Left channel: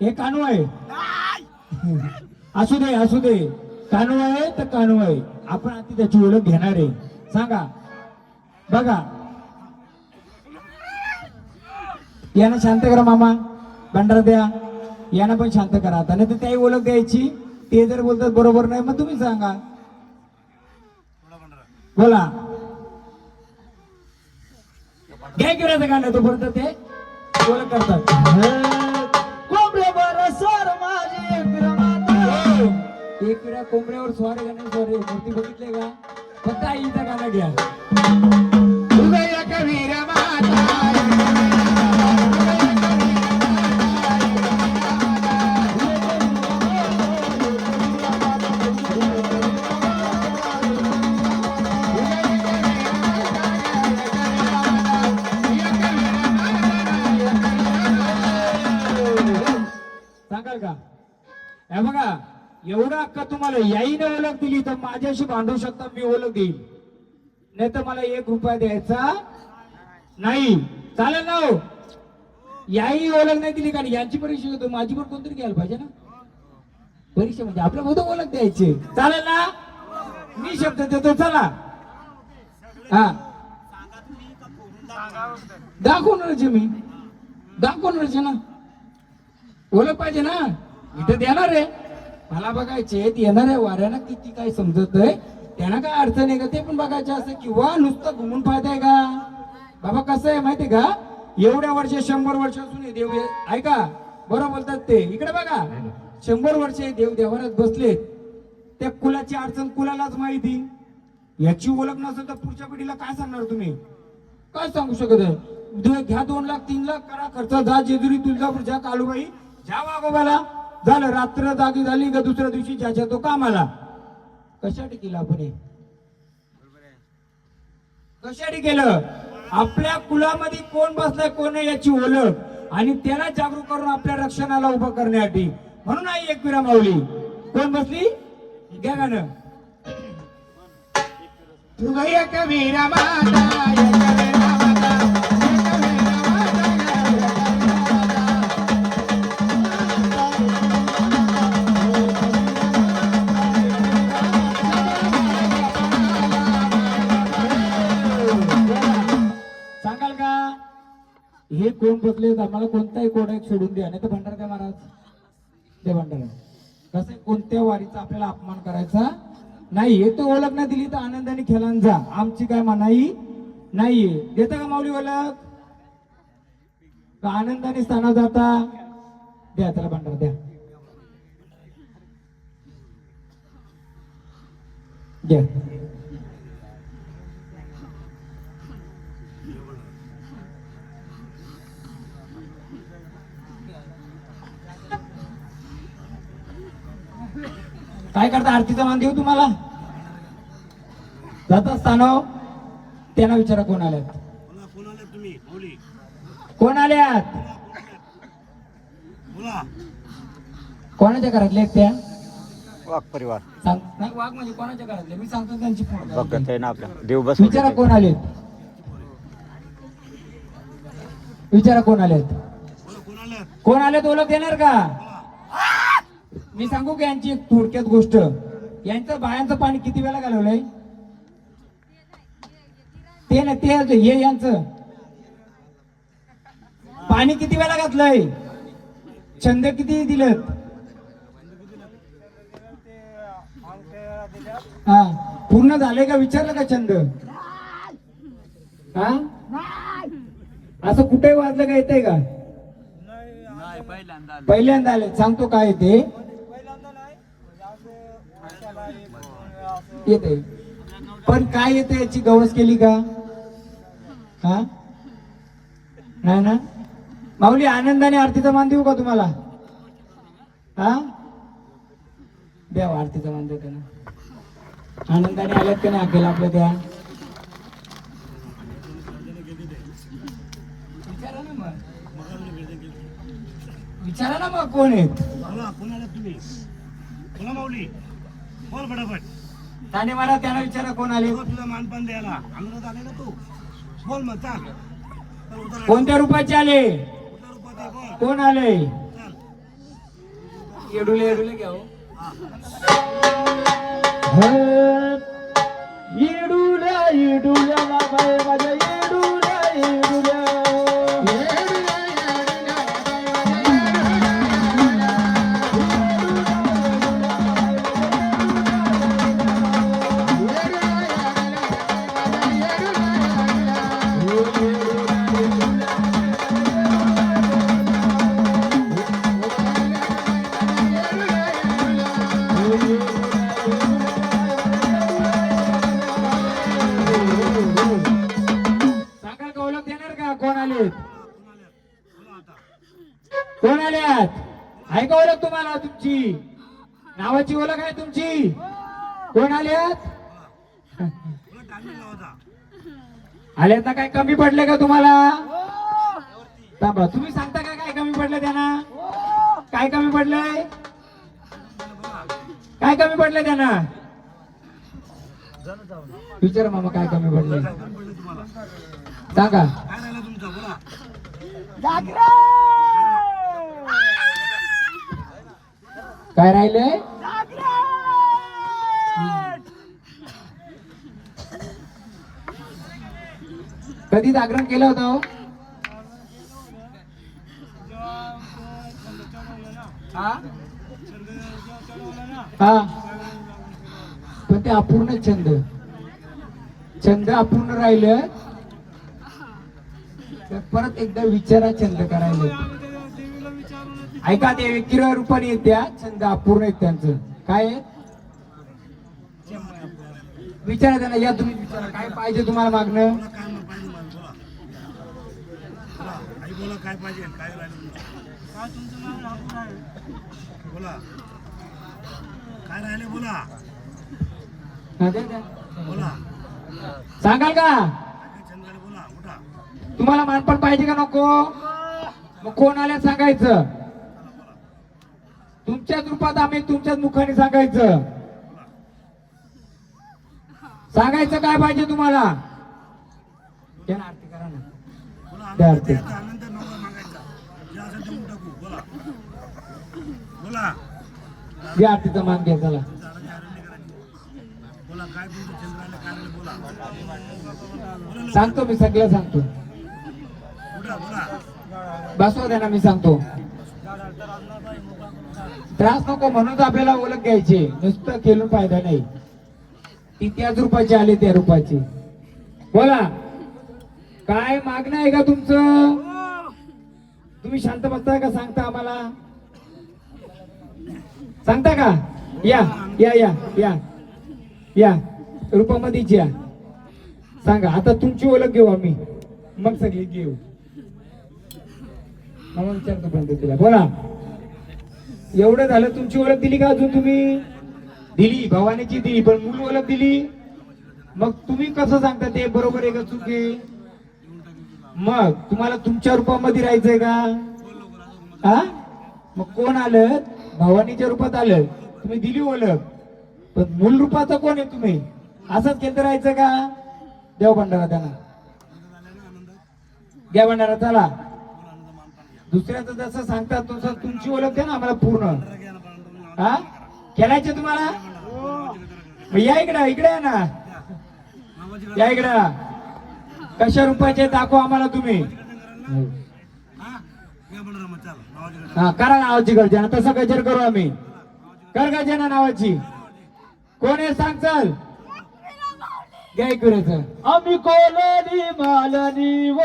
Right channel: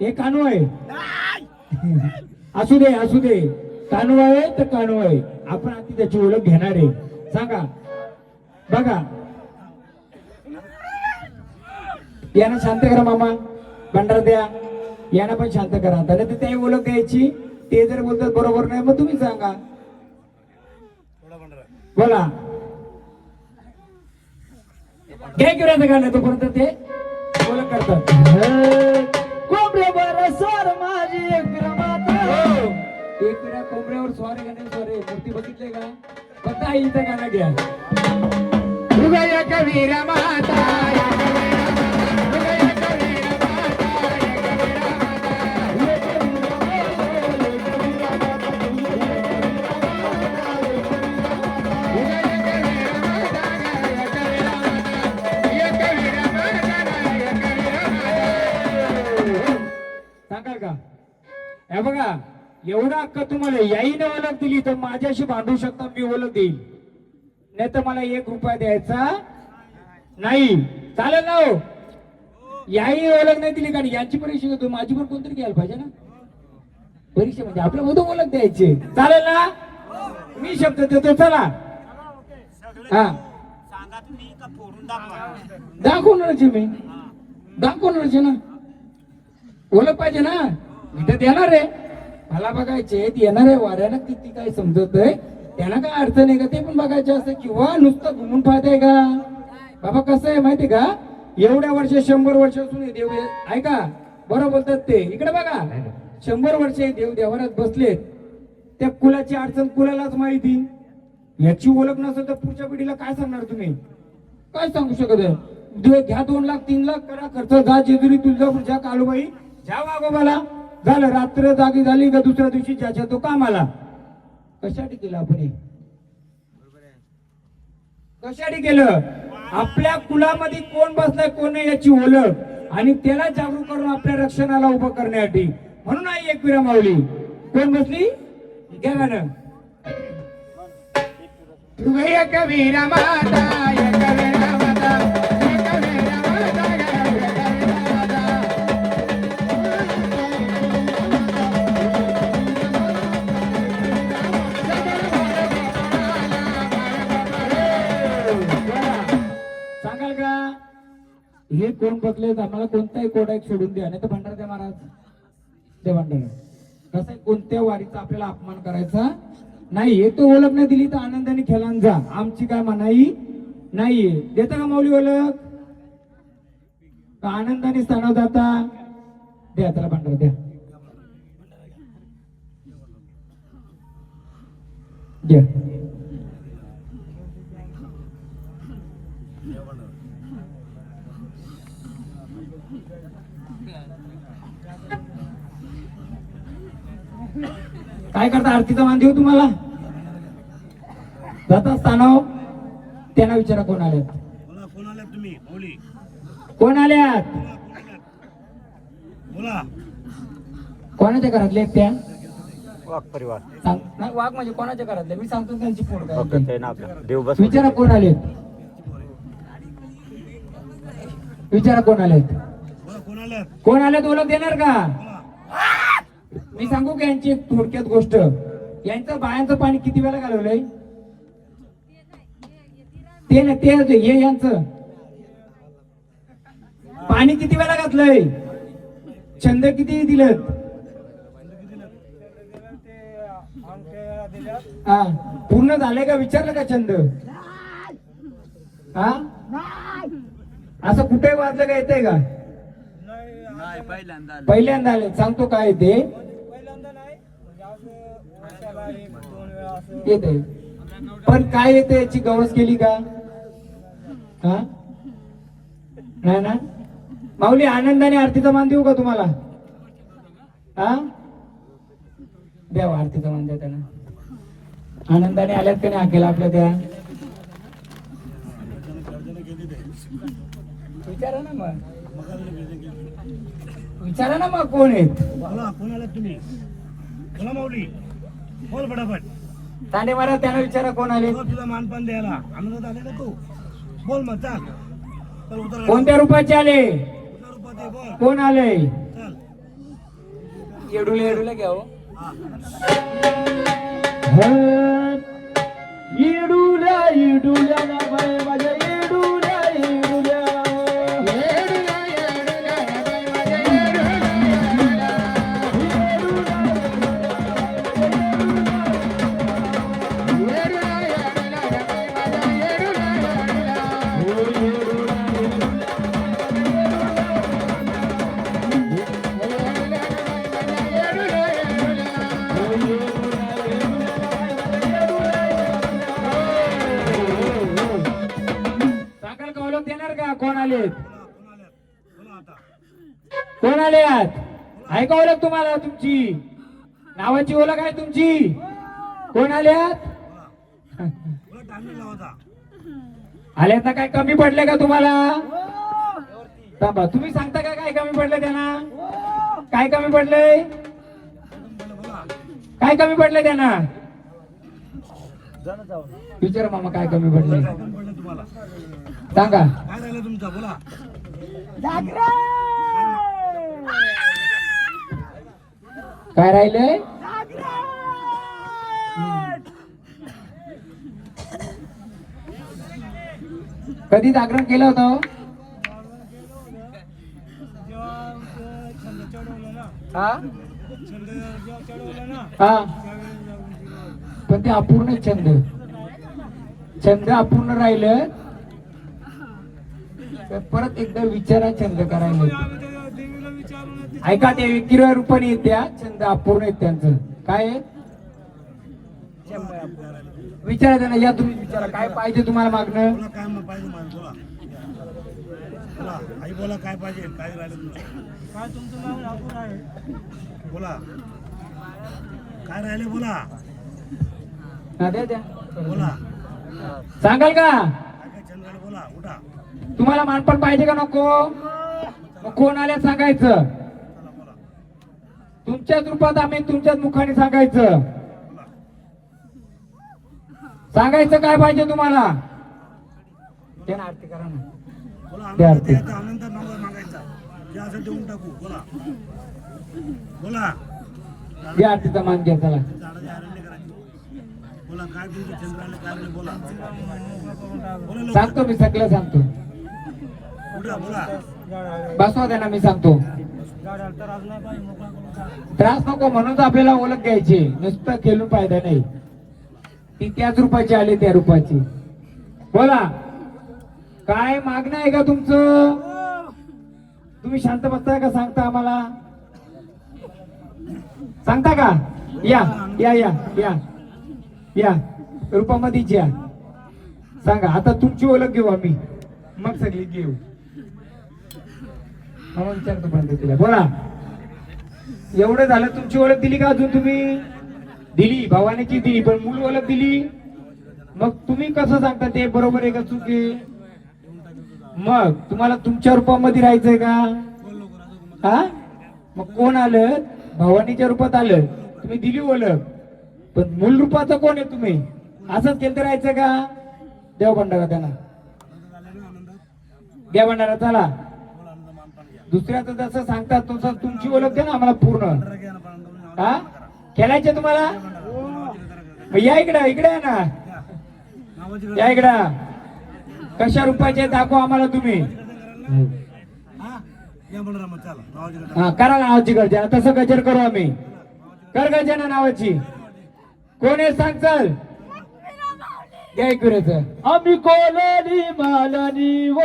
हे कानू आहे. असू दे असू दे, कानू आहे तर कानू आहे. आपण आधी त्याची ओळख घेणार आहे. सांगा बघा, यांना शांत करा मामा, भंडारा द्या. यांना पण शांत करा. तर त्याही ओळख द्यायची. ते जर बोलतात बरोबर नाही मग तुम्ही सांगा. बोला घे गिराचं गाणं, तोपर्यंत ते ओळख करतात. एक विरा कोंबड्यावर स्वारे गाणे स्वारे मूर्ती बघितले का? फक्त आईचं गाणं घ्या. सांगाल का? हे बघा, एवढा हक्क तुम्हाला याईने ओळख दिली तर माझ्याशी भांडू शकता, मी ओळख देईल. नाही तर मला 1 रुपया द्यायचा नाही. चालेल ना हो? याही ओळख नाही दिली का? यांची परीक्षा घेतो, माझी पण कोणतरी घ्यायला पाहिजे ना परीक्षा. म्हणजे आपल्या मधून ओळख द्यायची. चालेल ना? मी शब्द देतो. चला हा, दाखवणारच मी, दाखवणारच ना. ओळख पाहिजे ना. इथे देणार आहे, मला बघायचे येणार आहे. वाऱ्यानं किती काय समजत आहे, त्यांना काय अडचण आहे का ते पण बघायचे असं, किंवा नुसतं घुमून पाहताय का? बाबा कसं आहे माहितीये का, एवढ्या वर्ष 100 वर्षापासून हे देव ऐका बरोबर बोलतात ते. इकडे बघा, 100 वर्ष हे देव देवारात बसलेत. त्या कुलाची अडचण कुलालाच माहिती. याची ओळख नसेल तर पुढच्या पिढीला काय सांगणार तुम्ही? काय सांगू शकत आहे? घ्या 2 लाख 3 लाख करा खर्च, जा जेजुरी तुळजापूर, जा कालूबाई, जा वाघोबाला. झालं, रात्र जागी झाली का दुसऱ्या दिवशी ज्याच्या तो कामाला. कशासाठी केलं आपण हे? कशासाठी केलं? आपल्या कुलामध्ये कोण बसलाय कोण नाही याची ओळख आणि त्याला जागरूक करून आपल्या रक्षणाला उभं करण्यासाठी. म्हणून आई एकविरा माऊली कोण बसली? घ्या गाणं. कबीरा माता सांगाल का? हे कोण बसले? आम्हाला कोणताही कोडा एक सोडून द्या, नाही तर भंडारा द्या महाराज, ते भंडारा. कसं कोणत्या वारीचा आपल्याला अपमान करायचा नाही. हे तो ओळख नाही दिली तर आनंदाने खेळान जा, आमची काय मनाई नाहीये. देता का माऊली ओळख? आनंदाने स्थानावर जाता द्या, त्याला भंडारा द्या. द्या. काय करता? आरतीचा मान देऊ तुम्हाला? जात असताना त्यांना विचारा कोण आले. तुम्ही कोण आल्यात? कोणाच्या घरातले आहेत त्या? वाघ परिवार. नाही, वाघ म्हणजे कोणाच्या घरातले? मी सांगतो त्यांची पोरं. देव बस. विचारा कोण आलेत? विचारा कोण आलेत? कोण आलेत? ओळख देणार का? मी सांगू की यांची एक थोडक्यात गोष्ट. यांचं बायांचं पाणी किती वेळा घालवलंय? ते ना ते हे यांचं पाणी किती वेळा घातलंय? छंद किती दिलेत? हा, पूर्ण झाले का? विचारलं का छंद? हा, असं कुठे वाजलं का? येतंय का? पहिल्यांदा आले. सांगतो काय येते. येते पण काय येते याची गवस केली का? हा, नाही ना. माऊली आनंदाने आरतीचा मान देऊ का तुम्हाला? हा, द्या आरतीचा मान द्या त्यांना. आनंदाने आल्यात की नाही? अखेल आपल्या द्या. विचारा ना मग मग आपली भेट गेली. विचारा ना मग कोण आहेत बोला कोण आले तुम्ही बोला माऊली बोल फटाफट तांडे महाराज त्यांना विचारा कोण आले हो, तुझा मानपान द्यायला आनंदात आले ना तू बोल मग चाल चल उतर कोणत्या रूपाचे आले उतर रूपात ये, बोल कोण आले चल येडूले येडूले घ्या हो. हा इडुल्या इडुल्या ना बाय माझ्या इडुल्या इडुल्या सांगाल का ओळख देणार का कोण आले कोण आले बोला आता कोण आले आहात आहे का ओळख तुम्हाला तुमची नावाची ओळख आहे तुमची कोण आले आहात बोला टाइम लावायचा आले ना काय कमी पडले का तुम्हाला थांबा तुम्ही सांगता का काय कमी पडले त्यांना काय कमी पडले बोला काय कमी पडले त्यांना विचार मामा काय कमी पडले काय काम पडलं तुम्हाला सांगा काय राहिलं तुमचा बोला काय राहिले कधी जागरण केलं होतं हा हा पण ते अपूर्ण छंद छंद अपूर्ण राहिलं तर परत एकदा विचारा छंद करायला ऐका ते किरव रूपाने येत्या छंद अपूर्ण आहेत त्यांचं काय आहे? विचारा त्यांना या तुम्ही विचारा काय पाहिजे तुम्हाला मागणं बोला काय मग पाहिजे मला बोला बोला आई बोला काय पाहिजे काय राहिलं तुमचं काय तुमचं नाव लागून आहे बोला काय राहिले बोला हा, द्या, द्या. बोला सांगाल का काय काय छंद राहिले बोला उठा तुम्हाला मानपण पाहिजे का नको मग कोण आल्या सांगायचं चला बोला तुमच्याच रूपात आम्ही तुमच्याच मुखाने सांगायचं बोला सांगायचं काय पाहिजे तुम्हाला ते ना आरती करा ना बोला द्या, आनंद द्या. द्यायचा आनंद नवरा मागायचा जे असं देऊन टाकू बोला बोला या आरतीचा मान घ्या चला झाडाची आरण नाही करायची बोला काय तुमचं छंद राहिले काय राहिले बोला बोला लवकर. सांगतो मी सगळं सांगतो उठा बोला बसवा त्यांना मी सांगतो त्रास नको म्हणून आपल्याला ओळख घ्यायची नुसतं केलं फायदा नाही ती त्याच रूपाची आली त्या रूपाची बोला काय मागणं आहे का तुमचं तुम्ही शांत बसताय का सांगता आम्हाला सांगता का या या या या या रूपामध्येच या सांगा आता तुमची ओळख घेऊ आम्ही मग सगळी घेऊ मला विचारतो पण तिला बोला एवढं झालं तुमची ओळख दिली का अजून तुम्ही दिली भवानीची दिली पण मूळ ओळख दिली मग तुम्ही कसं सांगता ते बरोबर आहे का चुकी मग तुम्हाला तुमच्या रूपामध्ये राहायचंय का हा मग कोण आलं भवानीच्या रूपात आलं तुम्ही दिली ओळख पण मूळ रूपाचं कोण आहे तुम्ही असंच केंद्र राहायचं का देव भंडारा त्यांना आनंद झाले ना आनंदात घ्या भंडारा चला बोला आनंद मानपान घ्या दुसऱ्याचं जसं सांगतात तसं तुमची ओळख द्या ना आम्हाला पूर्ण भंडारा घ्या ना भंडारा हा खेळायचे तुम्हाला भंडारा मग या इकडे इकडे या ना नावाची या इकडे कशा रुपयाचे दाखवा आम्हाला तुम्ही हा या भंडारा मग चला नावाची गजर हा करा नावाची गर्जना तसं गजर करू आम्ही कर गर्जना नावाची कोण आहे सांग चल घ्या इकडे आम्ही कोलानी मालनी वो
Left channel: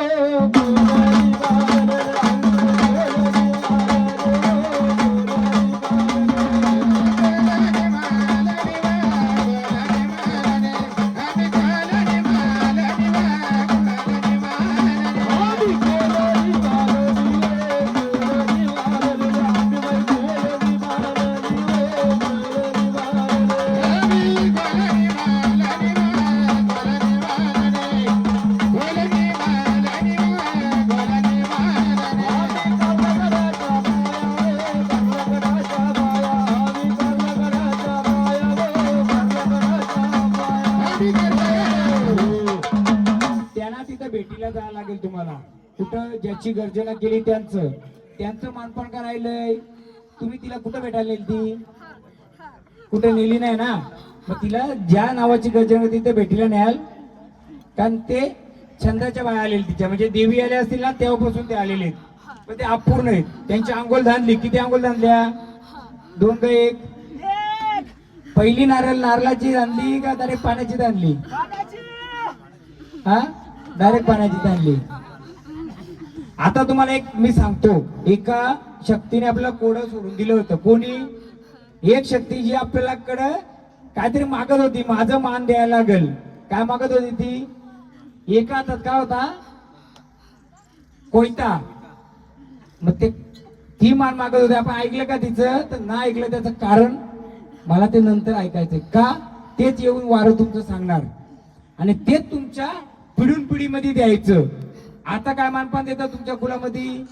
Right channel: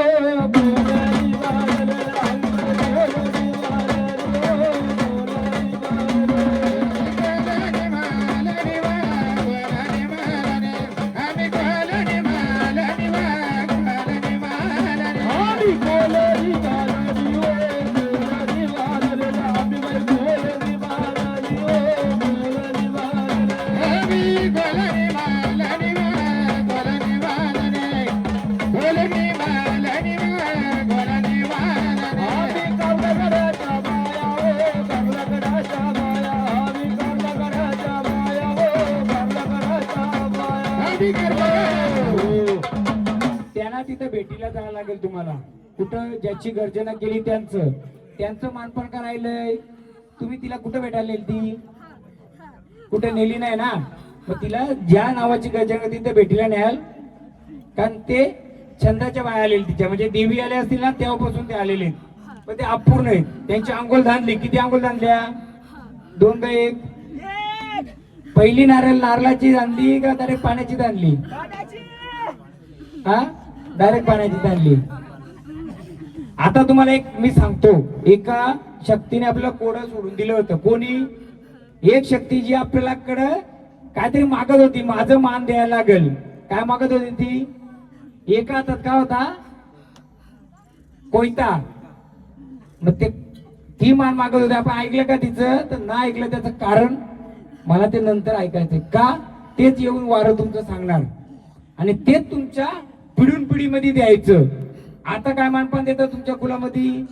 कुठं ज्याची गर्जना केली त्यांचं मानपण करायलंय. तुम्ही तिला कुठं भेटायला नेली ती? कुठे नेली नाही ना. मग तिला ज्या नावाची गर्जना तिथे भेटीला न्याल, कारण ते छंदाच्या बाया आलेली तिच्या, म्हणजे देवी आल्या असतील ना तेव्हापासून ते आलेले आहेत. पण ते अपूर्ण आहेत. त्यांची अंघोळ झाली. किती अंघोळ झाल्या? 2 का 1? पहिली नारळाची जाणली का डायरेक्ट पाण्याची जाणली? हा, डायरेक्ट पाण्याची जाणली. आता तुम्हाला एक मी सांगतो, एका शक्तीने आपल्याला कोडं सोडून दिलं होतं. कोणी? एक शक्ती जी आपल्याकडे काहीतरी मागत होती, माझं मान द्यायला लागेल. काय मागत होती ती? एका हातात काय होता? कोयता. मग ते ती मान मागत होती. आपण ऐकलं का तिचं? तर नाही ऐकलं. त्याचं कारण मला ते नंतर ऐकायचंय. का? तेच येऊन वारं तुमचं सांगणार आणि तेच तुमच्या पिढून पिढीमध्ये द्यायचं. आता काय मानपान देतात तुमच्या कुलामध्ये?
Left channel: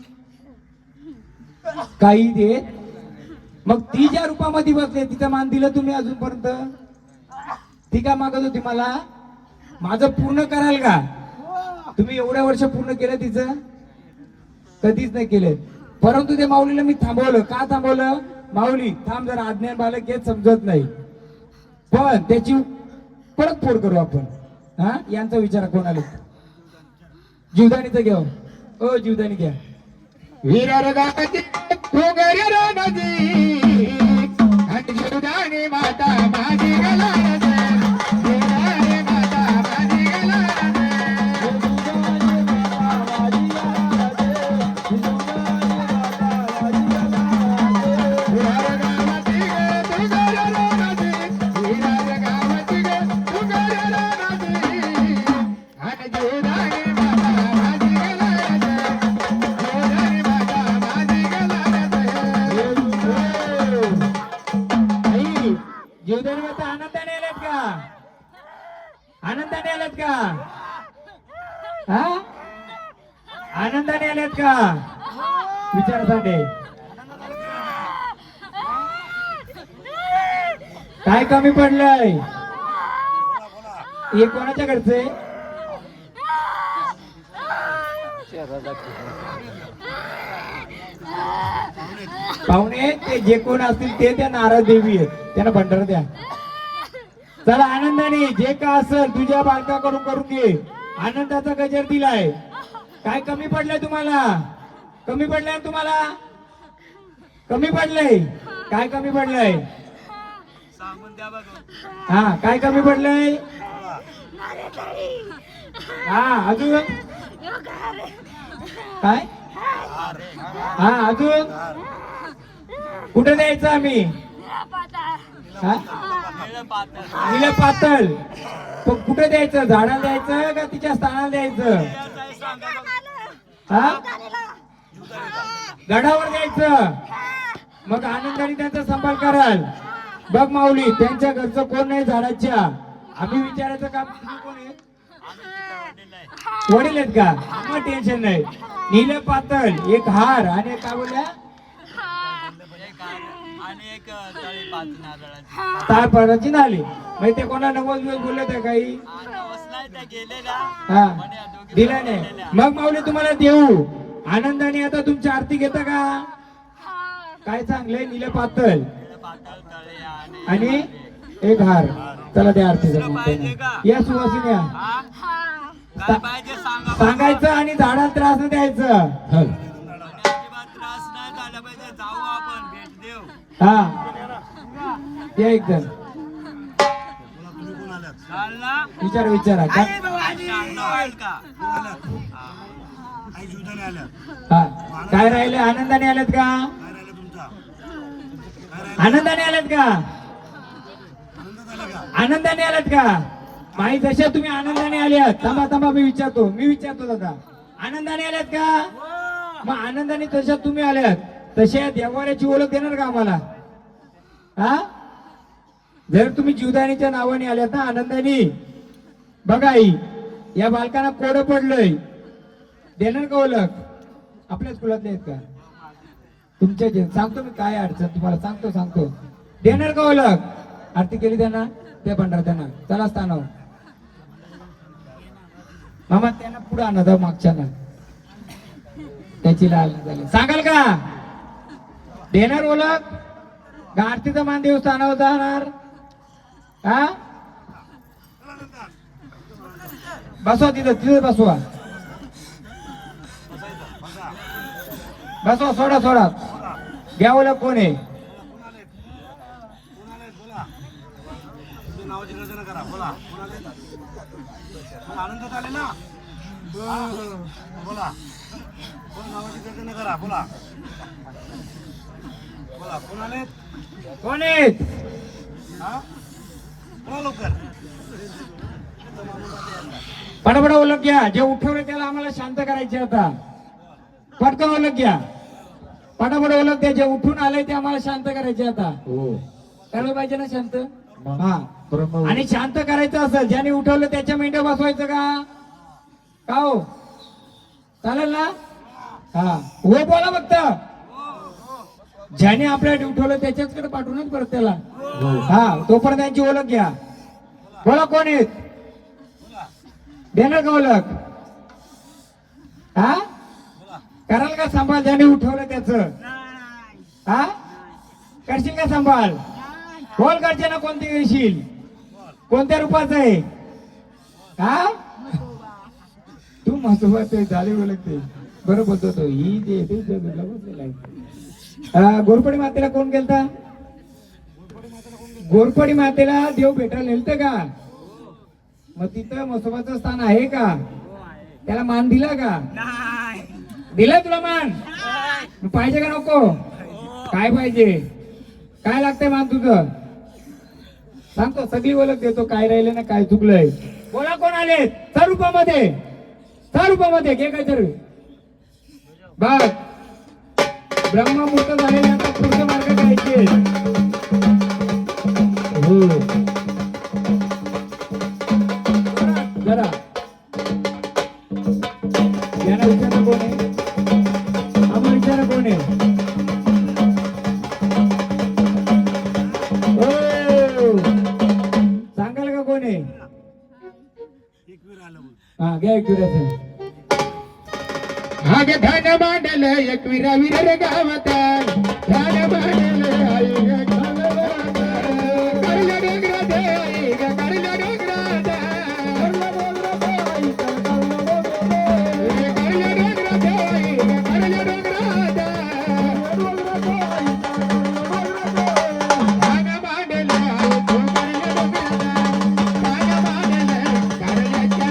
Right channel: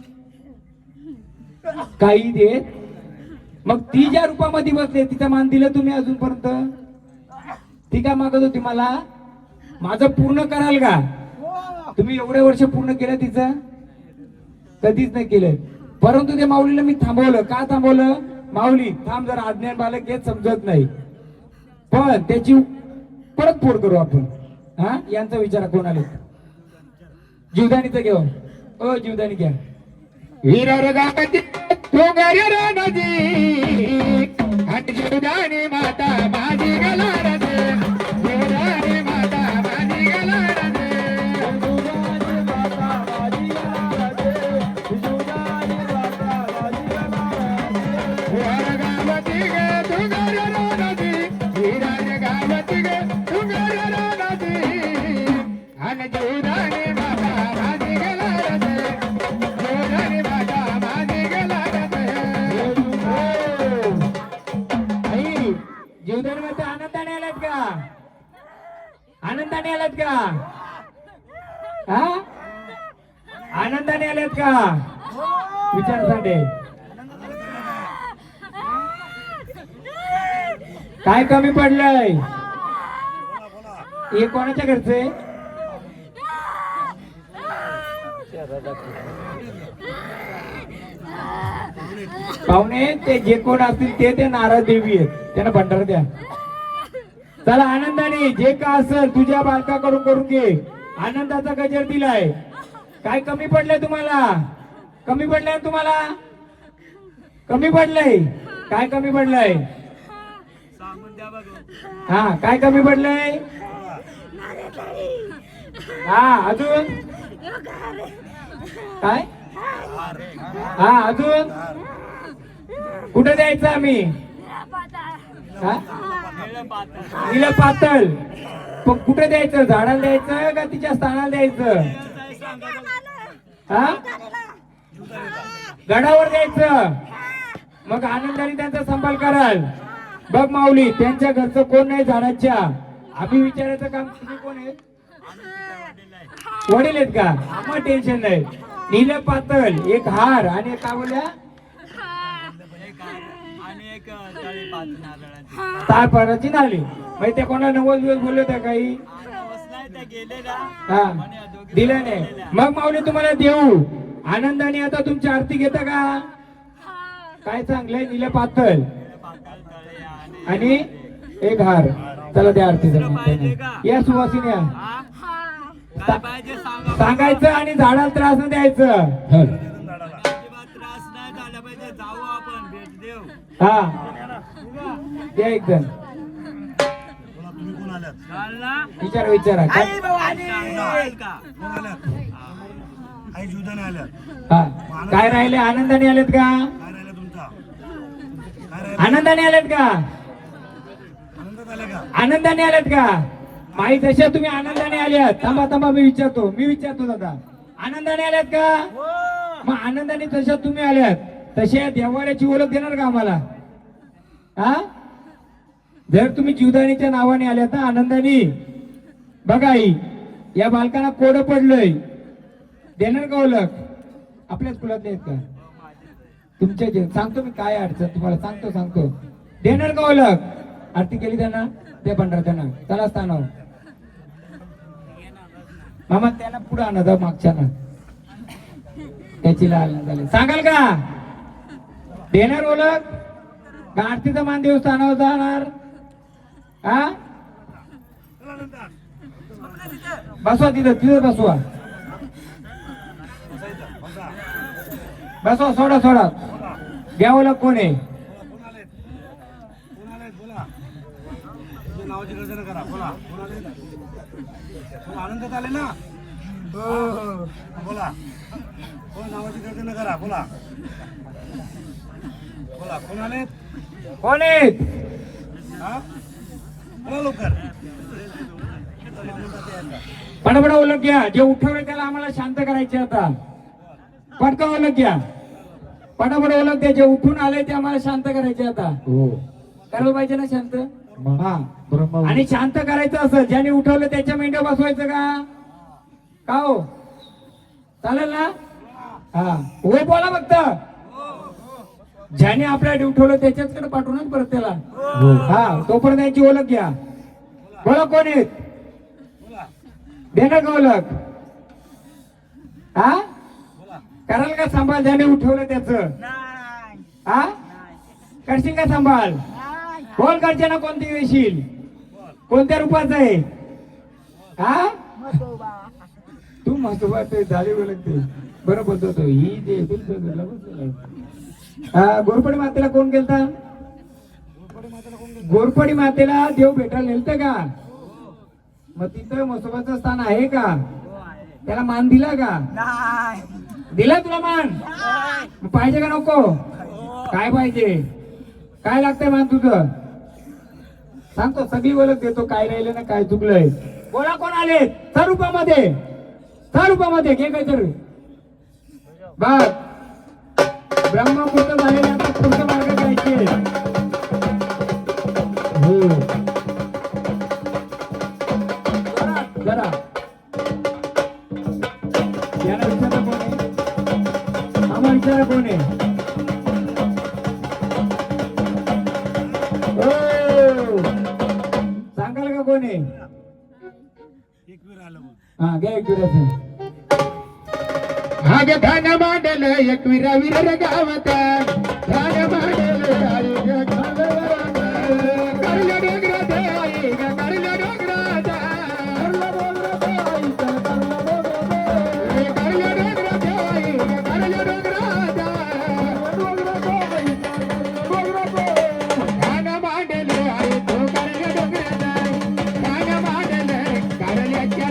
काही देत. मग ती ज्या रूपामध्ये बसले तिचं मान दिलं तुम्ही अजूनपर्यंत? ती काय मागत होती? मला माझं पूर्ण कराल का? तुम्ही एवढे वर्ष पूर्ण केलं तिचं? कधीच नाही केलं. परंतु त्या माऊलीला मी थांबवलं. का थांबवलं? माऊली थांब जरा, आज्ञा बालक हेच समजत नाही. पण त्याची परत फोड करू आपण. हा, यांचा विचार कोण आले? जीवदानीचा घेऊ. हो, जीवदानी घ्या. वीर गाती तो गारे रागाजी आणि जीवदानी माता माझी गेला रे. जीवदानी माता माझी गेला रे. जीवदानीमध्ये आनंदाने आलात का? आनंदाने आलात का? हा, आनंदाने आलात का? विचारसाठी काय कमी पडलंय? हे कोणाच्या घरचे? पाहुणे ते जे कोण असतील ते नारळ देवी आहेत, त्यांना भंडार द्या. चला आनंदाने जे का असेल तुझ्या बालकाकडून करून घे. आनंदाचा गजर दिलाय. काय कमी पडलंय तुम्हाला? कमी पडलंय तुम्हाला? कमी पडलंय? काय कमी पडलंय? हा, काय कमी पडलंय? हा, अजून काय? हा, अजून कुठे द्यायचं आम्ही? हा, निळं पातळ. पण कुठे द्यायचं? झाडाला द्यायचं का तिच्या स्थानाला द्यायचं? हा, गडावर द्यायचं. मग आनंदाने त्यांचा संभाळ कराल. बघ माऊली, त्यांच्या घरचं कोण नाही झाडाच्या. आम्ही विचारायचं काम. तुम्ही कोण आहे? वडील आहेत का? आम्हाला टेन्शन नाही. नील पातळ एक हार आणि काय बोलल्या? तापराची नाली. माहिती त्या कोणा 90 दिवस बोलले होते काही? हा, दिला नाही. मग माऊली तुम्हाला देऊ. आनंदाने आता तुमची आरती घेता का? काय चांगलंय? नील पातळ आणि एक हार. चला त्या आरतीचा या सुवासिनी या. सांगायचं आणि झाडाला त्रास नाही द्यायचं. हा, द्या एकदम. विचारा विचारा. काय राहिले? आनंदाने आलेत का? आनंदाने आलेत का? आनंदाने आलेत का? माही तशा तुम्ही आनंदाने आल्यात. थांबा मी विचारतो दादा. आनंदाने आल्यात का? मग आनंदाने तशा तुम्ही आल्यात. तशा देवाऱ्याची ओळख देणार का आम्हाला? हा, जर तुम्ही जीवदानीच्या नावाने आल्यात ना आनंदाने, बघा आई या बालकांना कोडं पडलंय, देणार का ओळख? आपल्याच कुळातले आहेत का? तुमचे जे सांगतो मी काय अडचण तुम्हाला सांगतो. देणार का ओळख? आरती केली त्यांना, ते भंडार त्यांना. चला स्थानावर मामा, त्याला पुढे आणा मागच्या ना. त्याची लाल झाली. सांगाल का देणार ओळख का आरतीचा मान देवस्थानावर जाणार? हा चला नंतर बसवा तिथं तिथं बसवा बसायचं बसा बसवा सोडा सोडा बोला घ्या ओळख कोण आहे? कोण आलेत कोण आलेत बोला तुमच्या नावाची गर्जना करा बोला कोण आलेत कोण आनंदात आले ना बोला कोण नावाची गर्जना करा बोला बोला कोण आलेत कोण आहेत? हा बोला लवकर इथं माणूस जाते आता. पडपड ओळख घ्या. जे उठवले त्याला आम्हाला शांत करायचे आता. पटका ओळख घ्या. पटापट ओळख द्या. जे उठून आले ते आम्हाला शांत करायचे आता. करायला पाहिजे ना शांत. हा आणि शांत करायचं असेल ज्याने उठवलं त्याच्या मेंढ्या बसवायचं का हो चालेल ना? हा होय बोला फक्त. ज्याने आपल्याला उठवलं त्याच्याचकडे पाठवूनच परत त्याला. हा तोपर्यंत त्यांची ओळख घ्या. बोला कोण आहेत? बोला देणार का ओळख? हा बोला कराल का सांभाळ ज्याने उठवलं त्याचं? हा करशील का सांभाळ? बोल करते ना कोणती देशील? कोणत्या रूपाचं आहे? हा तू मस्तोबा ते झाले बोलते बरं बोलतो ही दे गोरपडी मातेला कोण गेलता? गोरपडी मातेला देव भेटायला गेलत का? मग तिथं मसोबाचं स्थान आहे का? त्याला मान दिला का? दिला तुला मान? मग पाहिजे का नको? काय पाहिजे? काय लागतंय मान तुझं? सांगतो सगळी ओळख देतो. काय राहिले ना काय चुकलंय. बोला कोण आले? स्वरूपामध्ये स्वरूपामध्ये घे काहीतरी बघ. ब्रह्ममुहूर्त झालेला आता पुढचा मार्ग घ्यायचे. जरा याला विचारा कोण आहे? आम्हाला विचारा कोण आहे? सांगाल का कोण आहे? एक वेळ आलं मग हा घ्या एक विराचं. हा ग धन मांडल एक विरा विर गावत धन मांडल आई ग खांडवरात. करले डोंगरात आई ग करले डोंगरात. करले डोंगरात आई ग करले डोंगरात. धन मांडल आई ग करले डोंगरात. धन मांडल करल्याच्या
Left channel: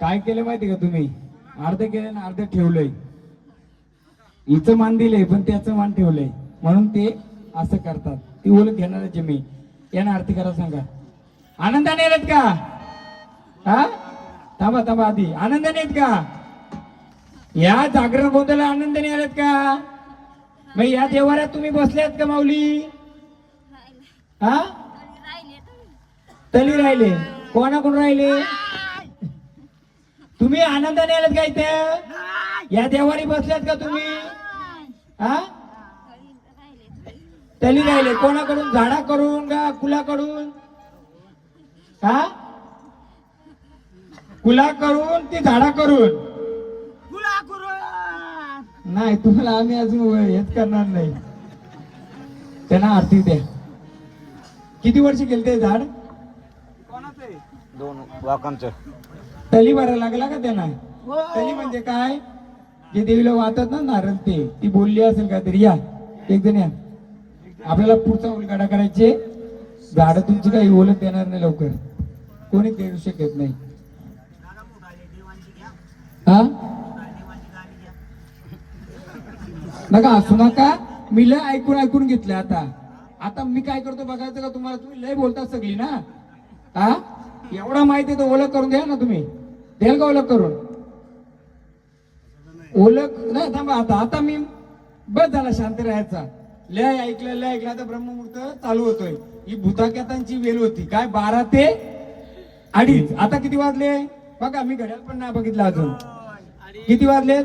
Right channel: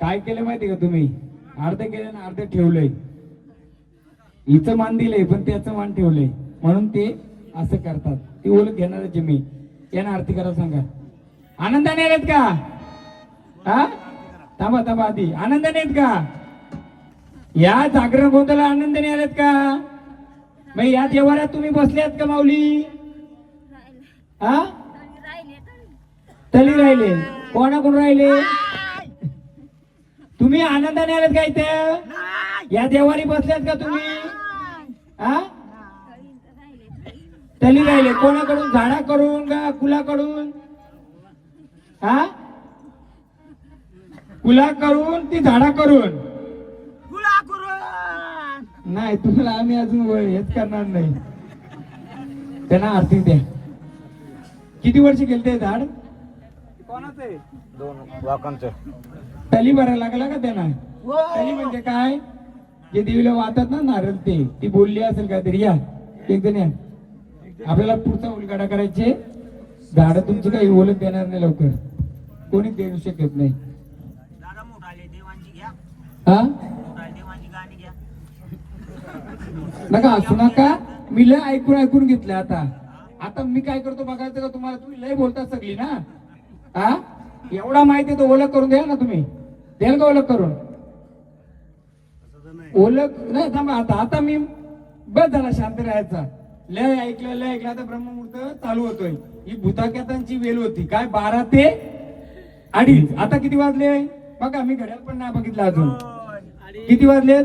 काय केलं माहिती का तुम्ही? अर्ध केलं ना अर्ध ठेवलंय. हिचं मान दिलंय पण त्याचं मान ठेवलंय म्हणून ते असं करतात. ती ओळख घेणारच मी. यांना आरती करा सांगा. आनंदाने येत का? हा थांबा थांबा आधी आनंदाने येत का? या जागरण गोंधळाला आनंदाने आलेत का? मग या देवाऱ्यात तुम्ही बसल्यात का माऊली? हा तरी राहिले. कोणाकडून राहिले? तुम्ही आनंदाने आलेत का इथे? या देवारी बसल्यात का तुम्ही? हा तरी राहिले. कोणाकडून? झाडाकडून का कुलाकडून? हा कुलाकडून की झाडाकडून? नाही तुम्हाला आम्ही अजून हेच करणार नाही. त्यांना आरती द्या. किती वर्ष गेले ते झाड? कोणाचं आहे? 2 लाखांचं. तली भरायला लागला का त्यांना? तली म्हणजे काय? जे देवीला वाहतात ना नारळ ते. ती बोलली असेल काहीतरी. या एक जण या. आपल्याला पुढचा उलगडा करायचे. झाड तुमची काही ओळख देणार नाही लवकर. कोणी देऊ शकत नाही. हा नका असू नका. मी लय ऐकून घेतलं. आता मी काय करतो बघायचं का तुम्हाला? तुम्ही लय बोलता सगळी ना. हा एवढा माहिती तर ओळख करून द्या ना तुम्ही. द्याल का ओळख करून? ओळख नाही थांबा आता आता मी बस झाला शांत राहायचा. लय ऐकलं आता ब्रह्ममुहूर्त चालू होतोय. ही भूताक्यातांची वेळ होती काय 12 ते 2:30. आता किती वाजले बघा, मी घड्याळ पण नाही बघितलं अजून. किती वाजले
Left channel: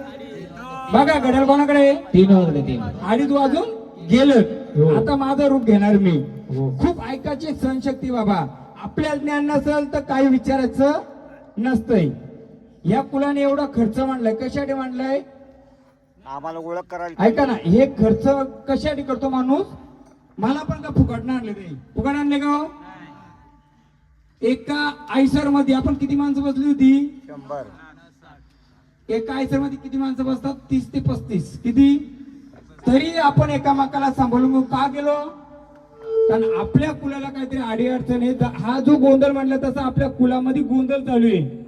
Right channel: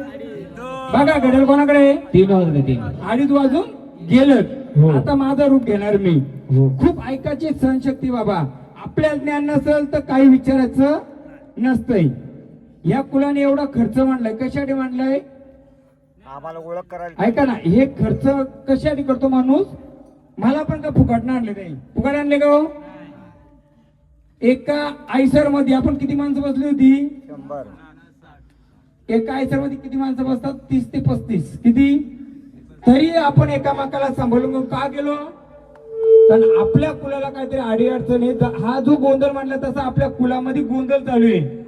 बघा, घड्याळ कोणाकडे 3 वाजले 3. 2:30 वाजून गेलं. हो. आता माझं रूप घेणार मी. हो. खूप ऐकायची सहनशक्ती बाबा. आपल्या ज्ञान नसेल तर काही विचारायचं नसतंय. या कुलाने एवढा खर्च मांडलाय, कशासाठी मांडलाय आम्हाला ओळख करायला ऐका ना. हे खर्च कशासाठी करतो माणूस? मला पण का फुकाटणं आणले नाही? फुकाट आणले का हो? एका आयसर मध्ये आपण किती माणसं बसली होती? 100. एका आयसर मध्ये किती माणसं बसतात? 30 ते 35. किती? तरी आपण एकामेकाला सांभाळून का गेलो? कारण आपल्या कुलाला काहीतरी अडीअडचण आहे. हा जो गोंधळ मांडला तसा आपल्या कुलामध्ये गोंधळ चालू आहे.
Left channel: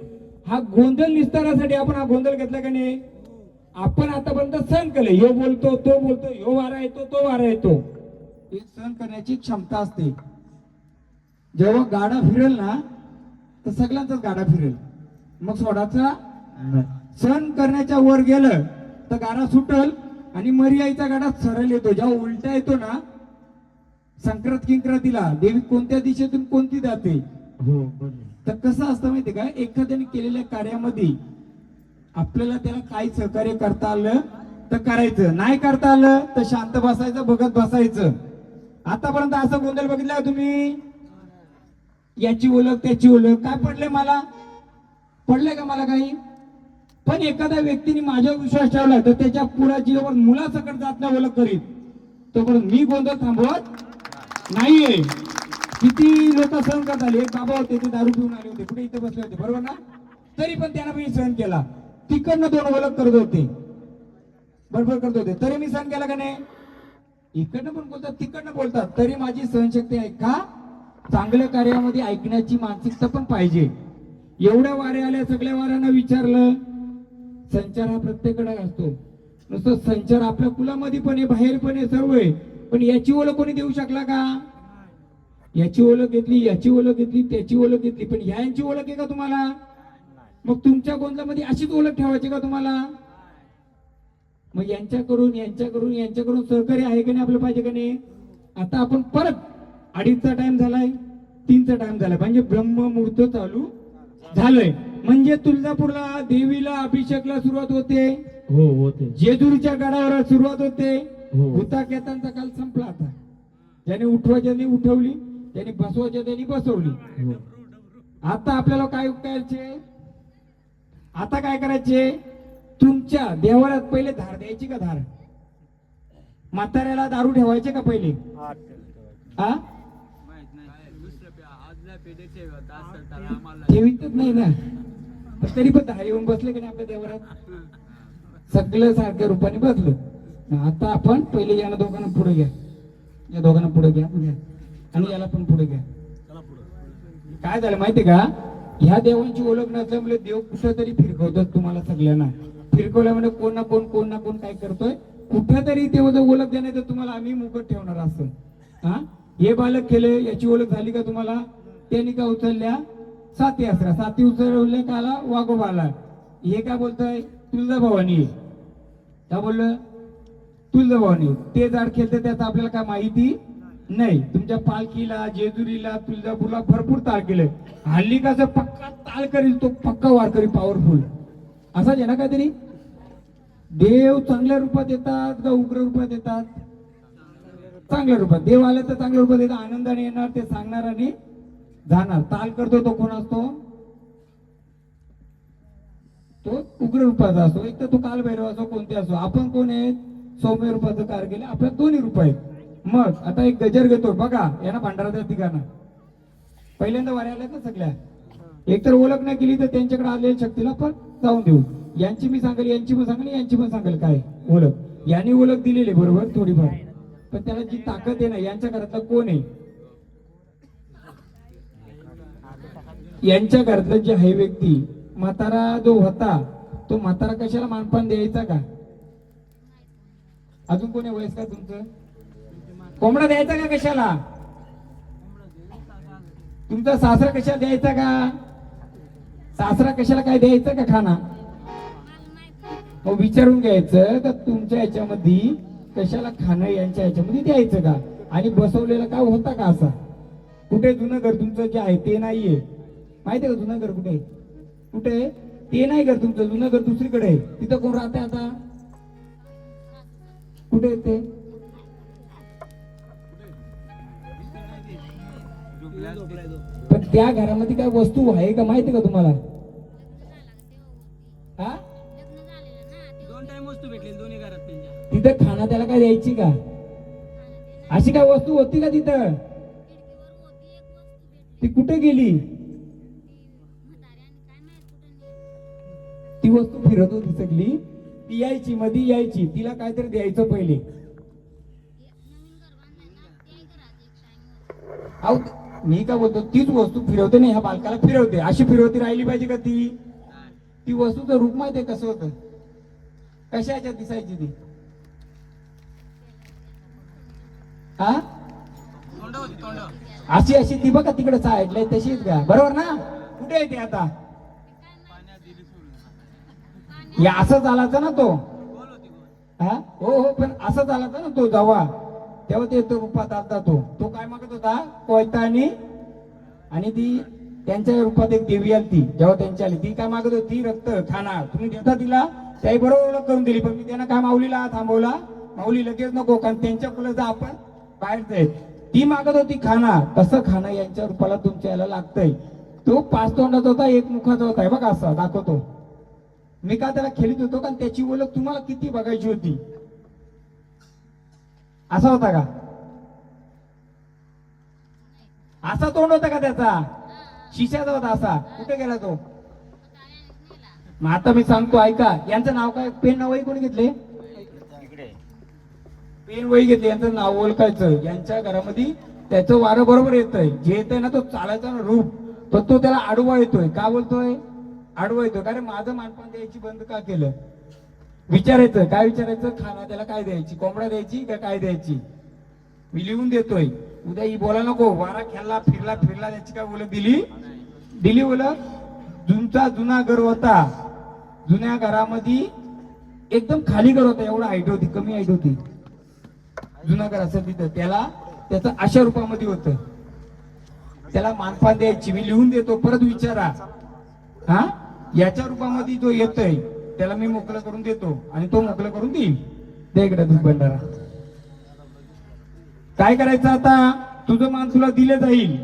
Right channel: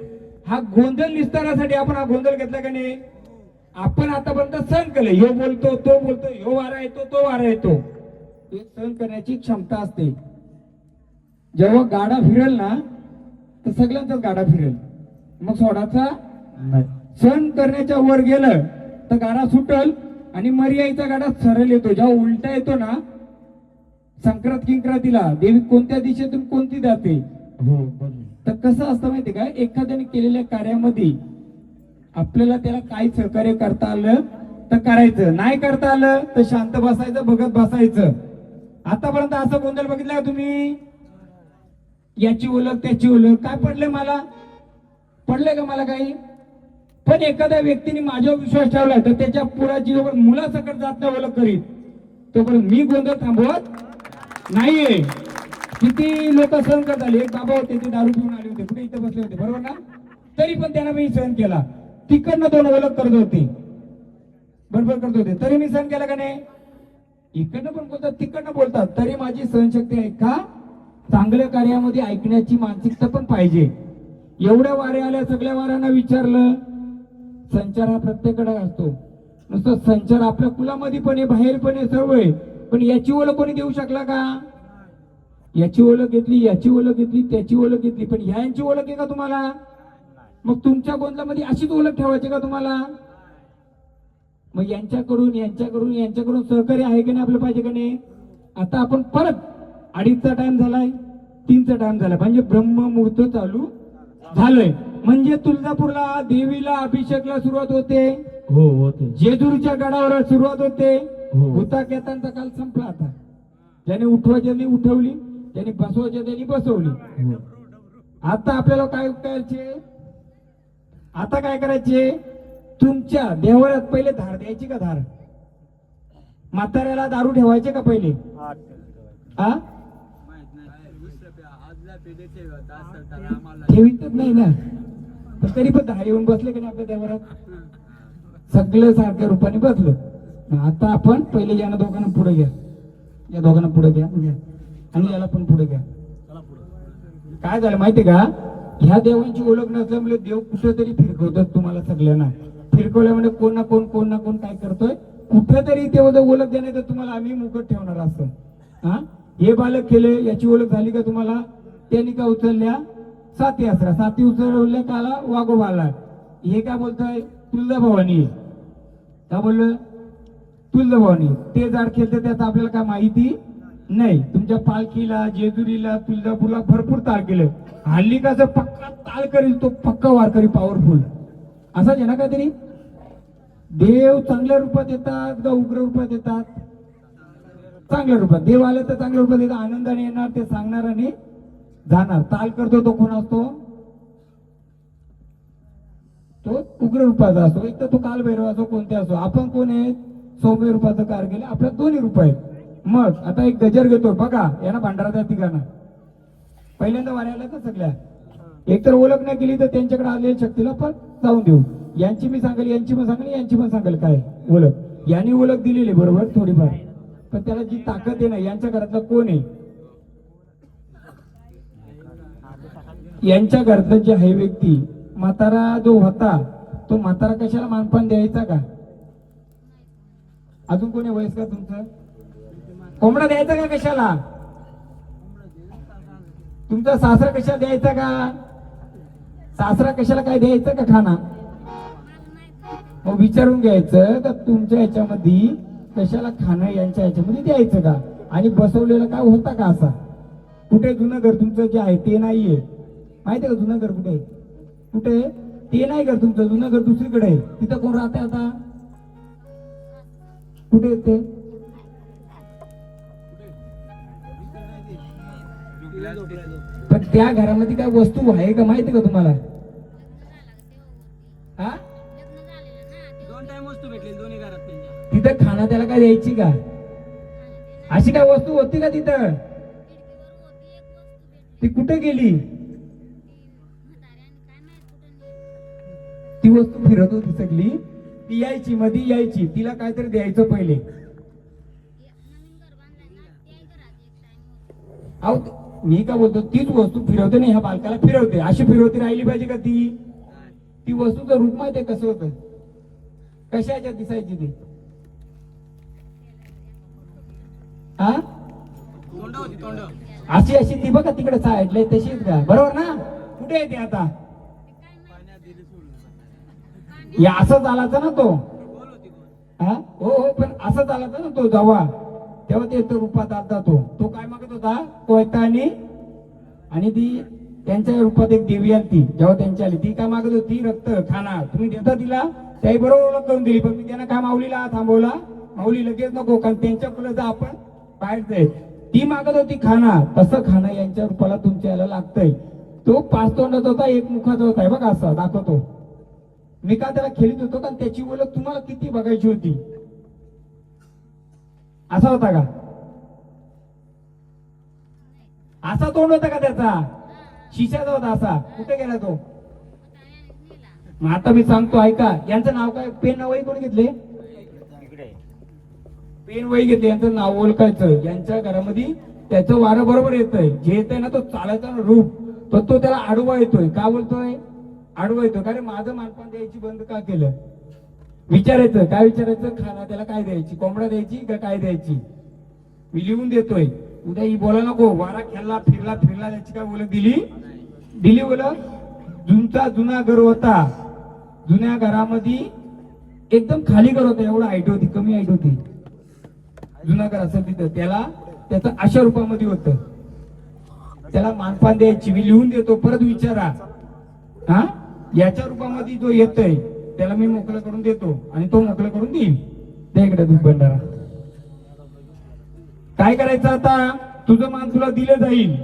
हा गोंधळ निस्तारासाठी आपण हा गोंधळ घेतला का नाही? आपण आतापर्यंत सहन केलं. ह्यो बोलतो तो बोलतो, ह्यो वारा येतो तो वारा येतो. हे सहन करण्याची क्षमता असते. जेव्हा गाडा फिरेल ना तर सगळ्यांचाच गाडा फिरेल, मग सोडाचा नाही. सहन करण्याच्या वर गेलं तर गाडा सुटल आणि मर्यायचा गाडा सरळ येतो. जेव्हा उलटा येतो ना संक्रांत किंक्रांतीला देवी कोणत्या दिशेतून कोणती जाते. हो बरोबर. तर कसं असतं माहिती का, एखाद्याने केलेल्या कार्यामध्ये आपल्याला त्याला काय सहकार्य करता आलं तर करायचं, नाही करता आलं तर शांत बसायचं, बघत बसायचं. आतापर्यंत असं गोंधळ बघितलं का तुम्ही? याची ओळख त्याची ओळख काय पडले मला? पडले का मला काही? पण एखाद्या व्यक्तीने माझ्यावर विश्वास ठेवला तर त्याच्या पुढाची जोवर मुलासकट जात नाही ओळख करीत तोपर्यंत मी गोंधळ थांबवत नाहीये. किती लोक सहन करत आले. एक बाबा होते ते दारू पिऊन आले होते, कुठे इथे बसले होते बरोबर ना? तरी पण त्यांना मी सहन केला. तिकडनं 2 ओळख करत होते, बरोबर करत होते, तरी मी सहन केला का नाही? इकडनं पण बोलतात तिकडनं बोलतात, तरी माझी सहनशक्ती आहे का? चांगल्या कार्यामध्ये ऐकण्याची मानसिकता पण पाहिजे. एवढ्या वाऱ्या आल्या, सगळ्या वाऱ्यांना विचारलं. संचार हा प्रत्येकाकडे असतो. नुसतं संचार आपल्या कुलामध्ये पण आहे, बाहेर पण आहे, सर्व आहे. पण याची ओळख कोणी देऊ शकला का? याची ओळख घेतली, याची ओळख घेतली, त्याची ओळख घेतली, पण यांची ओळख आहे का तुम्हाला? मग तुमच्या गोंधळामध्ये अशीच ओळख ठेवायची का तुम्हाला? मग यांच्याकडून सहकार्य आहे का नाही आपलं, पाहिजे का नाही? आता आपण परत 2:30चा टाइम झालाय, 3चा टाइम झालाय, म्हणजे ब्रह्ममुहूर्त चालू झालंय. म्हणजे तुळजापूरला देवीला अभिषेकला सुरुवात होते. हो होते. जेजुरीच्या गडावर सुरुवात होते. हो. भूताकेतांचा काल संपला. आता ज्याने उठवायच्या उठवली, ज्याने बसवायच्या त्यांनी बसवली. हो. आता आपल्याला काय करायचे? आता काय करायचे? तुमच्या देवाळ्यात पहिले धार द्यायची का? धार म्हाताऱ्याला दारू ठेवायचे का पहिले? हा ठेवीतच नाही ना, पण तरी पण धार येऊन बसले की नाही आपल्या देवाळ्यात? सगळं सारख्या रूपाने बसलं. मग आता आपण पहिले याला दोघांना पुढे घ्या, या दोघांना पुढे घ्या आणि याला पण पुढे घ्या. काय झालं माहितीये का? ह्या देवांची ओळख नसल्यामुळे देव कुठेतरी फिरकवतात तुम्हाला सगळ्यांना. फिरकवल्यामुळे कोण ना कोण काय करतोय, कुठेतरी ते ओळख देण्याचं तुम्हाला आम्ही मुकट ठेवणार असं. हा हे बालक केले, याची ओळख झाली का तुम्हाला? त्यांनी का उचलल्या 7 यात्रा, 7 उचलल्या काला वाघोबाला. हे काय बोलतोय? तुळजाभवानी. काय बोललं? तुळजाभवानी. ते झाड खेळते त्याचं आपल्याला काय माहिती नाही. तुमच्या पालखीला, जेजुरीला, तुळजापूरला भरपूर ताळ केलंय. हल्ली कसं पक्का ताळ करील तो पक्का वारकरी पॉवरफुल असंच आहे ना काहीतरी. देव चांगल्या रूपात येतात का उग्र रूपात येतात? चांगल्या रूपात. देव आला तर चांगल्या रूपात येतात, आनंदाने येणार, ते सांगणार आणि जाणार. ताल करतो तो कोण असतो? तो उग्र रूपाचा असतो. एक तर तो कालभैरव असो, कोणते असो. आपण कोण आहे? सौम्य रूपाचं कार्य केलं. आपल्या 2 रूप आहेत. मग आता एक गजर घेतो बघा, यांना भांडारा ठिकाणं पहिल्यांदा वाऱ्या आल्या तर सगळ्या. एकतर ओळख नाही केली तर त्यांच्याकडे आलेल्या शक्तीला पण जाऊन देऊ. यांची मी सांगेल, यांची पण सांगेल, यांची पण सांगेल काय ओळख. यांनी ओळख दिलेली बरोबर थोडीफार, पण त्याला जी ताकद आहे ना, यांच्या घरातला कोण आहे? यांच्या घरातला जे आहे व्यक्ती म्हातारा जो होता, तो म्हातारा कशाला मानपान द्यायचा का? अजून कोणी वयस्कर तुमचं? कोंबडा द्यायचा का कशाला? तुमचा सासरा कशाला द्यायचा का? सासरा कशाला काय द्यायचं का खाना? मग विचारून घ्यायचं का तुमच्या याच्यामध्ये कशाला खाणं यांच्या याच्यामध्ये द्यायचं का, आणि बसवलेलं काय होता का असा. कुठे जुनं घर तुमचं जे आहे ते नाहीये, माहितीये का जुनं घर कुठे कुठे, ते नाही घर तुमचं, जुनं घर दुसरीकडे आहे. तिथं कोण राहते आता, कुठे येते. पण त्या घरामध्ये काय वस्तू आहे का माहिती का तुम्हाला. हा, 2 टाइम वस्तू भेटली दोन्ही घरात त्यांच्या. तिथं खाना त्याला काय द्यायची का, अशी काय वस्तू होती का तिथं, ती कुठे गेली. ती वस्तू फिरत होती सगळी, ती यायची मध्ये यायची, तिला काहीतरी द्यायचं पहिले. अहो मी काय बोलतो, तीच वस्तू फिरवते ना, ह्या बालकाला फिरवते, अशी फिरवती राहिली पाहिजे का ती वस्तूचं रूप माहितीये कसं होतं, कशा ह्याच्यात दिसायची ती. हा, तोंड होती तोंड. अशी अशी ती बघा तिकडे साईडला तशीच का, बरोबर ना. कुठे आहे ती आता, या असं चालायचं ना तो. बोल होती बोल. हा, हो हो, पण असं चालायचं ना तो जेव्हा, तेव्हा ते तो रूपात आता तो काय मागत होता, कोयता आणि ती त्यांच्या रूपात एक देवी आली ती, जेव्हा त्यांची आली ती काय मागत होती, रक्त खाना. तुम्ही देता तिला, त्याही बरोबर ओळख करून दिली, पण मी त्यांना काय माऊलीला थांबवला, माऊली लगेच नको, कारण त्यांच्या फुलं आपण बाहेर जाईल. ती मागत होती खाना, तसं खाणं यांच्या रूपाला तुमच्या याला लागतंय. तो 5 तोंडाचा होता, 1 मुखाचा होता, हे बघा असा दाखवतो मी. का त्याला खेळत होतो, कारण त्याची ओळख तुम्हाला किती बघायची होती. असा होता का, असा तोंड होता का त्याचा, शिशाचा होता असा. कुठे गेला तो. मग आता मी सांगतो ऐका, यांचं नाव काय, पेन वही कोणी घेतले, पेन वही घेतले, यांचं नाव ओळखायचं. यांच्या घरामध्ये त्याचं वारं बरोबर येतंय, जे येतंय ना तो चालायचा ना रूप, पण तो त्याला आडवा येतोय. का बोलतोय आडवा येतोय, कारण माझं मानपान द्यायची बंद का केलं. विचारायचं, काय विचारायचं, खाना त्याला काय द्यायची, कोंबडा द्यायची का काय द्यायची. मी लिहून देतोय, उद्या ही बोलायला नको, वारा खेळला फिरला त्याची काय ओळख दिली ओळख. जुनचा जुना घर होता, जुन्या घरामध्ये एकदम खाली घर होता, एवढं हाईट होती, कमी हाईट होती. जुना घर असं तिथं त्याला त्याचं अशा रूपामध्ये होतं, त्याला मानपान द्यायची. मी लिहून देतो, परत विचारा. हा, याच्या रूपामध्ये जो येतोय त्याला मी मोकळं करून देतो, आणि तो मोकळं करून देईल. त्या इकडे दूध भंडारा काय करायचं आता, तुझं मान तुला दिले जाईल.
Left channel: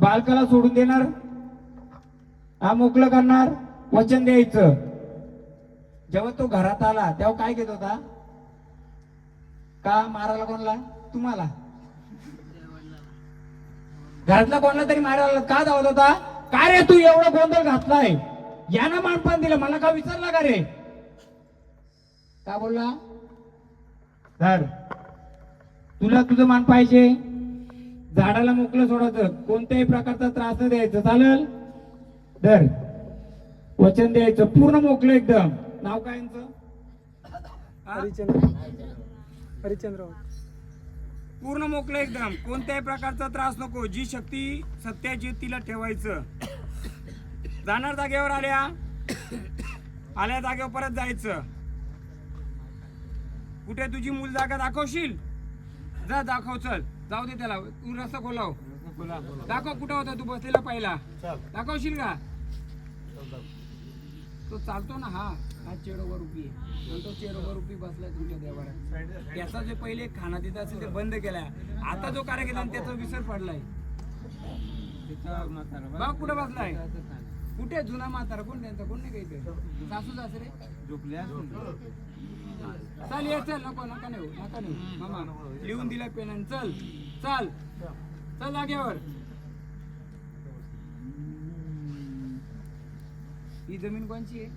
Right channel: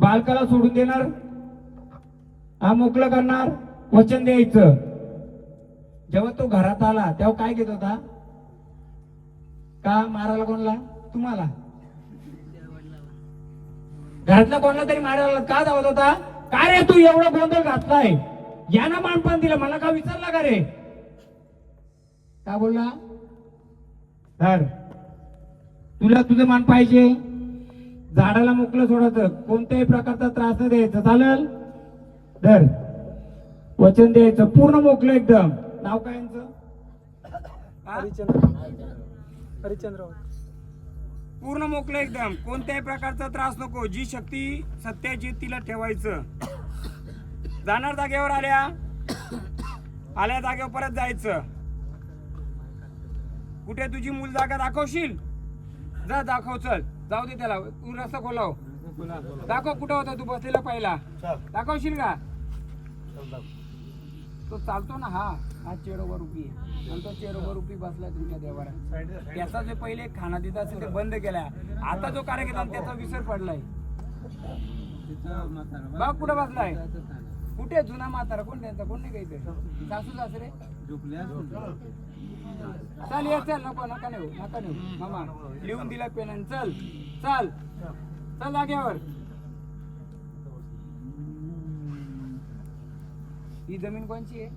बालकाला सोडून देणार, हा मोकळं करणार, वचन द्यायचं. जेव्हा तो घरात आला तेव्हा काय घेत होता, का मारायला कोणला, तुम्हाला घरातला कोणला तरी मारायला का धावत होता. काय रे तू एवढा गोंधळ घातलाय, यानं मानपान दिलं, मला का विचारला का रे, का बोलला. तर तुला तुझं मान पाहिजे, झाडाला मोकळं सोडायचं, कोणत्याही प्रकारचा त्रास न द्यायचा, चालेल. तर वचन द्यायचं पूर्ण मोकळं एकदम. नाव काय यांचं, हरिचंद्र. पूर्ण मोकळं एकदम, कोणत्याही प्रकारचा त्रास नको. जी शक्ती सत्याची तिला ठेवायचं. जाणार जागेवर आल्या जागेवर परत जायचं. कुठे तुझी मूल जागा दाखवशील, जा दाखव, चल जाऊ दे त्याला, तू रस्ता खोलाव, दाखव कुठं होता तू बसलेला पहिला, दाखवशील का. तो चालतो ना, हा चेरोवर उभी आहे, आणि तो चेरोवर उभी बसलाय तुमच्या देवाऱ्यात. त्याचा जो पहिले खाना देत असेल ते बंद केलाय, आता जो कार्यक्रम त्याचा विसर पडलाय. बघ कुठं बसलाय, कुठे जुना म्हातारा, कोण त्यांचा, कोण नाही काही, सासू सासरे चल ये, चल नका नेऊ मामा, लिहून दिला पेनाने, चल चल चल जागेवर. ही जमीन कोणची आहे,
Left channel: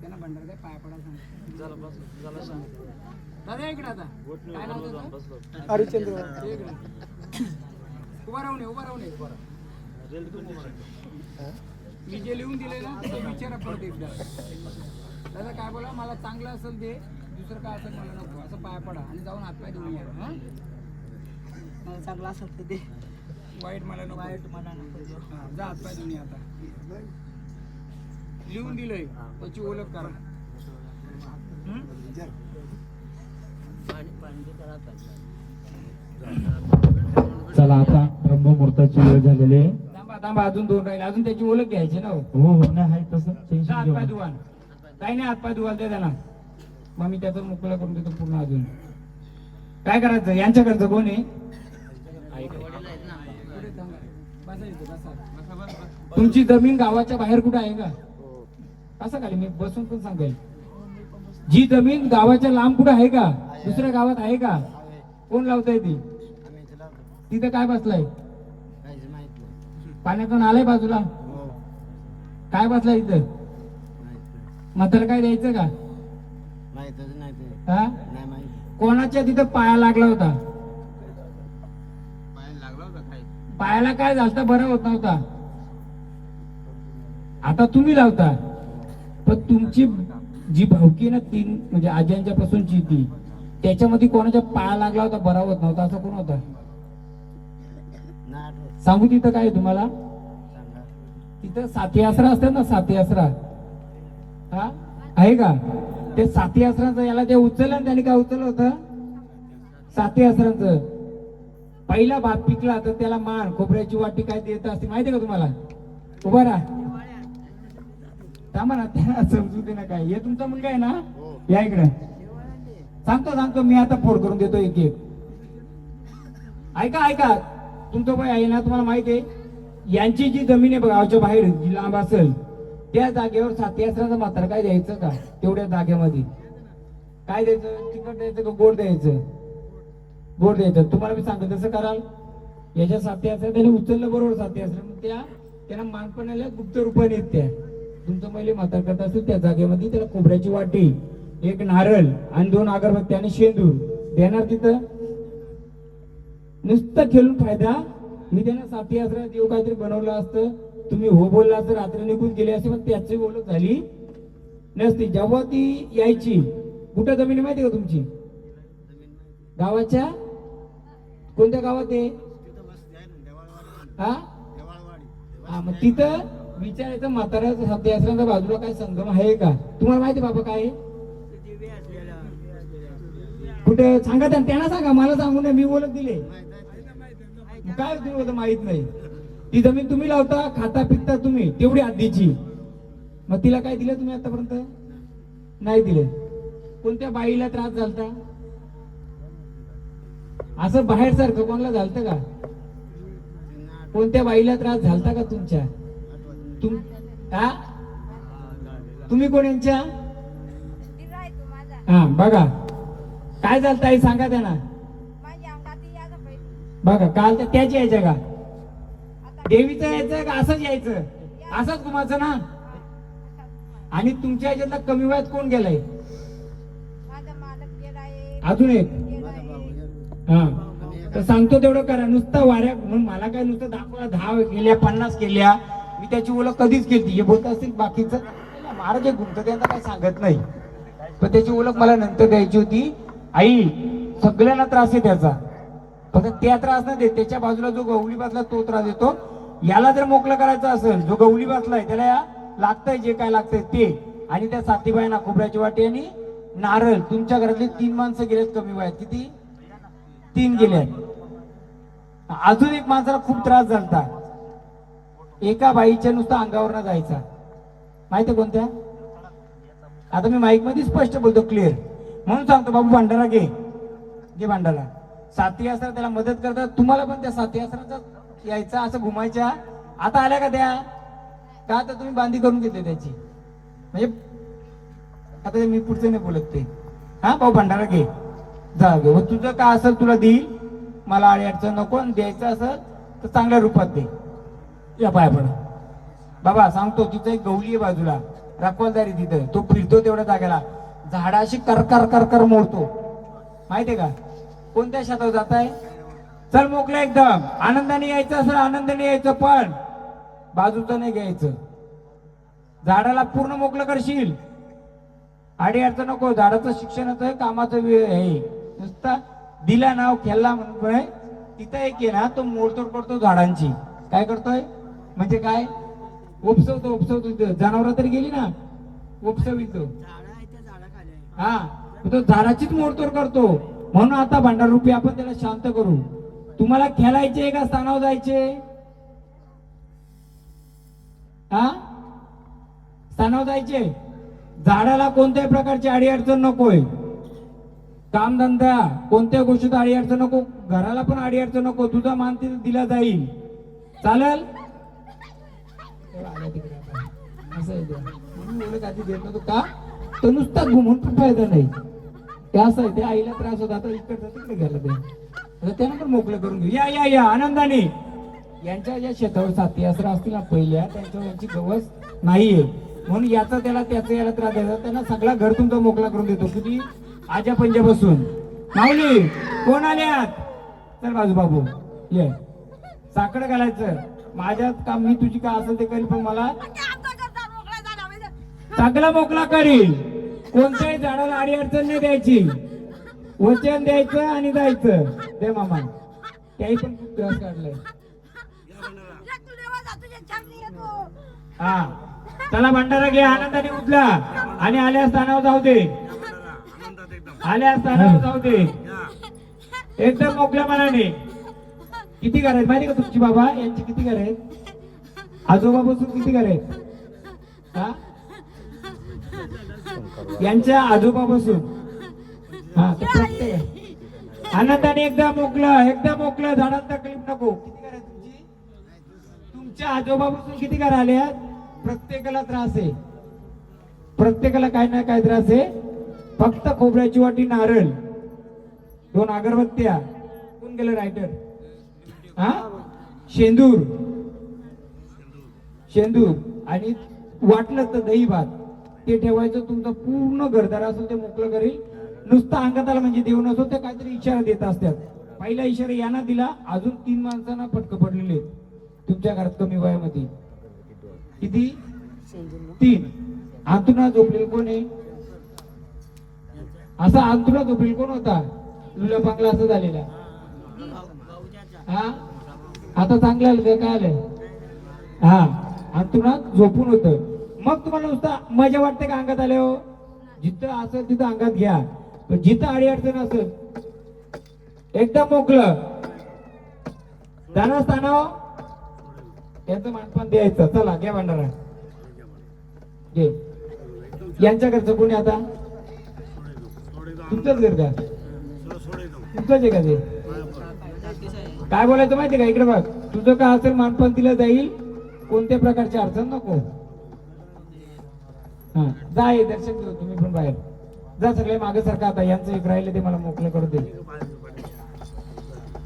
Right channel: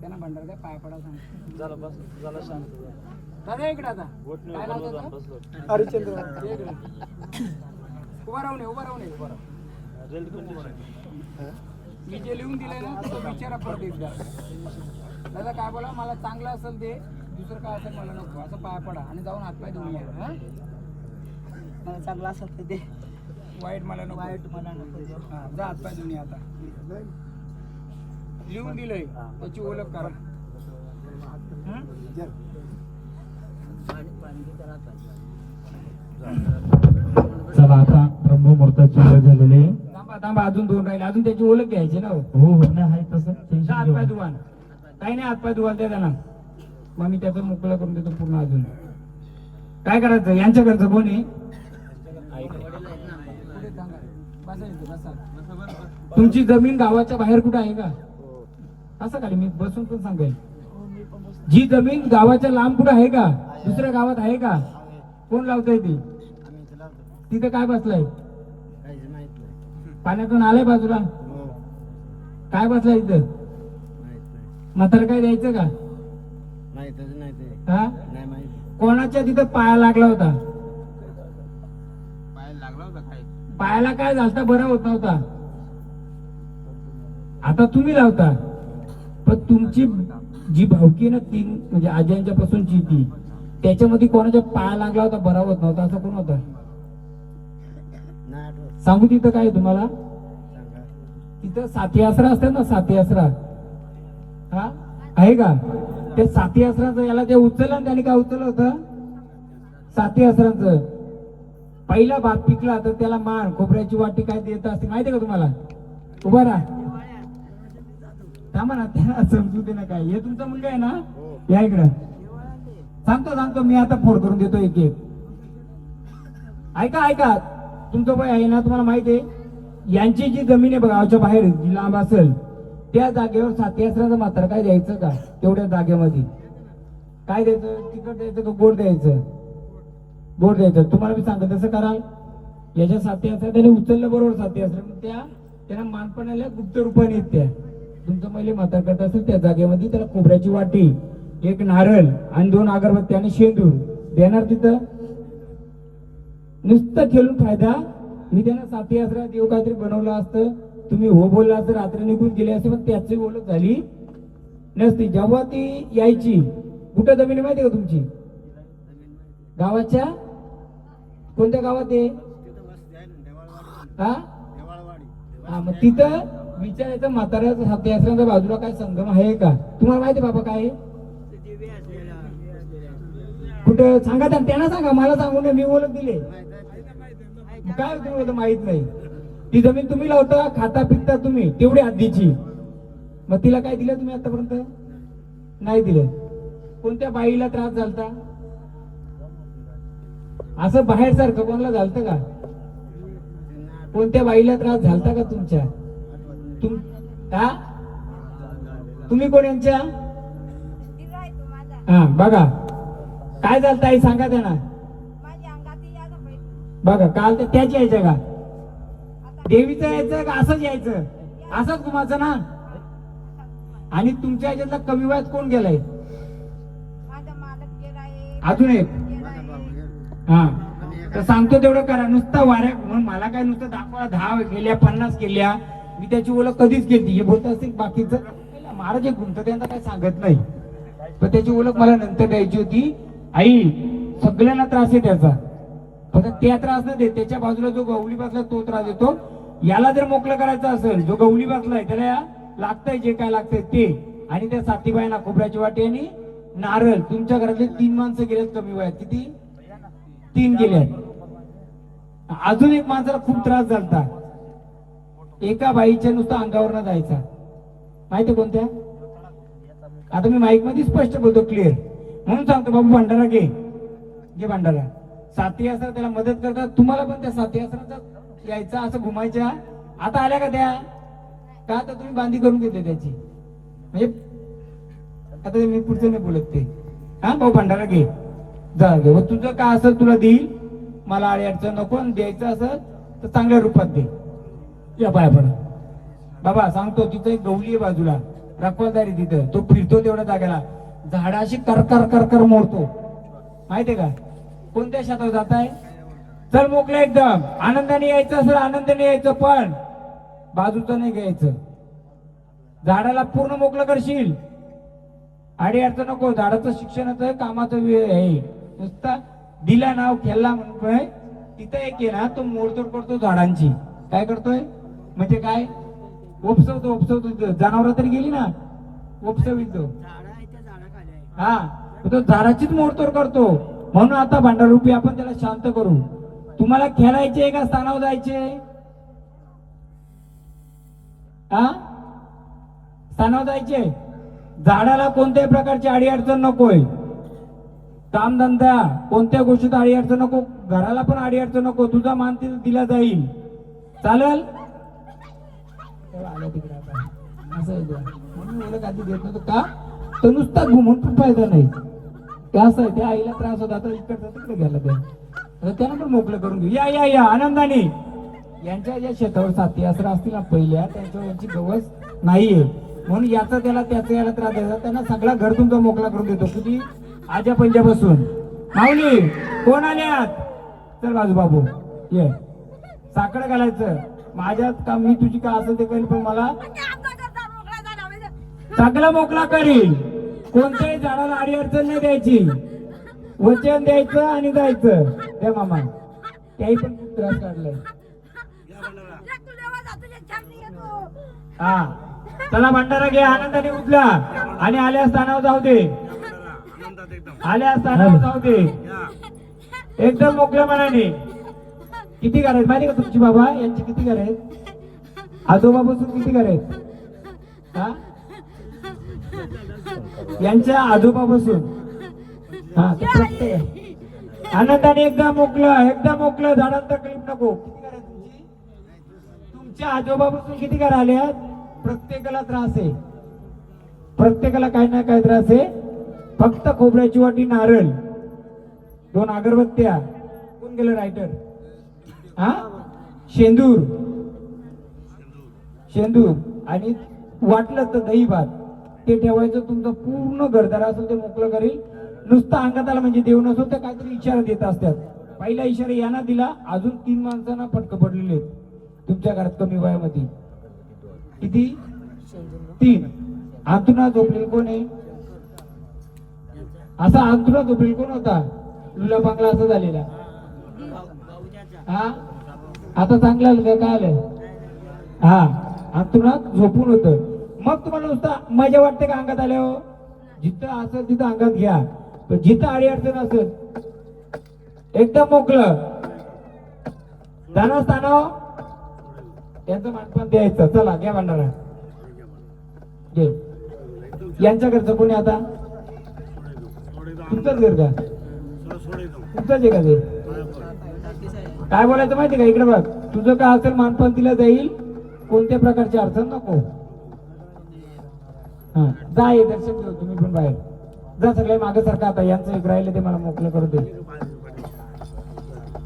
त्यांना भंडार काय पाया पडा सांग, दादा इकडे आता काय नाव त्याचं, हरिचंद्र. इकडे उभा राहून मी जे लिहून दिलंय ना तो विचारा परत एकदा. दादा काय बोला, मला चांगलं असेल ते, दुसरं काय असेल मला नको, असं पाया पडा आणि जाऊन हातपाय धुवून या. मला चांगला असेल तर ते वाईट मला नको. वाईट मला नको देऊ. हा, जा हातपाय धुवून ये आता. लिहून दिलंय त्याची ओळख करा. हं? चला आता ब्रह्ममुहूर्ताची वेळ झालेली आहे. थांबा थांबा, अजून 2 राहिले. अजून त्याची ओळख घ्यायची ना हो. हो नाही आहे तसं जा टेन्शन घेऊ हातपाय नका. धुवा. काही नाही, हातपाय धुवाल त्या त्यांना. मग मी त्याचं मोकळं करून देतो पूर्ण. अजून काय करायचं? यांच्या घरचं कोण आहे? पुढे सांगा. बसा इथे, बसा. तुमची जमीन गावाच्या बाहेर कुठे आहे का? असं खाली मी बसून पण सांगेल. जी जमीन गावाच्या लांब कुठे आहे का? दुसऱ्या गावात आहे का? कोण लावतंय ती? तिथे काय बसलाय? पाण्यातून आलंय बाजूला? काय बसलाय इथं? म्हातारं काय द्यायचं का? हा? कोणाच्या तिथं पाया लागला होता? पायाला काय झालं? बरं होत नव्हता. आता तुम्ही लावता. पण तुमची जी भावकी ना 3 म्हणजे आज्यांच्या पासूनची ती, त्याच्यामध्ये कोणाच्या पाया लागला होता, बरा होत नव्हता, असं कोण होता? सांगू तिथं काय तुम्हाला? तिथं साथी आसरा असतात ना, साथी आसरा. हा आहे का? ते साथी आसरांचं याला ते उचललं आणि त्याने काय उचललं होतं? साथी आसरांचं पहिला भात पिकला तर त्याला मान खोबऱ्याची वाटी काय देत असते माहितीये का तुम्हाला? उभा राहा. थांबा ना, त्याला समजू दे ना. काय हे तुमचा मुलगा आहे ना? या इकडे. सांगतो मी आता फोन करून देतो एक एक. ऐका तुमचं वय आहे ना, तुम्हाला माहिती आहे यांची जी जमीन आहे बघा गावच्या बाहेर जी लांब असेल त्या जागेवर साथी आसराचं मात्र काय द्यायचं का? तेवढ्या जागेमध्ये काय द्यायचं? तिखट द्यायचं का गोड द्यायचं? गोड द्यायचं. तुम्हाला मी सांगतो तसं कराल. याच्या साथी आसरा त्याने उचललं बरोबर. साथी आसरा मग त्याला मानपणाला गुप्त रूपाने येत त्या. तुमचं पहिले म्हातार करत असेल त्या जागेमध्ये त्याला खोबऱ्याची वाटी, 1 नारळ आणि 2 अगरबत्ती आणि शेंदूर देणार. तिथं नुसतं खेळून फायदा. मी त्यांना साथी आसरा देव काहीतरी बनवलं असतं, तुम्ही हो बोलला असतं, रात्री निघून गेले असते, पण त्याची ओळख झाली नसती. जेव्हा ती यायची, कुठं जमीन माहिती का तुमची? गावाच्या कोणत्या गावात आहे? हा मग तिथं विचारायचं म्हाताऱ्याचं साथी आसरांच्या बाजूला काय संगम आहे का? तुम्हाला माहिती बाबा काय? कुठं सांगा त्यांना सांगा, मला सांगू नये. मी ओळख दिले काय तुम्ही माहित नाही. ती जमीन तुम्ही लावता, खाता पिकता तुम्ही, तेवढी आधीची. मग तिला काय दिलं तुम्ही आतापर्यंत? नाही दिलं. कोणत्या बाईला त्रास झालता? असं बाहेर सारखं कोणाला झालतं का? कोणत्या बाईला त्रास झालता का तुमच्या? तुम्ही कोण यांच्या? हा बघा काय झालं ताई सांगा त्यांना. बघा काल तर त्याच यायचं का? देवीचं यायचं का असंच यायचं? असंच घुमाचं ना. आणि तुमच्या याच्यातला कमी वयात कोण गेलाय? अजून एक. हा तर सांगतो तेवढं करा. नुसतं वाऱ्या म्हणून मला काय नुसतं दाखवा 10 केल्या 50 केल्या. मी त्याची ओळख कधीच केली. हे बोलत असतील बाकीचं महाराज जे गुंत त्यांना काय सांगत नाही, पण त्याची ओळख मला नंतर द्यायची होती. आई सगळ्यांना त्रास आहे त्याचा, फक्त त्या त्रास न देत त्याच्या बाजूला जो गवली बसला तो त्रास देतो. याला जर मोकळं करायचं असेल, जो गवली बसलाय त्याला या लागतंय जे काय लागतंय ते. आणि त्या साथीबाईंना खोबऱ्याची वाटी आणि नारळ. तुमच्या घरातले 3 माणसं गेलेत कमी वयात. किती? 3 गेल्यात. अजून एक माणसाला खूप त्रास झालता. एका बाईच्या नुसतं अंगावर न जायचा. माहिती कोणत्या? आता मी माईक मध्ये स्पष्ट बोलतो, क्लिअर म्हणून सांगतो. बाबू भांडारा घे भांडारा. साथी आसरा त्याला मदत करतात. तुम्हाला पण त्या साथी आसराचा यायचा असं घुमायच्या. आता आल्या का त्या? का आता तुम्ही बांधी करून घेतली त्याची. म्हणजे आता मी पुढचं नाही बोलत ते. हा भाऊ भांडारा घे, जा घे. मग तुझं काय असेल तुला देईल. मला आडी अडचण नको. द्यायचं असेल तर चांगल्या रूपात दे. या पाया पडा बाबा. सांगतो तिथं एक गवली आहे बाजूला, रखवालदारी तिथं. तो फिरतो तेवढ्या जागेला, झाडाशी कर कर कर कर मोडतो. माहितीये का? कोणत्या शेतात जात आहे? चल मोकळं एकदम. आनंदाने यायचं असेल आनंदाने यायचं, पण बाजूचं नाही घ्यायचं. झाडाला पूर्ण मोकळं करशील. आडी अडचण नको. झाडाचं शिक्षणाचं कामाचं आहे. नुसता दिला नाव खेळला म्हणून तिथं एक आहे ना, तो मोडतोड करतो झाडांची. काय करतोय म्हणजे काय, उपसवतो जनावर तरी गेली ना, उपसवितो. झाडं आहे त्या झाडाखाली आहे. हा, मग तो झाडाचीच मोडतोड करतो. म्हणून आता भांडारूपी आपण त्याला शांत करू. तुम्हाला खेळायचे का स्थानावर जायचे? हा, स्थानावर जायचे. झाडाला कोणत्याही प्रकारची अडीअडचण नकोय. कामधंदा कोणत्या गोष्टीत अडीअडचण नको, घराला पण अडीअडचण नको. तुझा मान तिथे दिला जाईल. चालेल? आल्या तिकडे आता. असं आहे ते. म्हणून ओळख आधी देत नव्हतं का, तर नुसता घुमून पण फायदा नाही. ते असं आहे, त्या आईला त्रास होता, आता इकडे तिकडे घ्यायला ते. आता त्यांना पण मोकळं करून घेऊ. या या या आनंदाने. यांच्या ज्या शेतावर साथी असं असतील ना पहिल्या, त्यांच्यावर यांची गवस नाहीये. म्हणून याचा त्याला त्याचा याला त्रास द्यायचा. त्यांना सगळा घर तुमचा मोकळा करून देतो. किती आजा पंजापासून. माऊली कोण आल्यात? चल बाजू बाबू ये. साखर घालायचं. माझ्यात काम मी तुझी का असं ते करील, पण मला सगळं मोकळा करील. कोणत्याही झाडाला आडी अडचण नाही द्यायची. वचन द्यायचं आणि जायचं. द्या मामा. त्याही पण खूप त्रास काढलाय. या भंडारा. हा, चला भंडारा घे. आनंदाने उठला आणि आल्या स्थानावर जाऊ दे. या भंडारा. आनंदात एकदम. आल्या स्थानावर जाऊ दे. या. एकदम मोकळ्या मनाने. किती घर आहेत माहिती का तुमची बाबा? यांची किती घर आहेत? आजोबा बसून किती घर आहेत? हा, यांच्या आजोबा बसून. हा, तर प्रत्येक आनंदाने एकदम मोकळं झाडात तकलीफ नको. किती घर आहेत तुमची? तुमच्या आजोबा बसून किती घर आल्यात? प्रत्येकाला त्रास आहे. प्रत्येकाला काही ना काही त्रास आहे. फक्त खोबऱ्याची वाटी, नारळ, 2 अगरबत्त्या. कोण गेलं रायटर? हा, शेंदूर आणि वाटलं तर दही भात ते ठेवायचं. तुमचं पूर्ण घरदार असं ते मोकळं करेल. नुसतं अंगात आला म्हणजे देऊ नसो तर काहीतरी इशारा देत असतात. पहिला इशारा यांना दिला. अजून 3 माणसांना फटकं पडलेले आहेत तुमच्या घरात कमी वयामध्ये. किती? 3. अंतुना झोपलेला कोण आहे? असा अंतुना झोपलेला कोण होता? लुला पांगला असं झालेला. हा, आता चांगलं आलं का? काय आलं? हा, अंतुना झोपून होत. मग तुम्हाला नुसता मजा वाटते का अंगात आल्यावर? जिथं असेल तिथं अंगात घ्या. पण जिथं आडी अडचण असेल एकदम मोकळं जाणं स्थानावर त्यांचं मानपान द्यायचं. चला घ्या भंडारा घे. यांच्या घरचं कोणी आता? तुमचंच घर का? तुमचंच आहे का ते? काय बोलायचं माहिती का? इकडे बघ. तुझं काय असेल मानपान दिलं जाईल. कोणत्या प्रकारची अडचण नको. हा, जा. हे दर्शन घेऊ तुम्ही पण बाहेर जा. सगळे मागे सारखं. आता यांचं एक राहिलं ते मला मोकळं करू दे.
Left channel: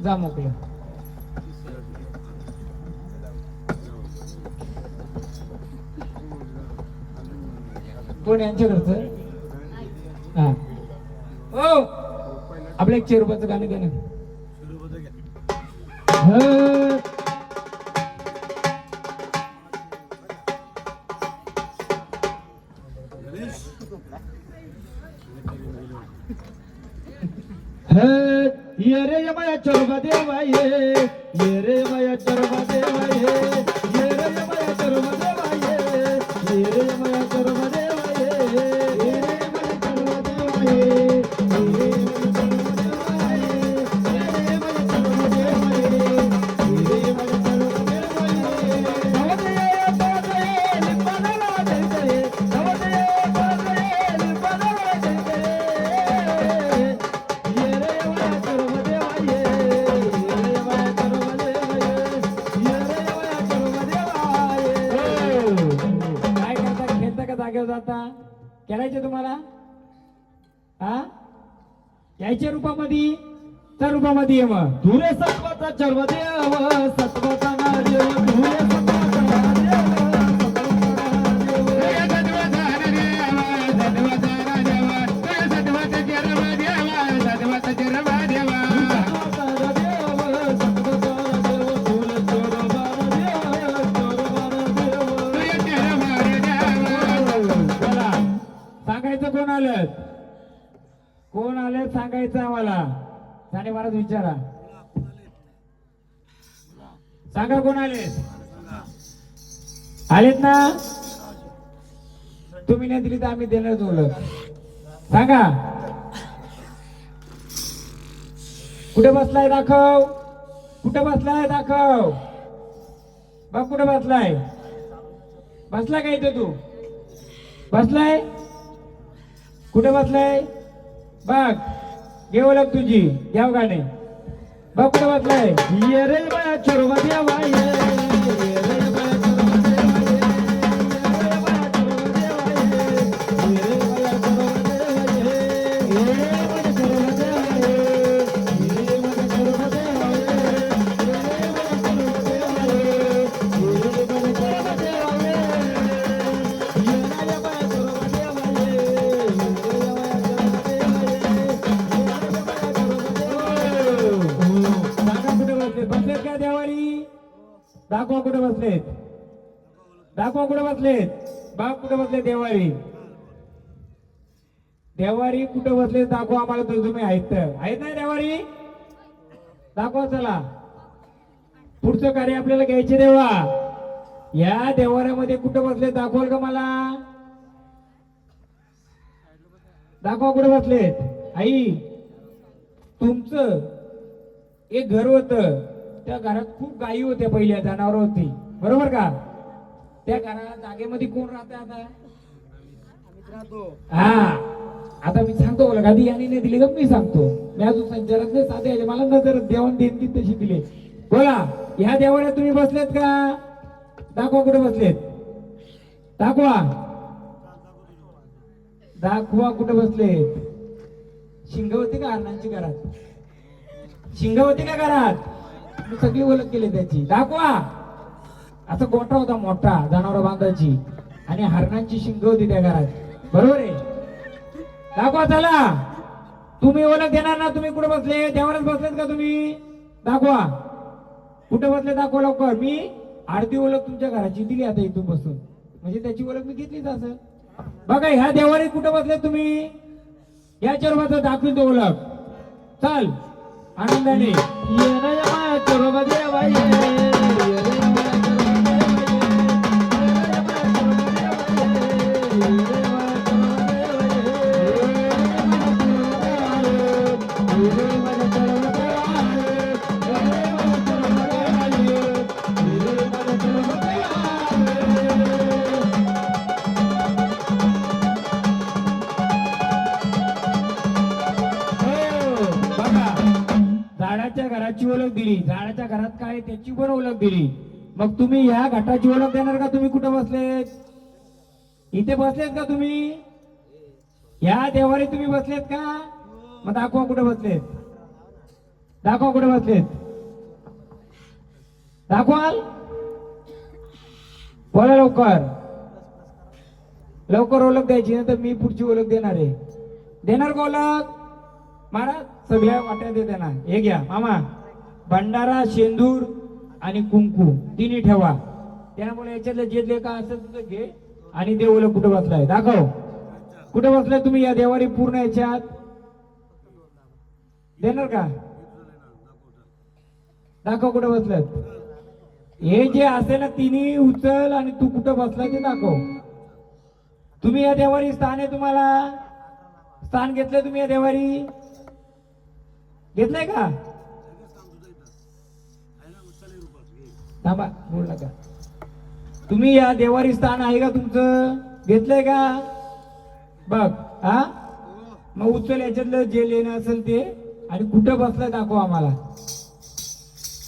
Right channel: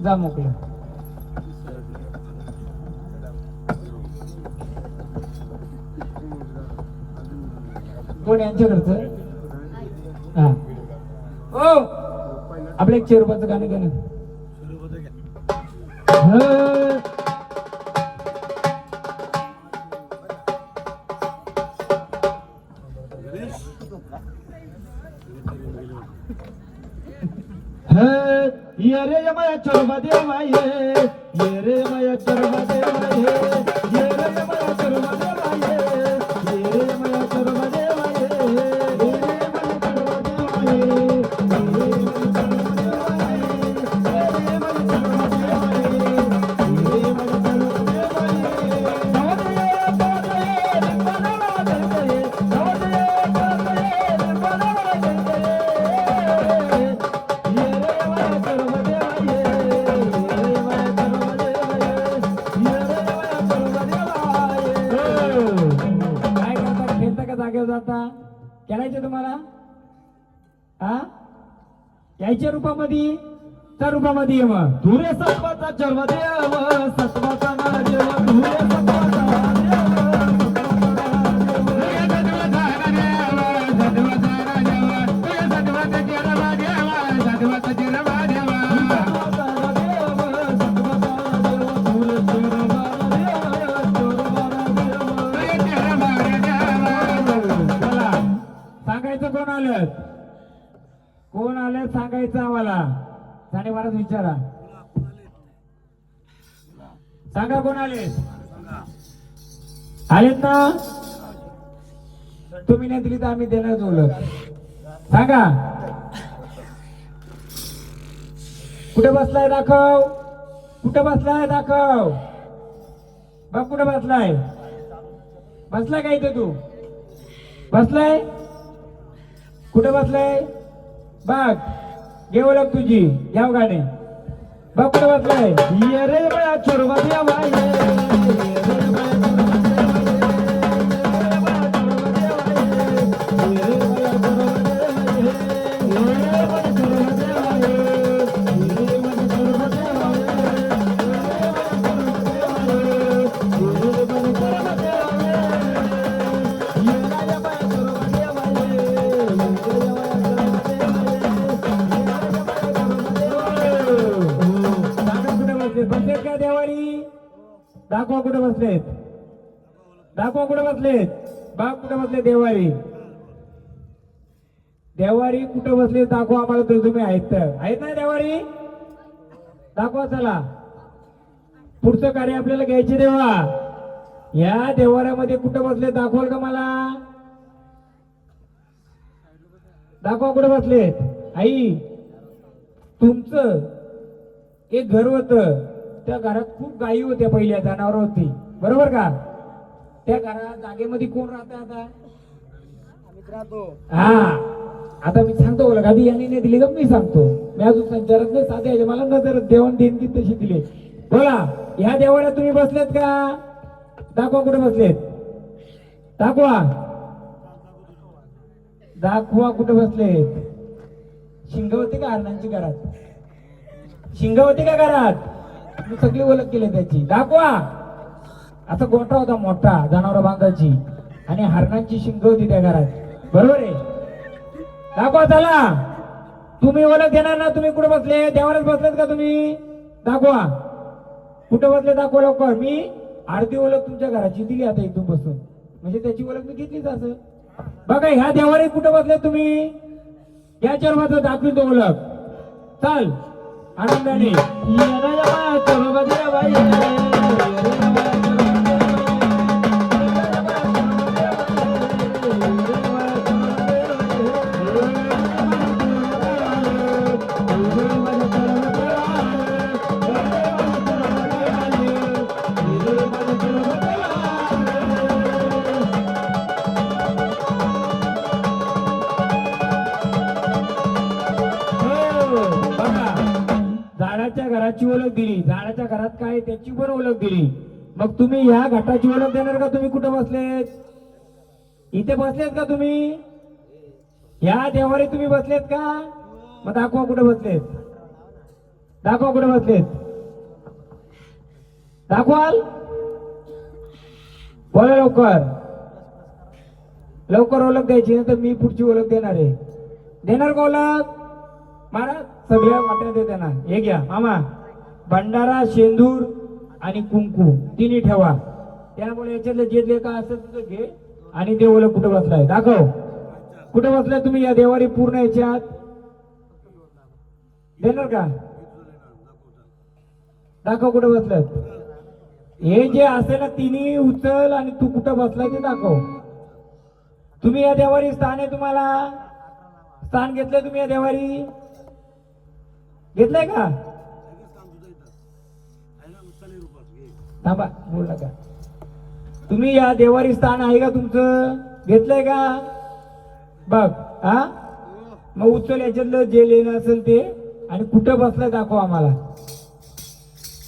जा मोकळं. कोण यांच्या घरचं? हा, ओ आपलं 1 रुपयाचं गाणं घ्या ना. ये रे माया चरवा देवा ये रे माया चरवा देवा ये रे माया चरवा देवा ये रे माया चरवा देवा ये रे माया चरवा काय करता? खेळता का जागेवर जाता? खेळायचं तुम्हाला? हा, यायच्या रूपामध्ये तर रूपामध्ये ये. मग धुरे सत्वाचा चर्व देव सत्वाचा ना देव धुरे सांगायचं. कोण आलं सांगायचं आम्हाला. जाणे महाराज विचारा. सांगा कोण आले? आलेत ना? तुम्ही नाही दिली तर आम्ही देणार ओळख. सांगा कुठे बसलाय दाखव. कुठे बसलाय दाखव. बघ कुठे बसलाय. बसलाय का इथे तू? बसलाय कुठे बसलाय? बघ घे ओळख तुझी. घ्याव गाणे. बघ कुठे बसलाय. ये रे बाया चोरवत्या बाई, ये रे बाया बसलेत का देवारी? दाखवा कुठे बसलेत. दाखवा कुठे बसलेत. बाग कुठे बसले देवारी. देवारी कुठे बसले दाखवा आम्हाला. तर तुम्ही आहेत ना देवारी? दाखवा चला. पुढचं कार्य आपल्याला घ्यायचे देवा. या देवाऱ्यामध्ये कुठे बसले दाखवाल का मला? दाखवा कुठे बसलेत. आई तुमचं एक घर होतं. त्या घरात खूप गायी होत्या. पहिल्या जनावर होती. बरोबर का? त्या घरात जागेमध्ये कोण राहतं आता? आम्हीच राहतो. हा आता मी सांगतो बोला. गादी यांनी नाही दिली का मी सांगतो. मी अजून संचारक नाही साधे. मला नजर देवण देणगी तशी दिली. बोला ह्या देवाऱ्यात तुम्ही बसलेत का? दाखवा कुठे बसलेत. दाखवा. दाखवा कुठे बसलेत. शिंग होती का हरणांची घरात? शिंग होती का घरात? मी सगळी ओळख केली त्याची. दाखवा. असा गोठा होता मोठा जनावर बांधायची आणि हरणांची शिंग होती त्या घरात. बरोबर आहे. दाखवा चला. तुम्ही ओळख देणार ना? तुम्ही कुठे बसले? देवारात बसलेत का तुम्ही? दाखवा कुठे बसले. दाखवा लवकर. मी अर्धी ओळख तुमच्या घराची दिली आता इथून बसून. म्हणजे त्याची ओळख मी घेतलीच असं. बघा ह्या देवारी कुठे बसले तुम्ही? याच्यावर मात्र दाखवून तो ओळख. चल आनंदाने. झाडाच्या घराची ओळख दिली. झाडाच्या घरात काय त्याची पण ओळख दिली. मग तुम्ही ह्या घाटाची ओळख देणार का? तुम्ही कुठे बसलेत? इथे बसलेत का तुम्ही? ह्या देवारी तुम्ही बसलेत का? मग दाखवा कुठे बसलेत. दाखवा कुठे बसलेत. दाखवाल. बोला लवकर. लवकर ओळख द्यायची नाही तर मी पुढची ओळख देणार आहे. देणार का ओळख? महाराज सगळ्या वाट्या देणार. हे घ्या मामा. भंडारा, शेंदूर आणि कुंकू तिन्ही ठेवा. त्यामुळे याच्यातलं जे का असेल तुझं घे आणि ते ओळख कुठे बसलाय. दाखव कुठे बसलाय तुम्ही या देवारी पूर्ण याच्यात. देणार का? दाखव कुठे बसलात. हे जे असेल ना तिन्ही उचल आणि तू कुठं बसलाय ते दाखव. तुम्ही या देवारी स्थान आहे. तुम्हाला स्थान घेतलंय तुम्ही या देवारी. घेतलंय का? थांबा बोल नका. तुम्ही या देवारी स्थान आहे का तुमचं? घेतलंय का? बघ. हा मग उचल याच्यातलं जे लेणं असेल ते आणि कुठं बसलंय दाखव आम्हाला.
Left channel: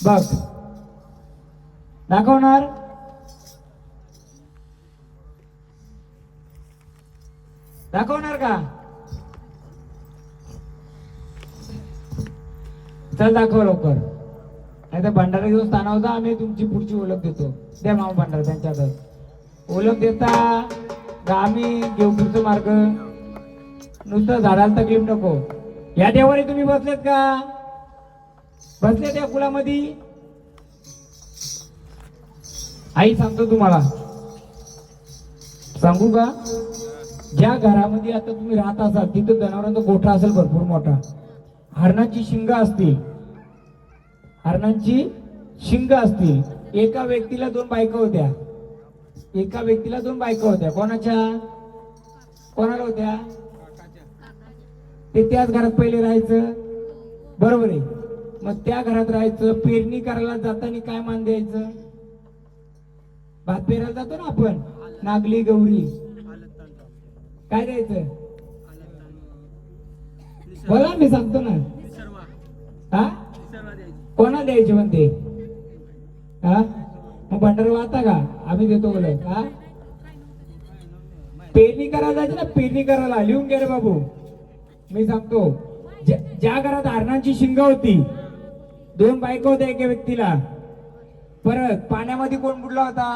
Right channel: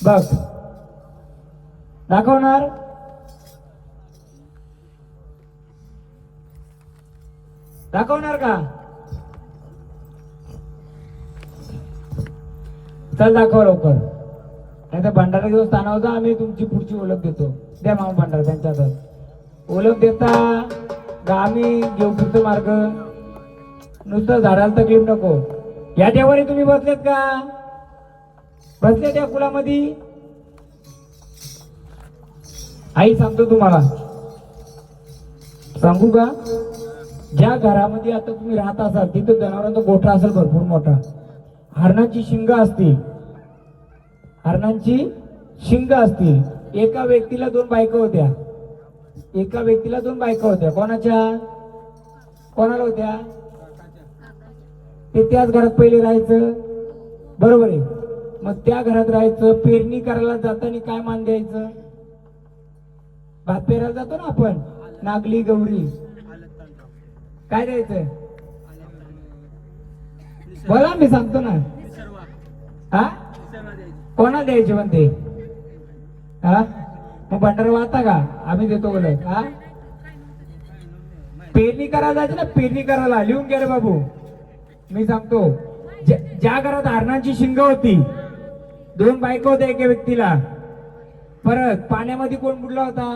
बघ दाखवणार. दाखवणार का? चल दाखव लवकर. नाही तर भंडारा घेऊन स्थान होता. आम्ही तुमची पुढची ओळख देतो. द्या मामा भंडारा त्यांच्याकडे ओळख देता का आम्ही घेऊ पुढचा मार्ग. नुसतं झाडाला तकलीफ नको. या देवारी तुम्ही बसलेत का? बसले त्या कुलामध्ये. आई सांगतो तुम्हाला. सांगू का? ज्या घरामध्ये आता तुम्ही राहत असाल तिथं जनावरांचा गोठा असेल भरपूर मोठा. हरणाची शिंग असतील. हरणांची शिंग असतील. एका व्यक्तीला 2 बायका होत्या. एका व्यक्तीला 2 बायका होत्या. कोणाच्या? कोणाला होत्या? ते त्याच घरात पहिले राहायचं. बरोबर आहे. मग त्या घरात राहायचं. पेरणी करायला जाताना काय मान द्यायचं? भात पेरायला जातो ना आपण, नागली गौरी, काय द्यायचं? बोला, मी सांगतो ना. हा, कोणा द्यायचे म्हणते? हा, मग भंडारा वाहता का? आम्ही देतो बोलत. हा, पेरणी करायला जायचं ना, पेरणी करायला. लिहून घे रे बाबू, मी सांगतो. ज्या घरात हरणांची शिंग होती, 2 बायका होत्या एका व्यक्तीला. परत पाण्यामध्ये कोण बुडला होता?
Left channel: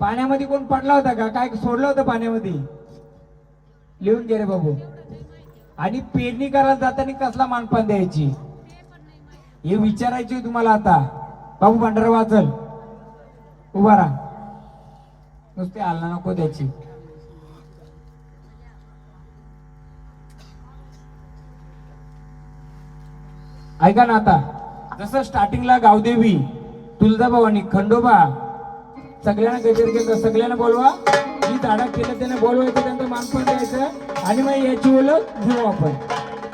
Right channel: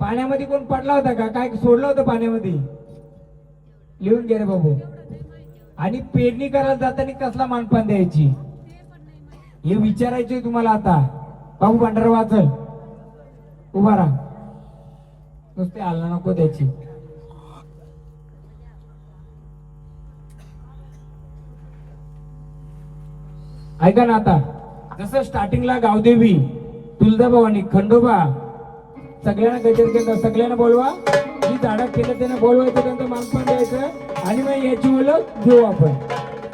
पाण्यामध्ये कोण पडला होता का? काय सोडलं होतं पाण्यामध्ये? लिहून घे रे बाबू. आणि पेरणी करायला जाताना कसला मानपान द्यायची हे विचारायचे तुम्हाला. आता बाबू भंडारा वाचल, उभा राहा, नुसते हलना नको त्याची. ऐका ना, आता जसं स्टार्टिंगला गावदेवी, तुळजाभवानी, खंडोबा सगळ्यांना गजर घेतात. सगळ्यांना बोलवा. जी झाडं केलं त्याने बोलवायचं, त्यांचं मानपान द्यायचं आणि मग याची ओळख घेऊ आपण.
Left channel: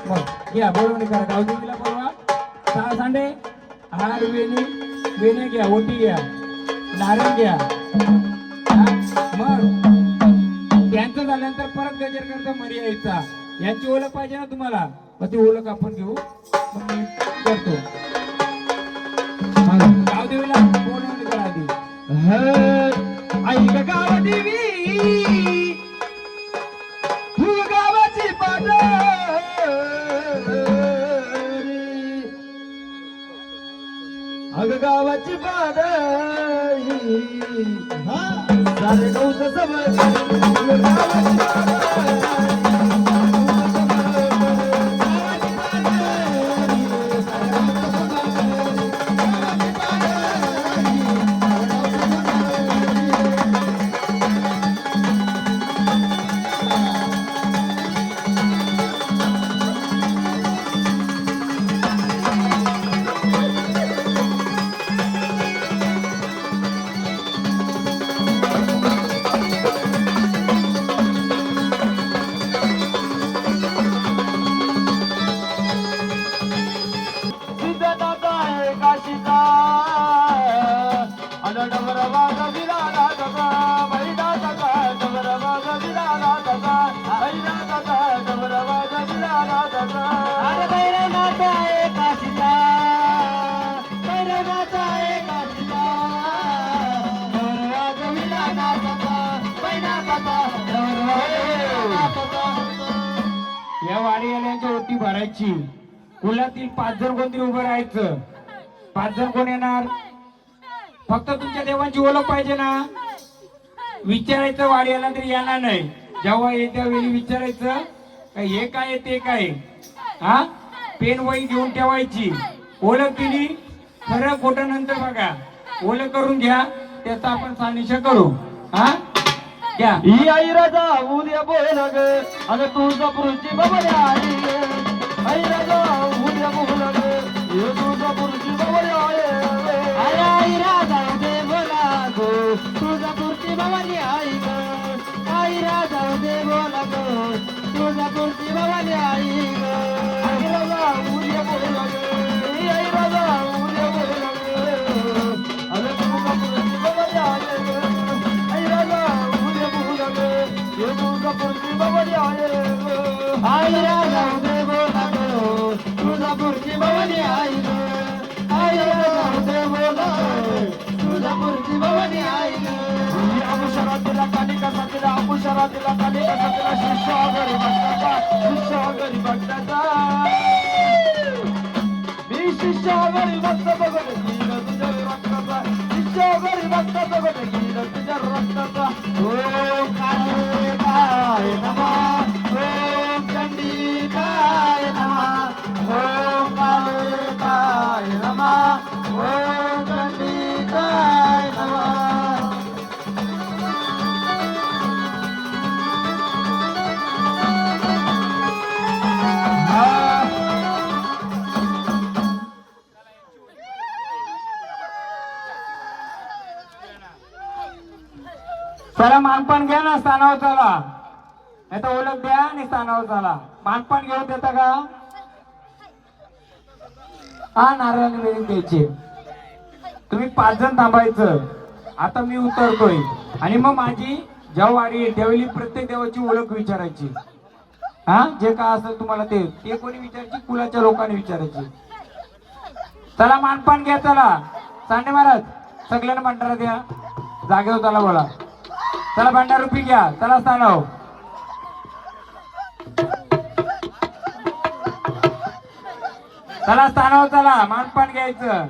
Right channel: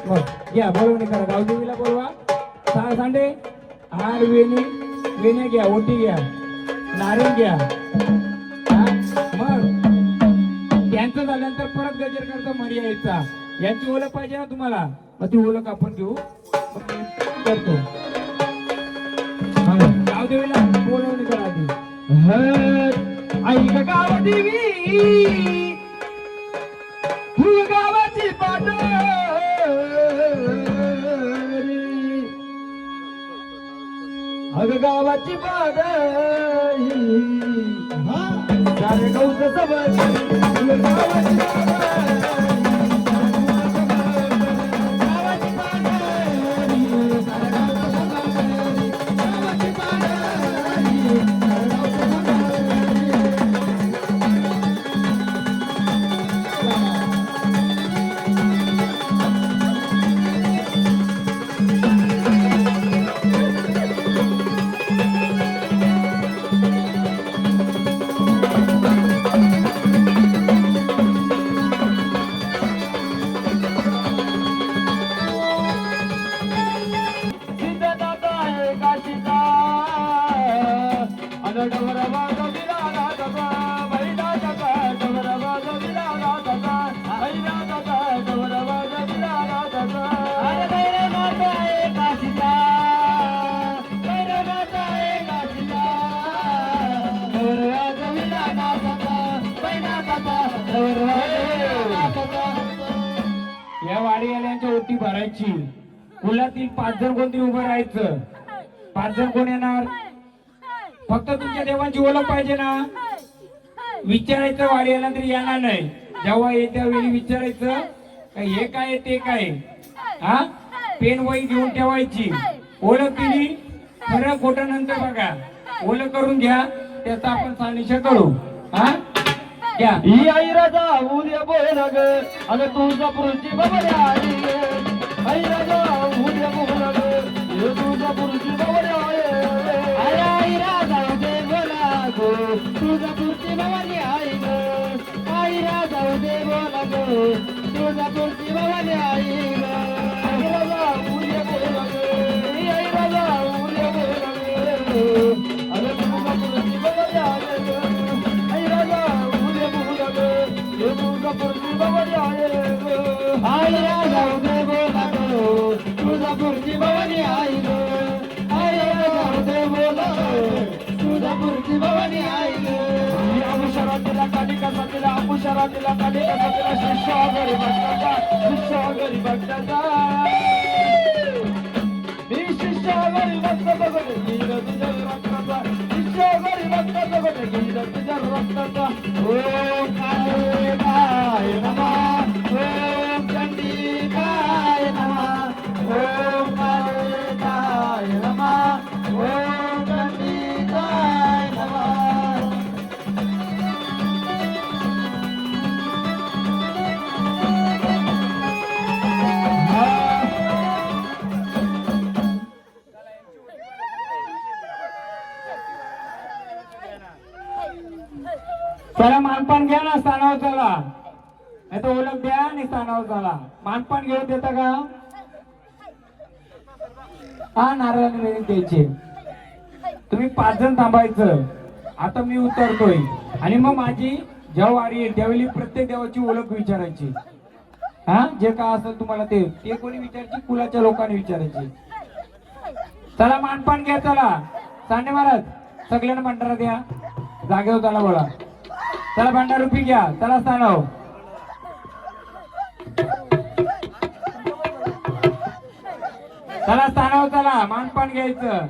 मग घ्या, बोलवणी करा. गावदेवीला बोलवा. 6 सांडे, हार, वेणे घ्या, ओटी घ्या, नारळ घ्या. मग त्यांचं झाल्यानंतर परत गजर करता मरी यायचा. यांची ओळख पाहिजे ना तुम्हाला, मग ती ओळख आपण घेऊ. मग मी करतो. गावदेवीला बोलवणी करा आधी. ऐक गावदेवी, तू गावाची पादरी, अग गावाची पादरी, सारे गौस सबळ गावाची पादरी. या वाडीवाल्यांची ओटी भरायची. कुलातील 5 जण कोणती उभं राहायचं. 5 जण कोण येणार? फक्त तुमच्या देवांची ओळख पाहिजे ना. विचारायचं वाडीवाला तरी येणार नाही. जेव्हा येत्या वेळी विचारायचं हे काय ते काय. हा, पेन वही घेऊन ठेवायची. ओळख केली, खरं खोटं नंतर बघा. ओळख करून घ्या, त्याचा आपण सानिध्य करू. हा, घ्या. ही आई राजा उद्या बोल ग, अगं तुळजापूरची बाबाली आली ग. आई राजा उद्या बोल ग, हे तुळजापूरची बाबाली आली ग. आई राजा उद्या बोला ग, तुळजापूरची बाबाली आई ग. आई राजा उद्या बोला ग, तुळजापूरची बाबाली आई ग. आई राजा उद्या बोल ग, आई राजा उद्या बोल ग, अगं तुळजापूरची बाबाली आली ग. आई राजा उद्या बोल ग, हे तुळजापूरची बाबाली आली ग. आई राजा उद्या बोला ग, तुळजापूरची बाबाली आई ग. आई राजा उद्या बोला ग, तुळजापूरची बाबाली आई ग. शरातीला कालिका साथीला, शरातीला कालिका साथीला, शिष्या घरी भक्ताचा, शिष्या घरी भक्ताचा. मी शिष्या घरी भक्त बघत गेलं तुझ्या रक्ताचा, शिष्या घरी भक्त बघत गेलं तुझ्या रक्ताचा. ओ काय काय बाबा चला मानपान घ्या ना स्थानावर चला, नाही तर ओळख द्या आणि स्थानावर चला. मानपान घेऊन देता का? हा नारळ मिळून द्यायचे. तुम्ही 5 जण थांबायचं. आता मी उतरतोय आणि मग माझी जेव्हा वारी येईल त्यावेळी प्रत्येक देवाची ओळख विचारायची. हा जे काय असेल तुम्हाला ते कोणी विचारायची, कुलाच्या लोकांनी विचारायची. चला मानपान घ्या. चला सांडे महाराज सगळ्यांना भंडारा द्या. जागेवर चला बोला. चला भंडार रुपी घ्या. चला स्थानाव. चला स्थानावर चला मानपान घ्यायचं.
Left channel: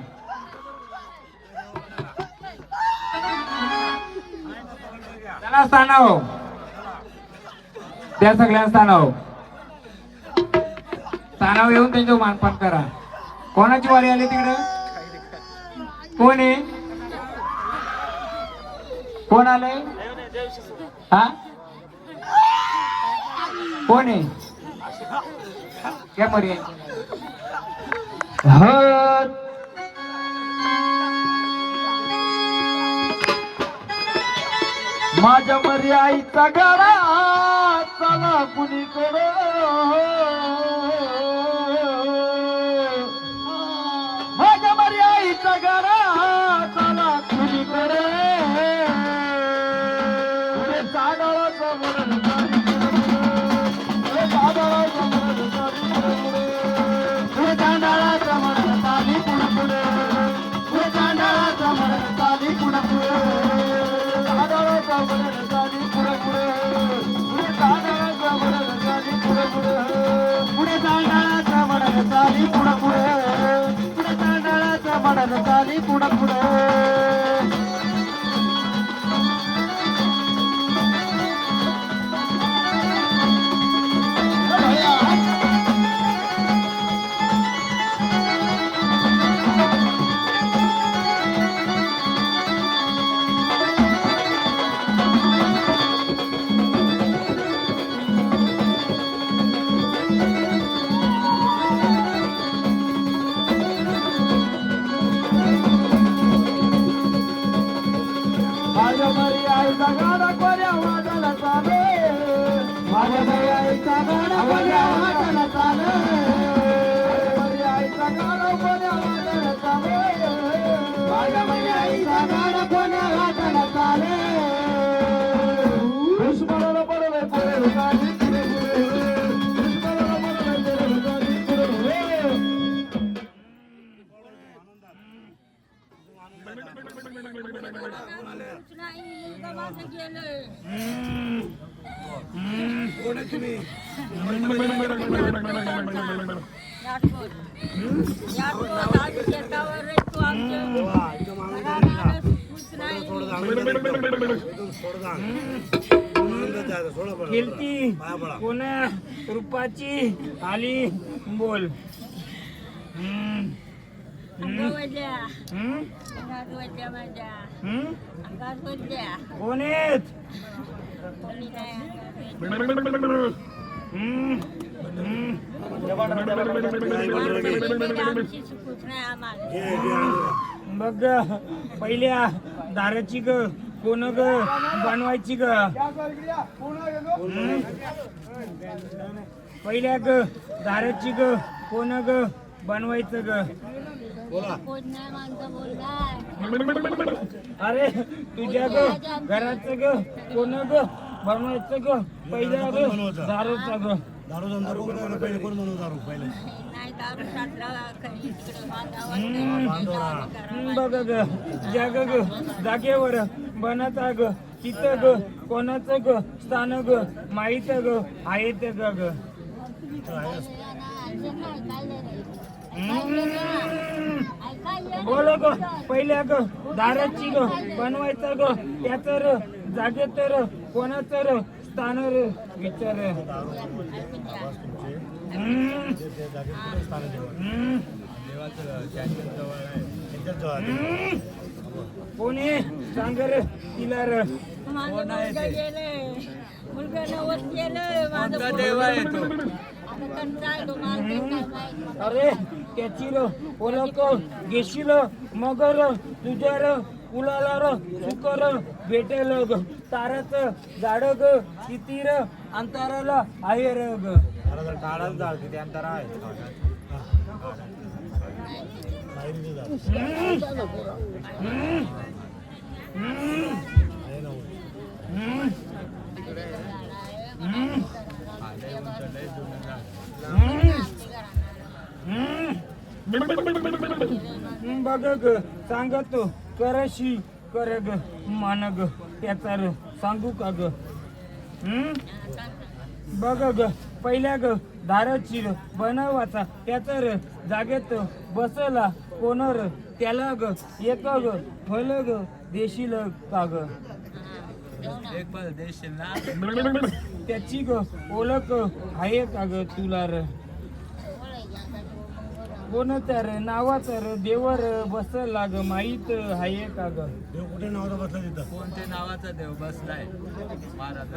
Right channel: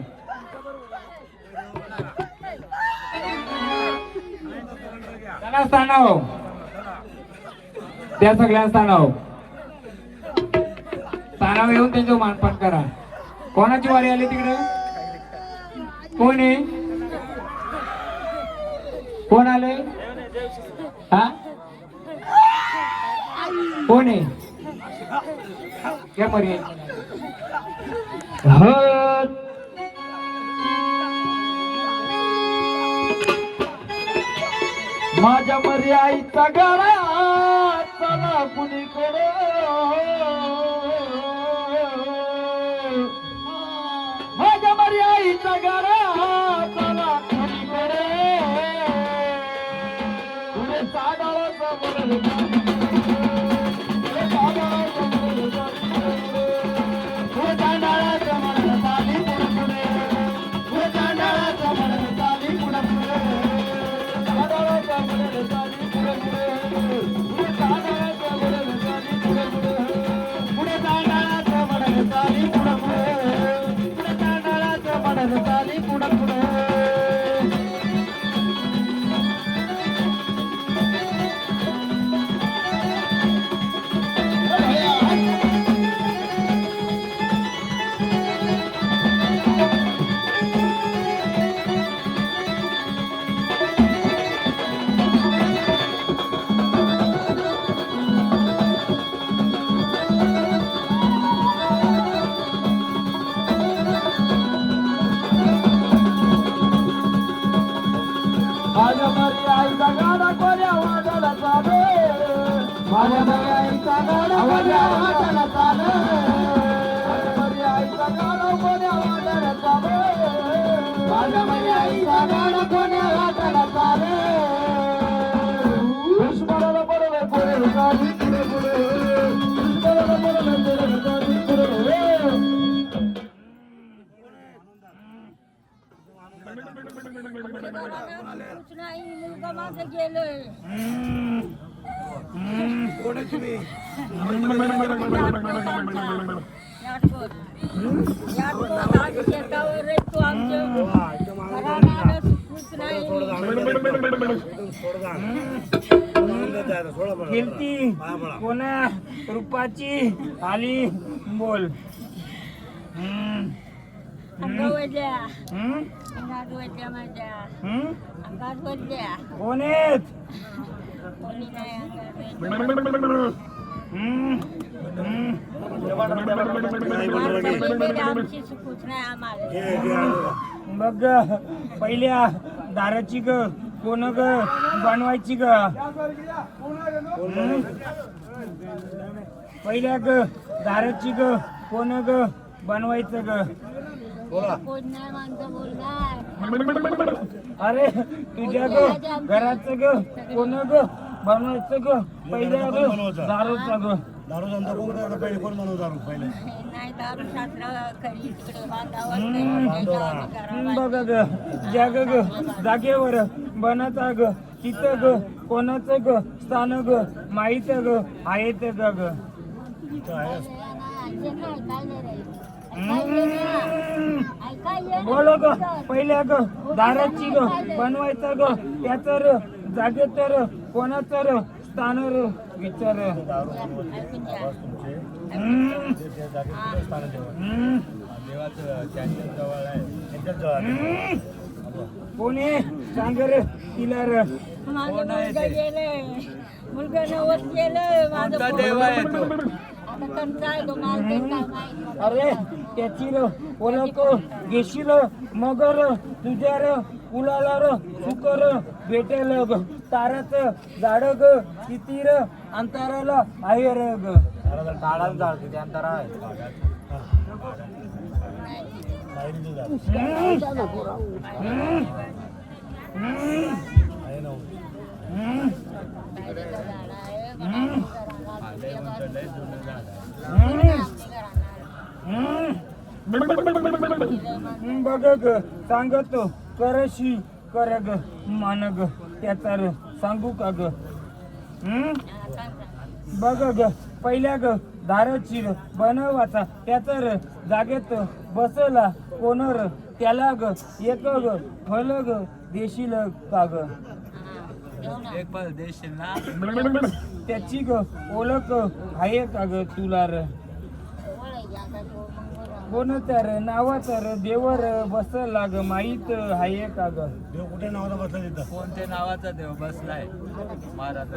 चला स्थानाव त्या सगळ्या स्थानाव येऊन त्यांच्यावर मानपान करा. कोणाची वारी आली तिकडे? कोण आहे? कोण आले? हा कोण आहे? क्या पर्याय? माझ्या मरी आईचा गाडा चला कुणीकडे, माझ्या मरी आईचा गाडा चला कुणीकडे, पुढे चांदळाचं वरण पुढे चांदळाचं मरण पुढे कीर्ती कोणा रूपाची आली बोल. कोण आहेत? मग पहिल्या दाराची ग कोण ग बनवायची ग? पहिल्या ग दाराची ग कोण ग बनवायचं ग? अरे तुझ्या ग घराचं ग कोण ग बनवायचं ग? पहिल्या ग दारूचा ग. दारू धंदा कोण करायला पहिले? कोण म्हणून दारू पहिले? बघ ग जग ग जागेवर बनाचा ग तिथं ग कोणाचं ग स्थान ग माहित ग आहेत ग ग. इथं आहेस. बोल ग पहिल्या ग दाराची ग बनवायचं ग त्याच र जागे तर कोणाचं र स्थान र विचार. दारू आवाज तुमचे ते जागेत स्थान जेवण देवाचं कॅन्टीन जवळ आहे. एकदम जवळ कोणी सांग र तिला र. मुलगा नवस गेलं माझं देव आहे तो. आता कंटाळ तो मला ते काय माहित. अरे त्याची र ओळख घेशील मग र तुझ्या र कुलाला र सुकर भेटेल ग ताराचं झाड ग किती र अंतराला आहे र ग बघ ग सांगतो करशी कर ग मान ग त्याचा र सांगू का ग बघ ग पहिल्या ग धारची र बनवाचा त्याचा र जागेत बसला कोण र त्याला ग एक ग फल ग देशील का ग एक पण देशील ना त्याची ग ओळख आहे का ग तुला र कोणत्या र नावाचा र देवर बसला ग माहीत आहे का ग देव कुठे नावाचा बसला तिथं कोणत्या नावाचा देव बसलाय महाराज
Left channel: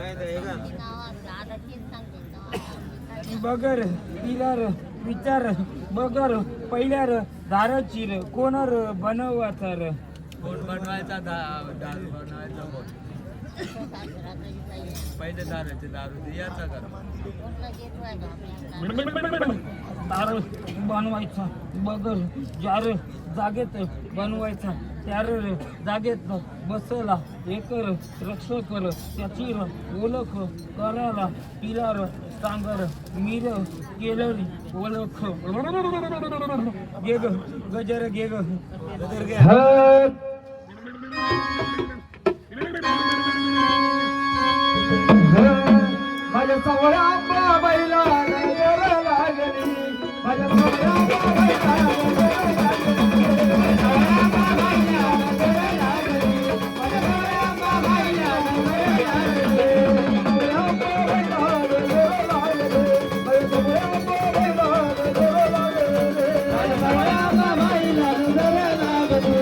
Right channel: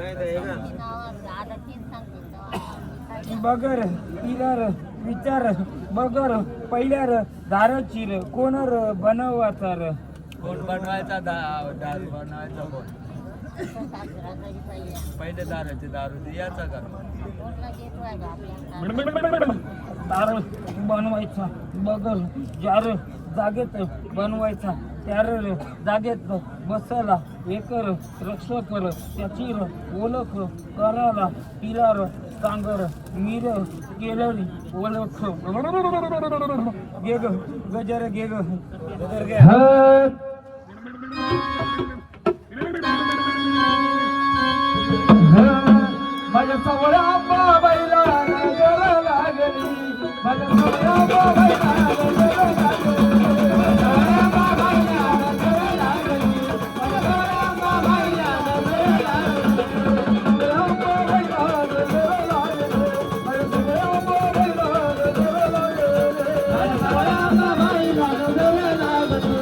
बगर तिला र विचार बगर पहिल्या र दारची र कोण र बनवाचा र कोण बनवायचा दारू बनवायचा कोण पहिले दारूची दारू द्यायचा का दार बनवायचा बगर जार जागेत बनवायचा त्यार जागेत बसला एकर रक्षकर त्याची र ओळख करायला तिला र सांगर मीर केलरी ओळख गे ग गजर गे ग गजर गे माझ्या सवळ्या बाबाईला नजर लागली माझ्या सवळ्या बाबाईला नजर लागली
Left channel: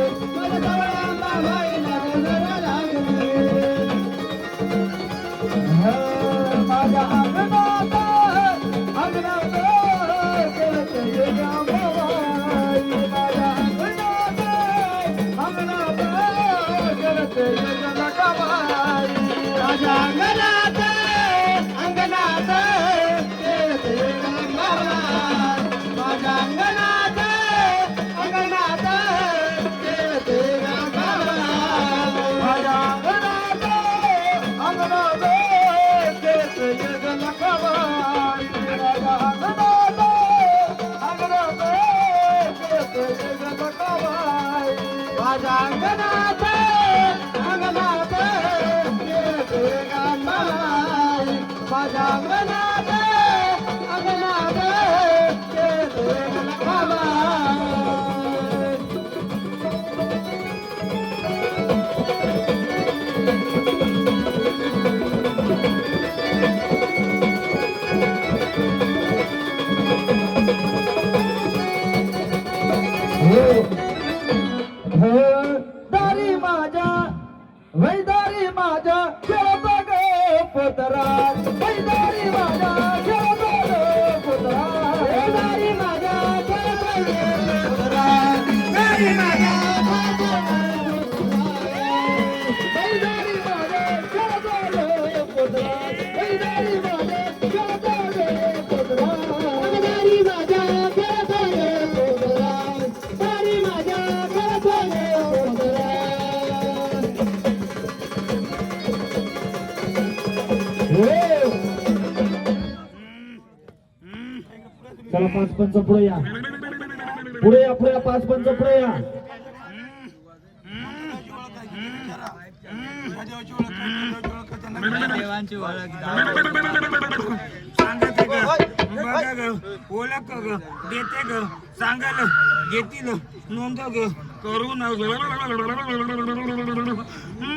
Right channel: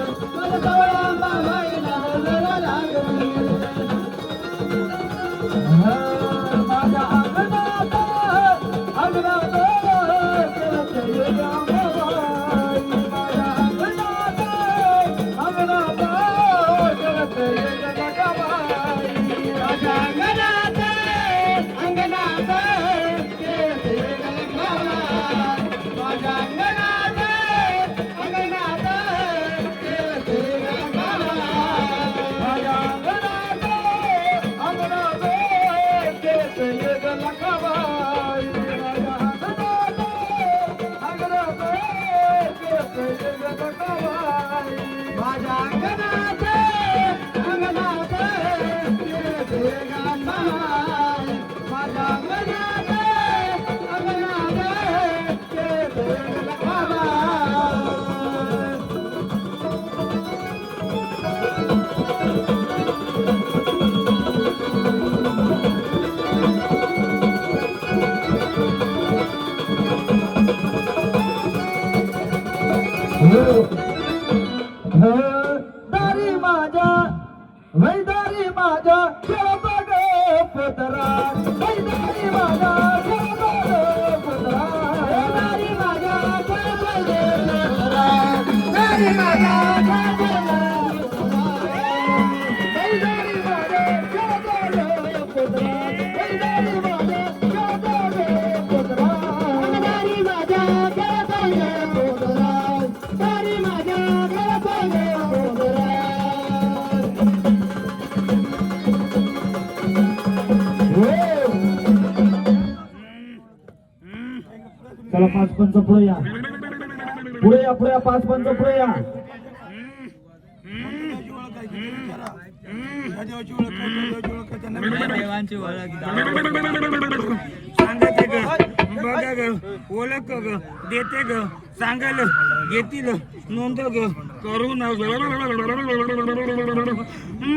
दारी माझ्या वैदारी माझ्या खेळत ग पोतरा वैदारी माझ्या खेळत ग पोतरा वैदारी माझ्या खेळत ग पोतरा दारी माझ्या चला 5 पंच पुढे या पुढे या 5 पंच पुढे या देवांची ओळख सांगते ग बघा ग ओळख ग देते ग सांगाल घेतील नोंद ग करून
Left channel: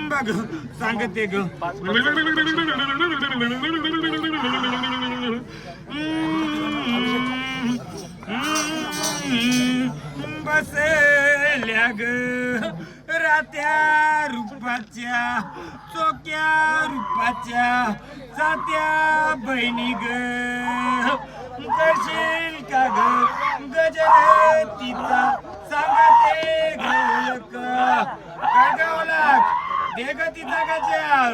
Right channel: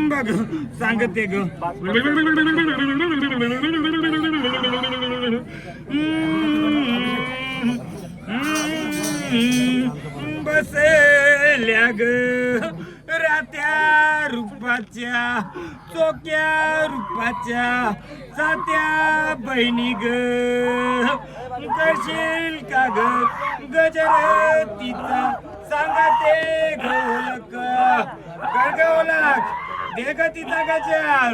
बघ सांगते ग बसल्या ग रात्या रूपाच्या चोक्या रूपाच्या सात्या बहिणी ग करशील का ग गजर तिचा सांगते गवलक काय गवलक दे ग तिचा गजर.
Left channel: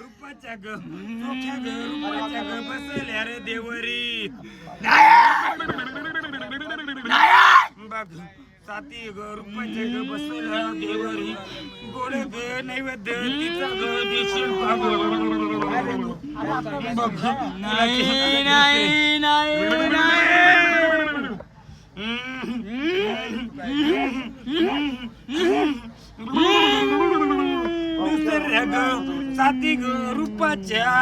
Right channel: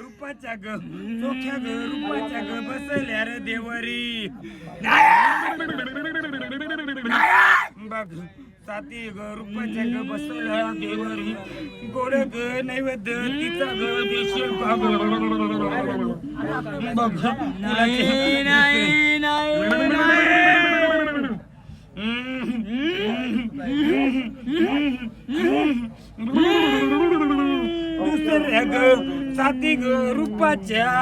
रुपाच्या ग चोख्या ग रुपाच्या ग बसल्या रे देवरी. बघ साती ग रुपाच्या ग बसल्या देवरी. गोड ग नैवेद्य तिचा ग देशील का ग. बघ दुसऱ्या ग साती ग रूपाच्या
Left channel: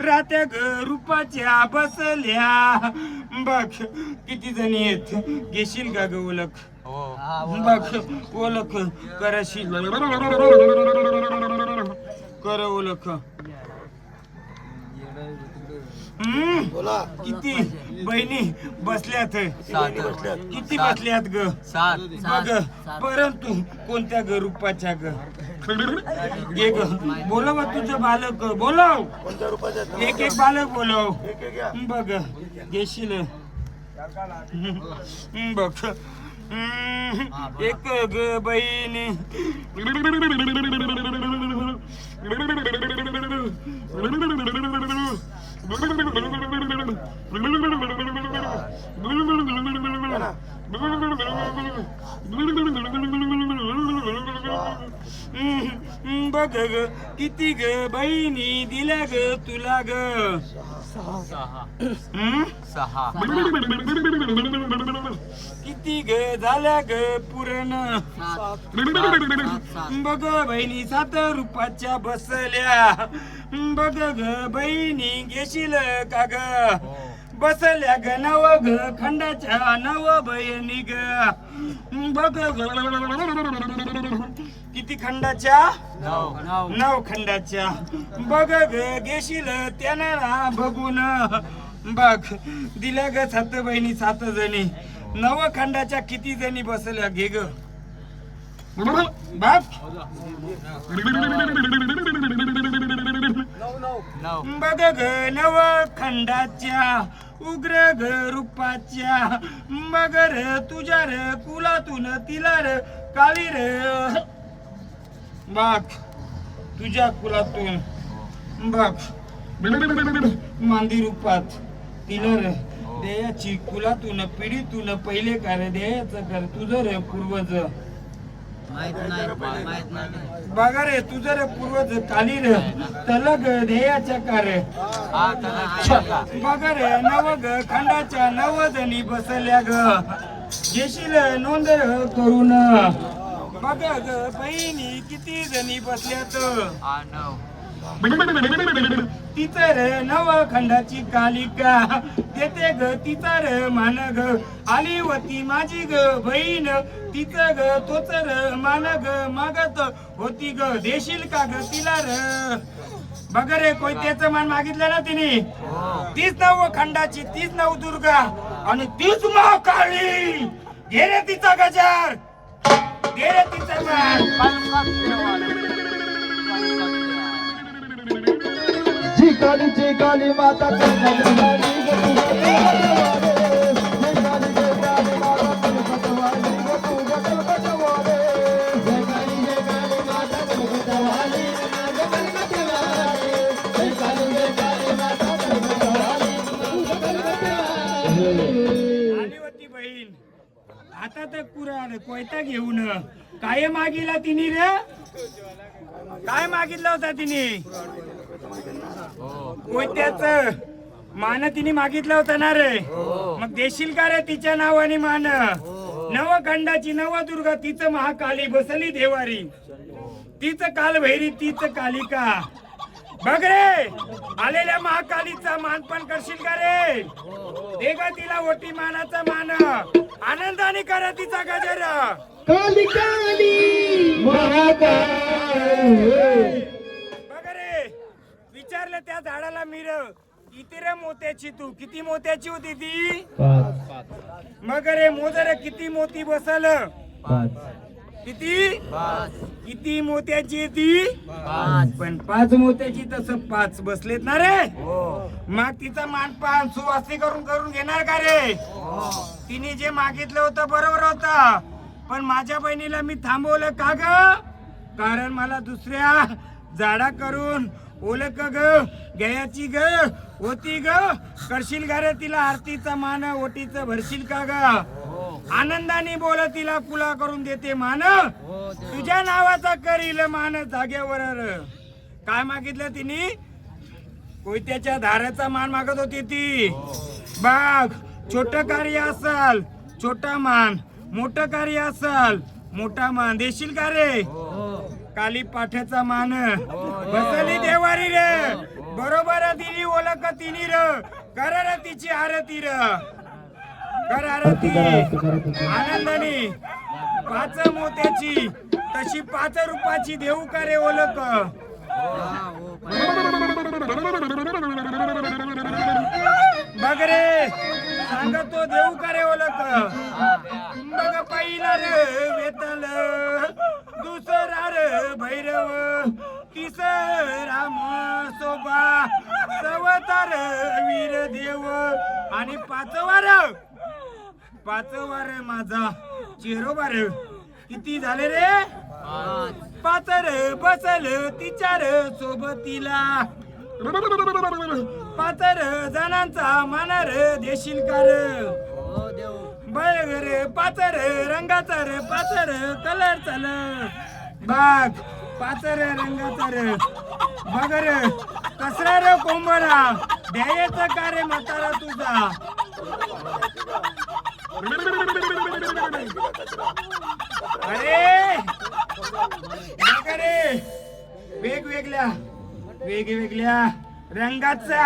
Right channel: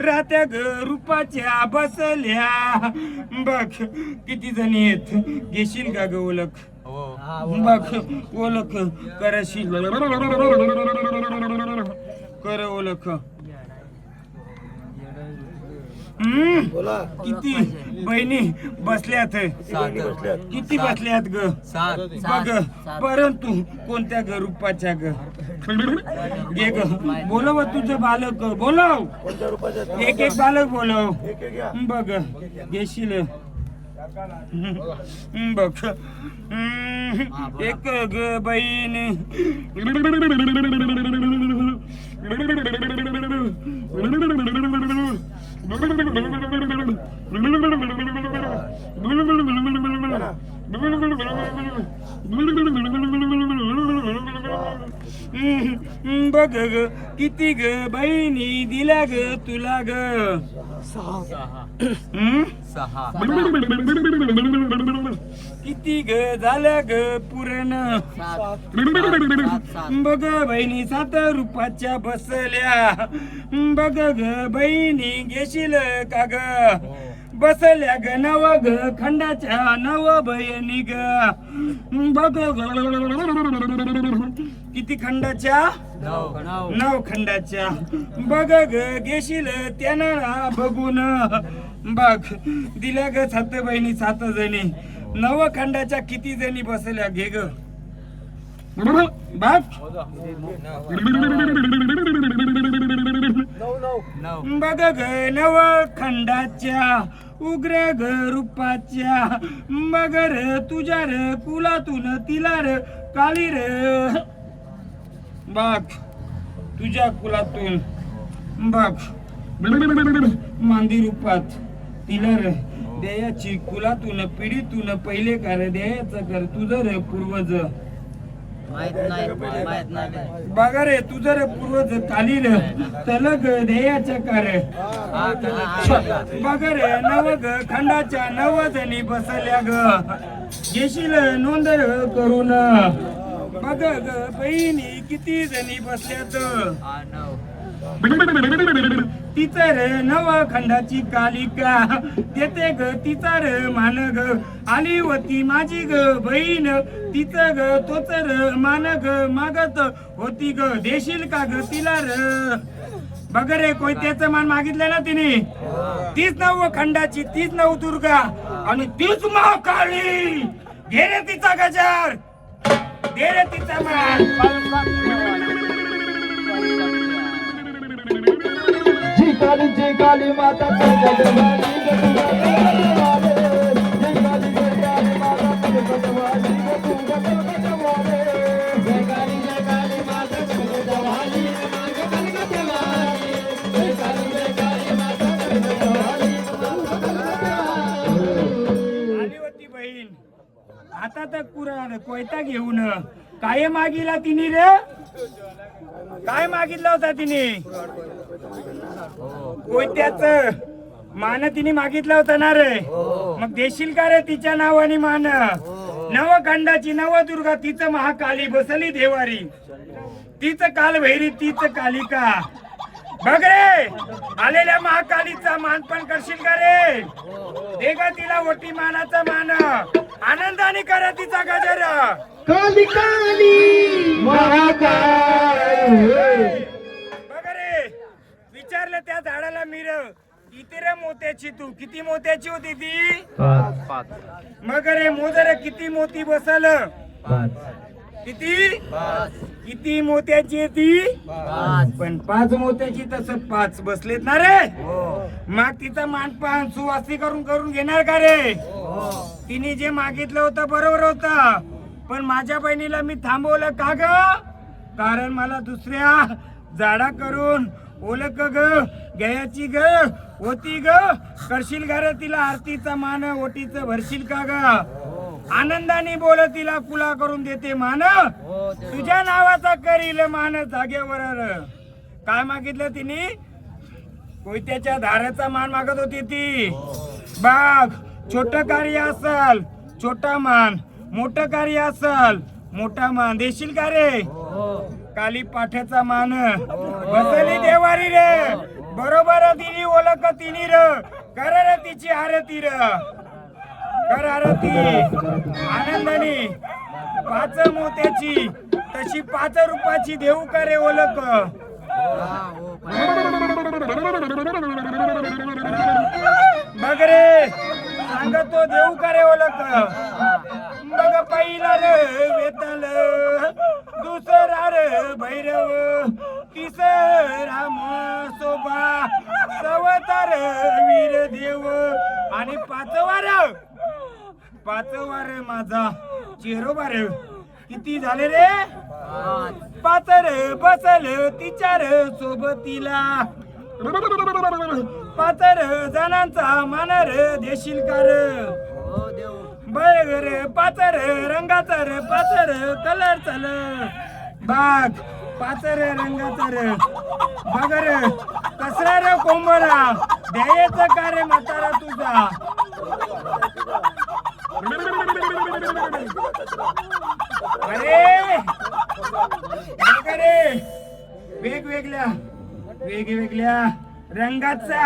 रात्या ग रूपाच्या बसल्या. बघ किती जणी आहेत घेशील का ग ओळख. बघ ओळख करशील कर ओळख. किती बहिणी बसल्यात किती बसल्यात ग. बघ परंतु कोणत्या ग रूपाच्या ग. घे ग बोलव तुझं बालक बोलव. एक एक बालक बोलव. बघ घेशील. बघ एक ग बहिणी बघ ग किती ग बहिणी दिल्या ग तुला ग. किती ग झाल्या ग पुरण. बघ बहिणी 7 रुपयाच्या बसल्या. बघ ग बहिणी घेशील का ग. बसल्या ग नव ग खंडाच्या नव बहिणी ग. बघ किती खंडाच्या 9 खंडाच्या. बघ ग घेशील त्यांना बघून. बघ दिल्या ग 7 बहिणी 7 जणी. 9 खंडाच्या किती जणी बसल्या घे ग. बघ बघ ग 9 खंडाच्या उग्र ग रूपाच्या. मग र तुझ्या र कुलातून तिला र काली र. बघ तुझ्या कुलातून बघ मांदी रूपात तिला र देयाची कुलातून पिढीतून पहिले कर देयाचं कर तुझं रे पूर्वज. बघा रे तुझं रे पूर्वज काली रे तलग देयाच्या कर. बघा रे 9 ग खंडाच्या 9 जणी बसल्या ग. घेशील नोंद करून. बघ ग बहिणी किती जणी बसल्यात. तिचं रे 9 खंडाची कालिका देते ग तिचा रे मान ग. आली होती माझी ग बहीण तिचं ग तोच र मान ग मागत होती ग. देशील का ग तिला र. बघ रे कोयत्याचं मान मागितलं ना तिने. 30 9 खंडाची 30 9 दुर्गा आणि 30 महाकाली. घे रे तिचा गजर घे रे तिचा मान. जी काली माता आली होती बहीण आता तर कुराण कोयता घेऊन. काय मागितला तिने रे. काय मागितलं होता तिने. कोयत्याच मान तिने मागितलं होतं ना रे. मग देशील का रे तिच्या नावाने मान. 9 खंडाची 9 दुर्गा तिचं महाकाली बसली देवारी. तीच कालभैरी तीच कालिका. बघ रे आलेल्या महाकालीचा मान पण करशील का रे. दे ग तिला ओटी मानाचा मान. आनंदाने करा तिचा गजर. काली काली महाकाय. बघ रे, विचारलं त्या झाडाला मीर, किती रे मोत्याची तू, किती मोत्याची होती ती? मग रे मोजर किती मोती बसल? किती? किती मोत्याची आहे ती? पण 5 मोत्याची, तसं 5 बसलेत ना रे. मग तिचा मानपान सुवासी करून घेणार का रे? तिने जे मागितलं होतं बरोबर होतं, पण माझ्या बहिणीला मी थांबवलं का ग? कारण मला दुसऱ्या झाडा करून ओळख ग घ्यायची ग होती ग. करशील का रे तिला आरतीचा मान, ओटीचं भरशील का ग? आनंदाने बोल, तिला कुला करून देते मान, तुझ्या नावाचा करील मान जागेवर. काय मागितलं तिने? कोयत्याच्या धाराचा मान मागत होती ती. बघ, छोट कार्य असल छोटा मान, मोठं कार्य असल मोठा मान. देशील का रे? काली पाठ्याचा मान बसली देवारी रे. बरोबर दिली ओळख तिनी र. कर रे तिची आरती र, कर आरती आनंदाने. 5 मोत्याची तशी 5 रुपयाची देऊ का रे ओळख? बघ रे, सांगतो देऊ का रे ओळख? बघ, पहिला रे वेतल, दुसरा रे भैरव, तिसरा सोबा, चौथा रे वीर देव, आणि 5वा रे माझा चेरोबा रे. किती झाले रे? 5 रे बसल तिच्या रे सोबतीला. 5 रे जणांचा मान रे देशील का रे? बघ रे, 5 रे रंगाचा रे, 5 रे कलर चाल. बघ, 5 रे रंगाचा रे. बघ रे, कसरा रे कोंबडा द्यायचं का रे म्हातारा तुझा? अरे बघ रे, वेगवेगळ्या रंगाचा.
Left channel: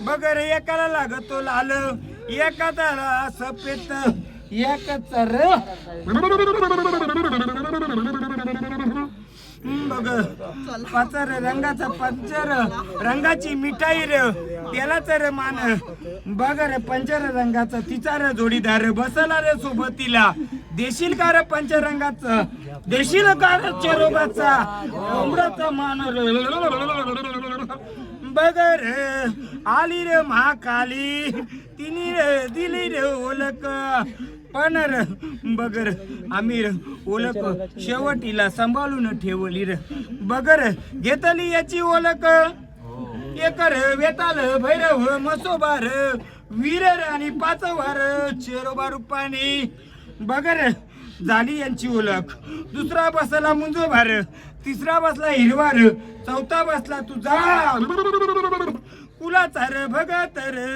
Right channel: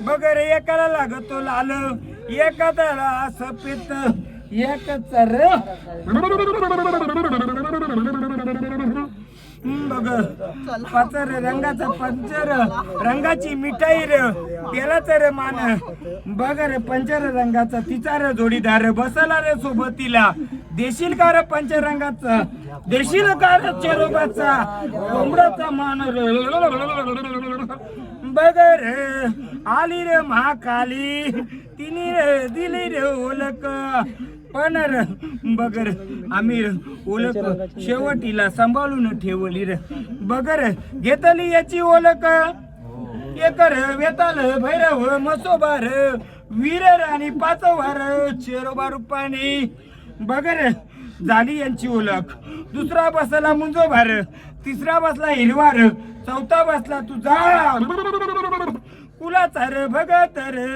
बघ रे, एकाला लागतो लाल, एखाद्याला सफेद, एकाचा रे. बघ, 5 रे रंगाचा पंचर, रंगाची मिठाई रे, त्याला तर मान. बघ रे, पंचर रंगाचा तिचा रे जोडीदार बसला रे सोबतीला. देशील का रे पंचरंगाचा? देशील का रे चेरोबाचा कोंबड्याचा मान रे? बघ रे, आली रे महाकाली, तिने रे दिली रे ओळख. पण रे बघ रे, आम्ही रे ओळख शेवटीला सांभाळून ठेवली रे. बघ रे, घेतली याची ओळख. एक रे वेताल भैरव, मसोबा रे वीर आणि 5वा रे चेरोबा रूपानी. बघ रे, झाली यांची ओळख. दुसरा बसला मुंजोबा रे, तिसरा बसला हिरवा रे, चौथा बसला तुझा कुलाचा रे भगत रे,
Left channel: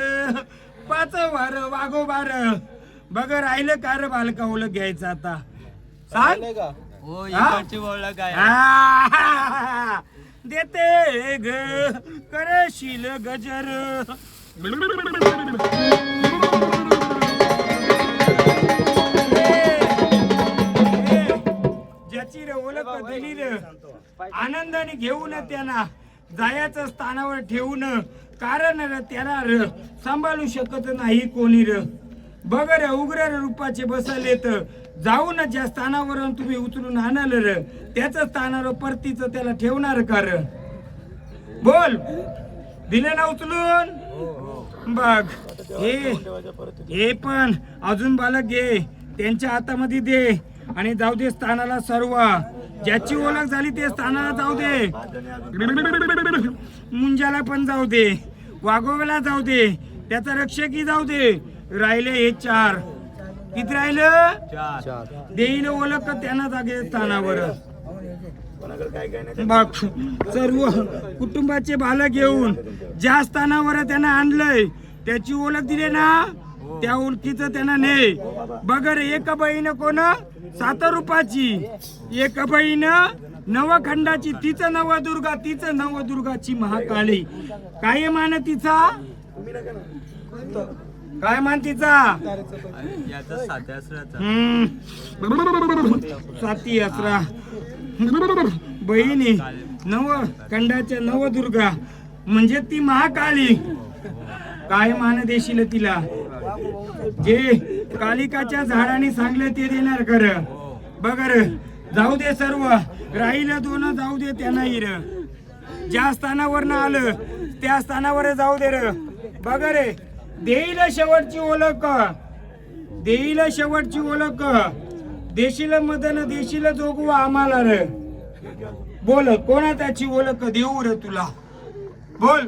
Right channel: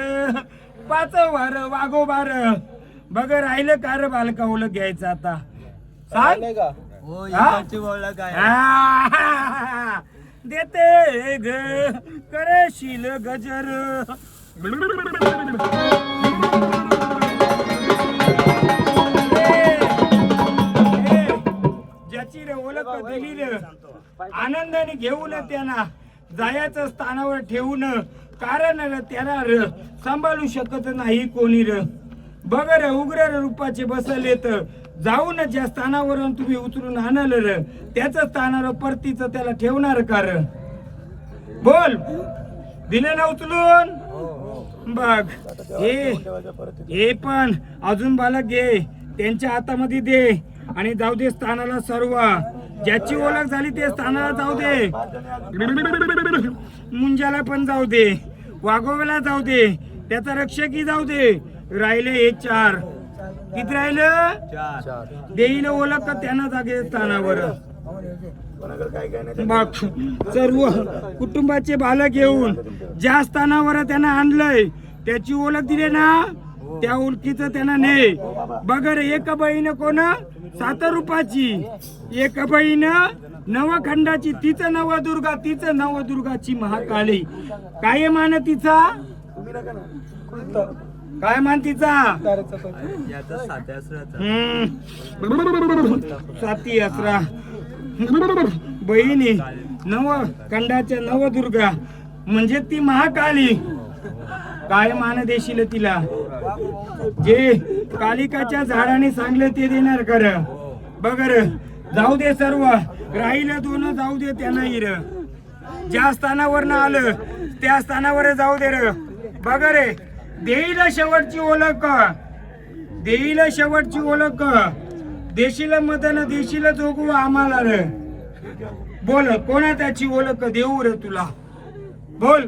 5वा रे वाघोबा रे. बघ, राहिलं का रे बालका ओळख घ्यायचं आता? सांग. देते ग करशील गजर. ज्याची रे ओळख दिली रे, आनंदाने घेऊन त्यांना जायचं स्थानावर ठेवून. कारण त्याला र सांभाळू शकत नाही कोणी र. बघ रे, उग्र रूपाचे बसलेत. जाऊन ज्या स्थानावरून तुम्ही उचलून आणलं र, त्याच स्थानावर परतीच त्याला ठेवणार का र? बोल, दिले ना उचलून? बघ, हे पण अजून बालक घे, त्यांच्या हातामध्ये दे आणि जाऊ दे स्थानाला. सर्व ज्याची ओळख झाली ते स्थानाला जाऊ दे. मुंजाला पण जाऊ दे, वाघोव्याला जाऊ दे, त्याचा रक्षकी जाऊ दे. राहिले हे 4. किती राहिलं? देईल ओळख त्यांना जागे स्थानावर. बघ, सर्व कुटुंबाचे बालक घेऊन ज्या स्थानावर त्यांना आणलंय त्याची ओळख दिली ना, त्या ओळखीचं त्यांना ने. बघ रे, एक बहीण कोण? 7 रुपयाची. एक बहीण नवखंडाची, तिचं नवदुर्गा, तिचं नवदुर्गाची महाकाली. काय मान तिचा? काय मान तिचा साती असरा बहिणी नव कंडाच्या नवदुर्गा म्हणजे ती महाकाली. काय मान देशील तिला? जे कालिकाच्या झाडाने सांगले ते देणार कर. बगर जाऊ दे सर्व राहिलं दोन जाऊ दे त्यांना हिर. ज्या स्थानावर न आलं त्या स्थानावर जाऊ दे र. बघ रे देईल शेवटची ओळख, देईल शेवटची ओळख. देशील मदन देशील जोगू आम्हाला रे. बोल कोणा त्याची ओळख देऊ रे तुला? बोल.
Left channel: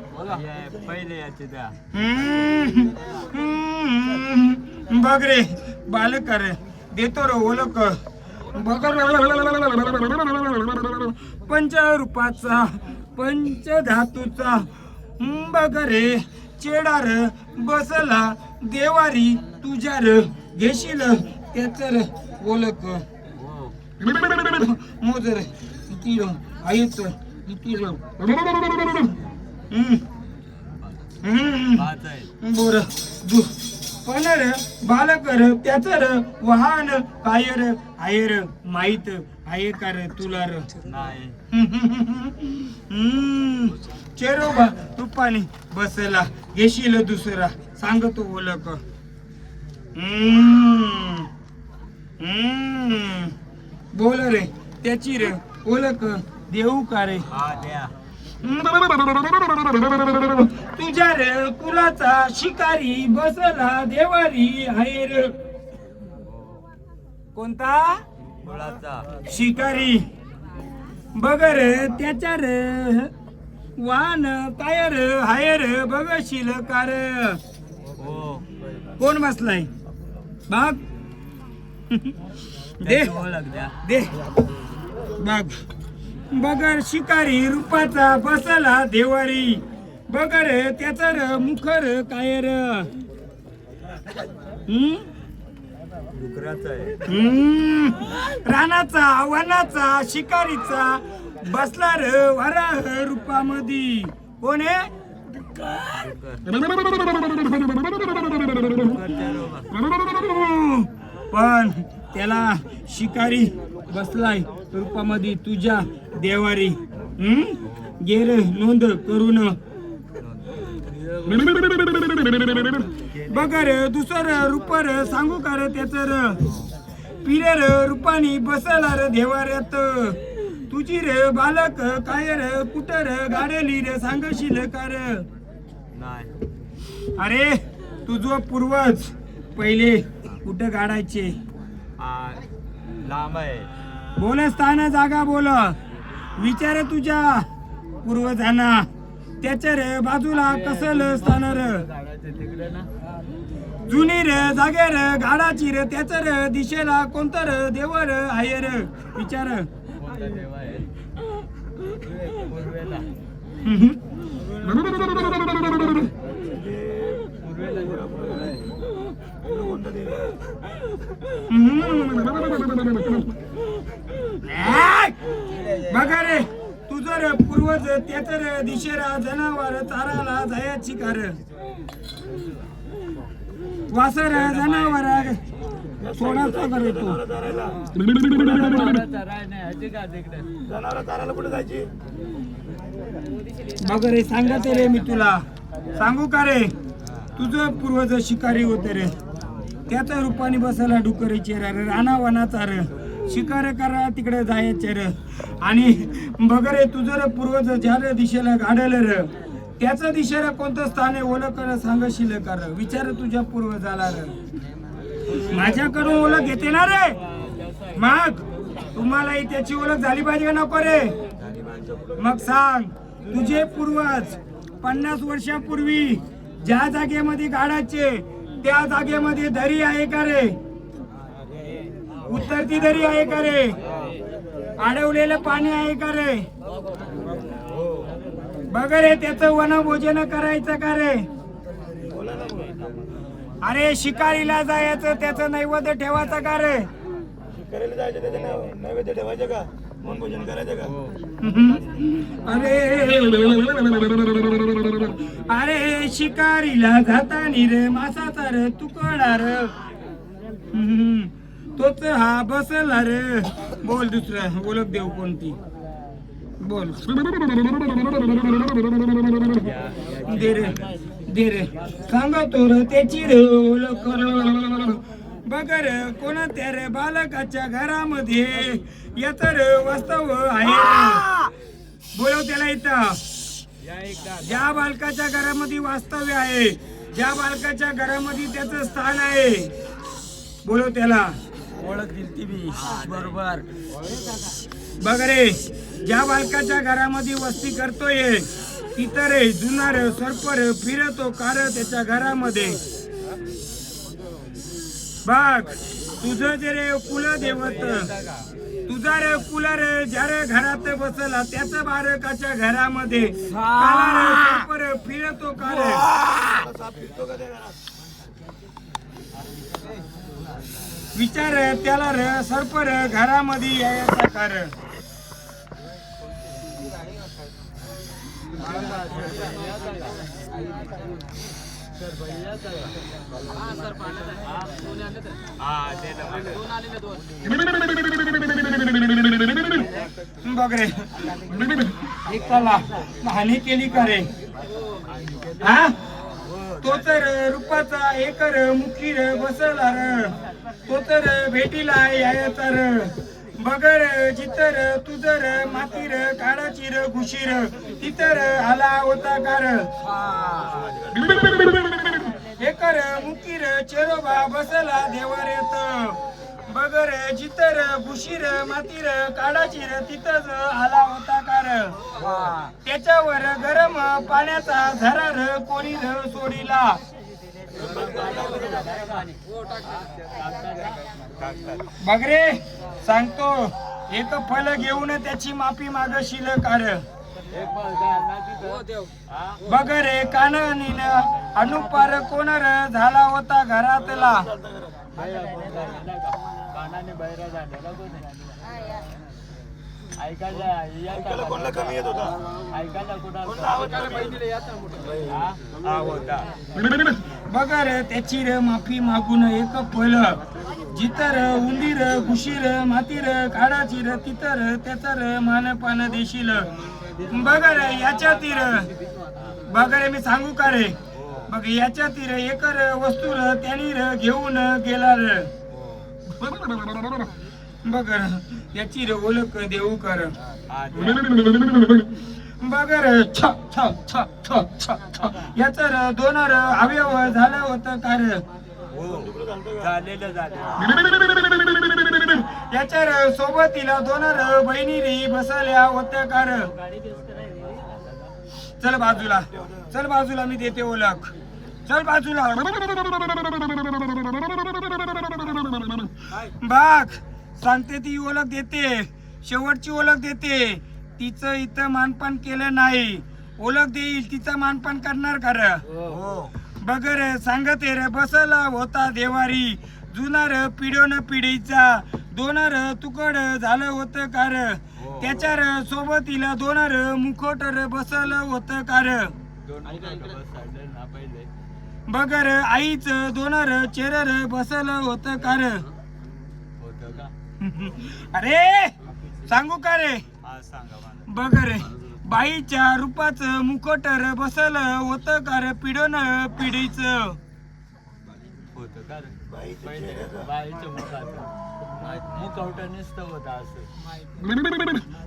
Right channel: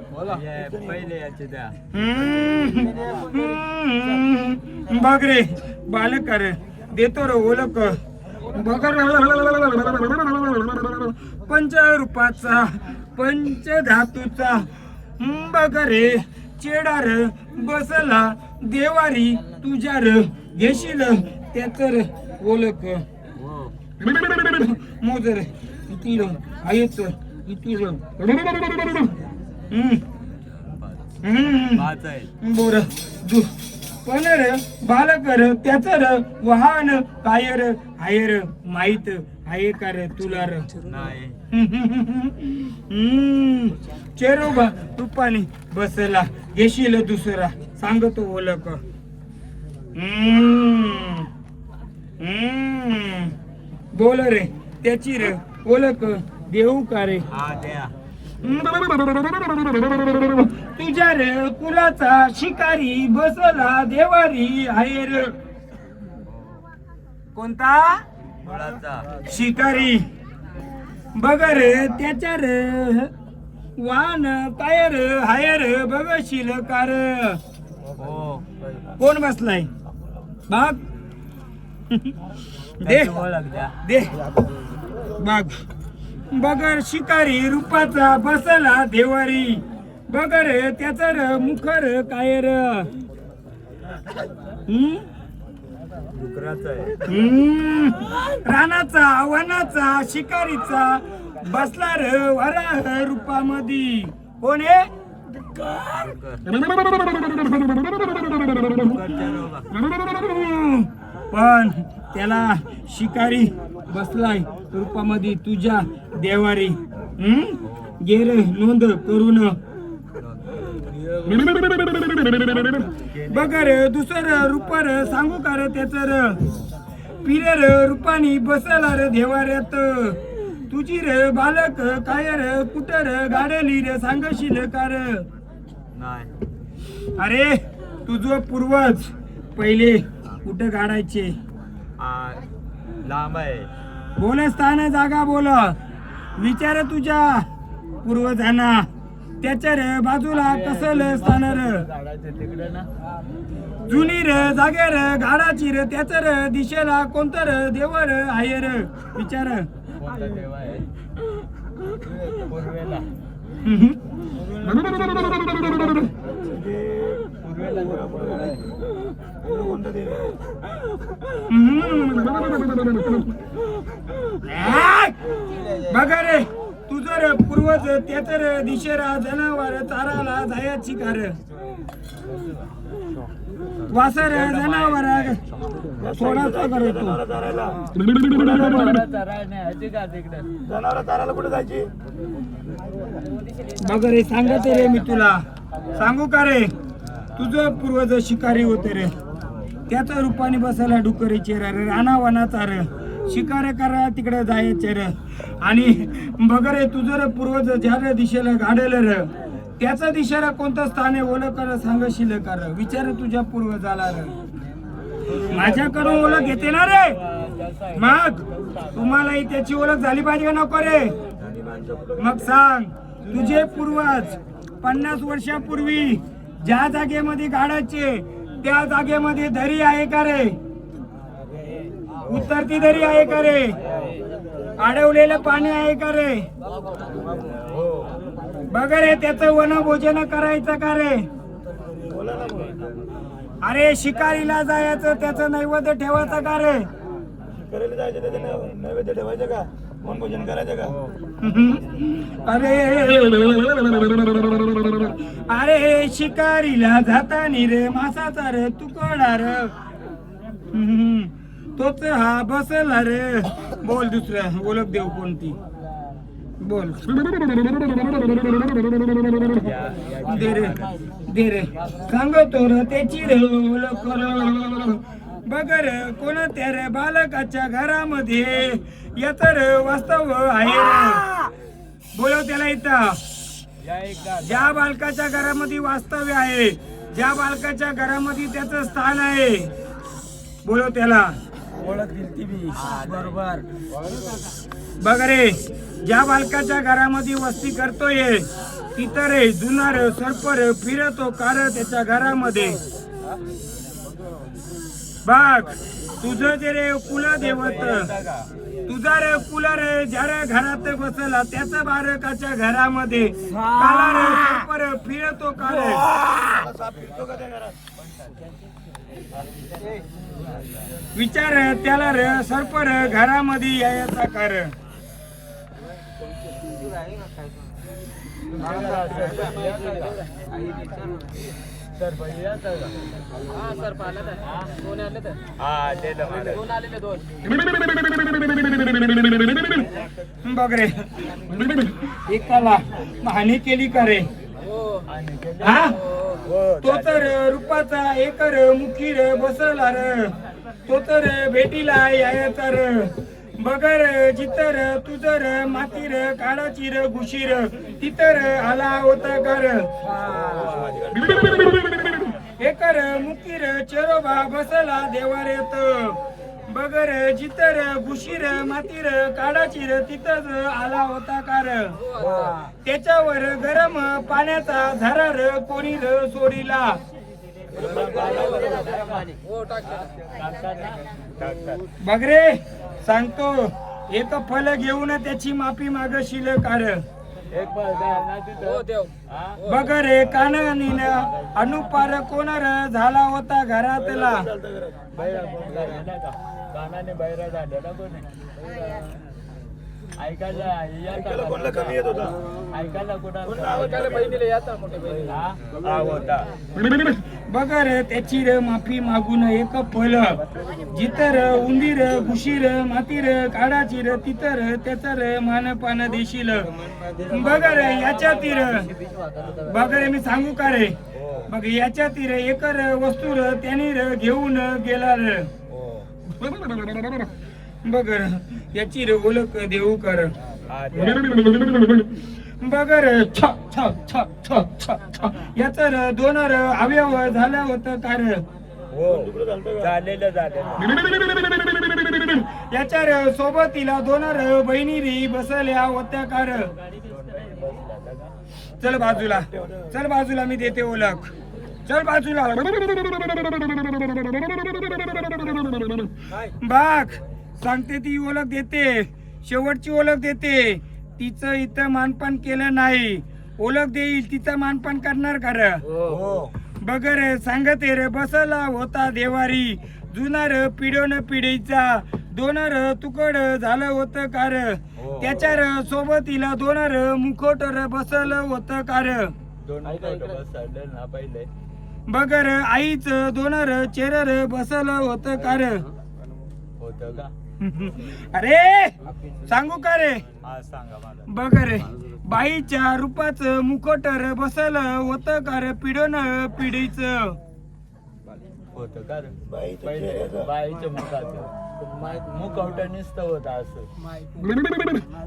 बघ रे बालक रे देतो रे ओळख. बघ पंचरूपाचा पंचधातूचा. बघ रे चेडार बसला देवारी तुझ्या र. घेशील त्याच र ओळख. मोजर किती र आहेच किती र. बर दु पण र बालक र त्याच र वाहन कायर आयर माहित आहे का रे तुला र? चेरोबा तुपानी बसला घेशील दुसरा सांगतो ओळख. बोल रे त्याची रे ओळख देऊ का रे? तुझ्या रे कुलाचा शिकारी बसला देवारी आहे रे. कोणता शिकारी? बघ रे त्याच्या रे वाहन काय रे हाय रे बघशील का रे? कोण बसलाय बाग? दे दे बाग. बगर शिकारी रूपाचा बसला देवारी. बगर त्याचा र मुखर काय र? रानाचा वनाचा शिकारीचा बसला र वराह रूपामध्ये. कोण आहे? पण त्याला शिकारी बसलाय रूपामध्ये तुझ्या देवारी. गेर नोंद करून बघ रे दुसर रूपर सांगू का रे त्याच र? पिरे र रूपानी बसला रे देवाऱ्यात. तुझी रे बालक काय रे कुठं रे गाडली रे सांगशील का रे? अरे तुझं पूर्वज पहिले कुठं गाडायचे? लांब आहे. बोल स्थान जागा बोल. विचार तुझ्या पूर्वजांना. त्याच्या रे बाजूला कसल स्थान र? जुनी रे जागे रे गाडाची रे त्याच रे दिशेला कोणतं र देव र आहे र? विचार. देव आहे पूर्वेला. बघा रे तुझं रे पूर्वज त्याच रे दिशेला जनावर चाराला जायची कार. वासर जनावर सोडायचा करतो. बघ रे सांगत रे मी तुला सांगू का रे? तुझं पूर्वज शिकारी होते रे. त्याच रूपाने बसायला डुकरी चेहरा रे राणा वनाचा रे शिकार करा तिकडे जायचे रे. आणि बघ रे तुझं रे पूर्वज ज्या दिशेला गाडल रे त्याच दिशेला कोणतं स्थान आहे ओळख कर सांगशील का रे? विचार तुझ्या पूर्वजाला रे. माझ्याकडून ओळख घेते ना रे? मग तुम्हालाही त्याची ओळख झाली पाहिजे का नको रे? मग सांग तुझे पूर्वज 50 वर्षापूर्वी ज्या जागेमध्ये गाडायचे त्या जागेमध्ये दरी आहे का रे? उतरती दरी आहे का रे? अडवलेलं पाणी आहे का रे? बघ रे त्याचं वनभोजन करायचं का रे? अरे शिकारीला जायचं त्याचं नैवेद्य ठेवायचं का रे? नैवेद्य ठेवायचं का? वनभोजन करायचं का अरे अरे शिकारीला जातानी रे मासाचा रे तुकडा रे तोच हा बसला रे. बोल दुसरं ओळख देऊ कोणती बोल. दे रे सांगतो रे त्याची रे ओळख बघ रे कोणत्या रे बालकाच्या घरामध्ये याच रे वास्तव आहे रे. बोलव त्याला इथं. ज्या बालकाच्या घरामध्ये वास्तव्य आहे, ज्या बालकाच्या घरामध्ये त्याचं स्थान आहे, बोलव त्याला. ओळख दिली मी बरोबर. बघ रे ज्या बालकाच्या घरामध्ये वस्ती करतोय तिथं रे जुनार सरपर फिरतो कार त्याच्या घरामध्ये. बघ तुझं जे रे कुलदेवत, तुझा रे कुला रे ज्या रे घरात बसला त्याच बालकाच्या घरामध्ये काला रे सरपर फिरतो कार. विचार त्याला रे सरपर घरामध्ये यायचा कारण. बघ रे एकाला हानी केली का रे. हा तो तर रूपाचा एक मुखी रे बसला र, तो तर भेटीला यायचा र. बगर जितर तुझर मातीर काढाची र घुशीर तितर आला होता कार. एकर मुकीर चेरोबा बसला देवारेत. बगर जितर घुशीर मातीर काढाची र तिथंच आला होता कार. त्याच्यावर गरम पाण्याचा झरार कोणी र सोडीला. बघ रे सांगतो एक फल घेऊन त्याची माफी मागशील कार. बघ रे कानानी अनुपार कोणर झाला होता घरातला. कानाने बैरा झालेला कोणी ऐकायला कमी येत होता. ऐकायला कुणाला बहिणीला येतात मोठे बहीण. बघ रे त्याची रे माफी मागून एक फल जितर उंदीर घुशीर मातीर काढाची र तितर त्याचा र मानपान देशील. बघ रे याच्या तीर बघ रे मी सांगू का रे. बघ याच्या तीर एकर वस्तू र त्याने र घेऊन गेला र. बघ याची रे ओळख देऊ कर. बघ रे छ छ छ छ छ छ याच दोन अवयव झालं होतं कार. याच्या सोबतीला दोन बहिणी रे बसल्या होत्या कार. चल बाजूला, चल बाजूला मी देते ओळख. चल बाजूला. बाग सांगते ती ओळख देते, शेवटची ओळख देते. तिचं इथं मानपान केलं नाही, ओळख देईल तिचं मानपान करणार का र. बघ रे सांगते रे बसला होता देवारी जुना र पिढ्योन पिढीचा. दोन र तुकड झालं होतं कार. त्याच्या र सोबतीला दोन र मुखोट र बसलं होतं कार. बघ रे आईच दोन र चेर र बसलं होतं कार. अरे सांगू का रे. बघ रे बाईच्या रूपाच मुखट र बसल होतं का रे पिढोन पिढीच.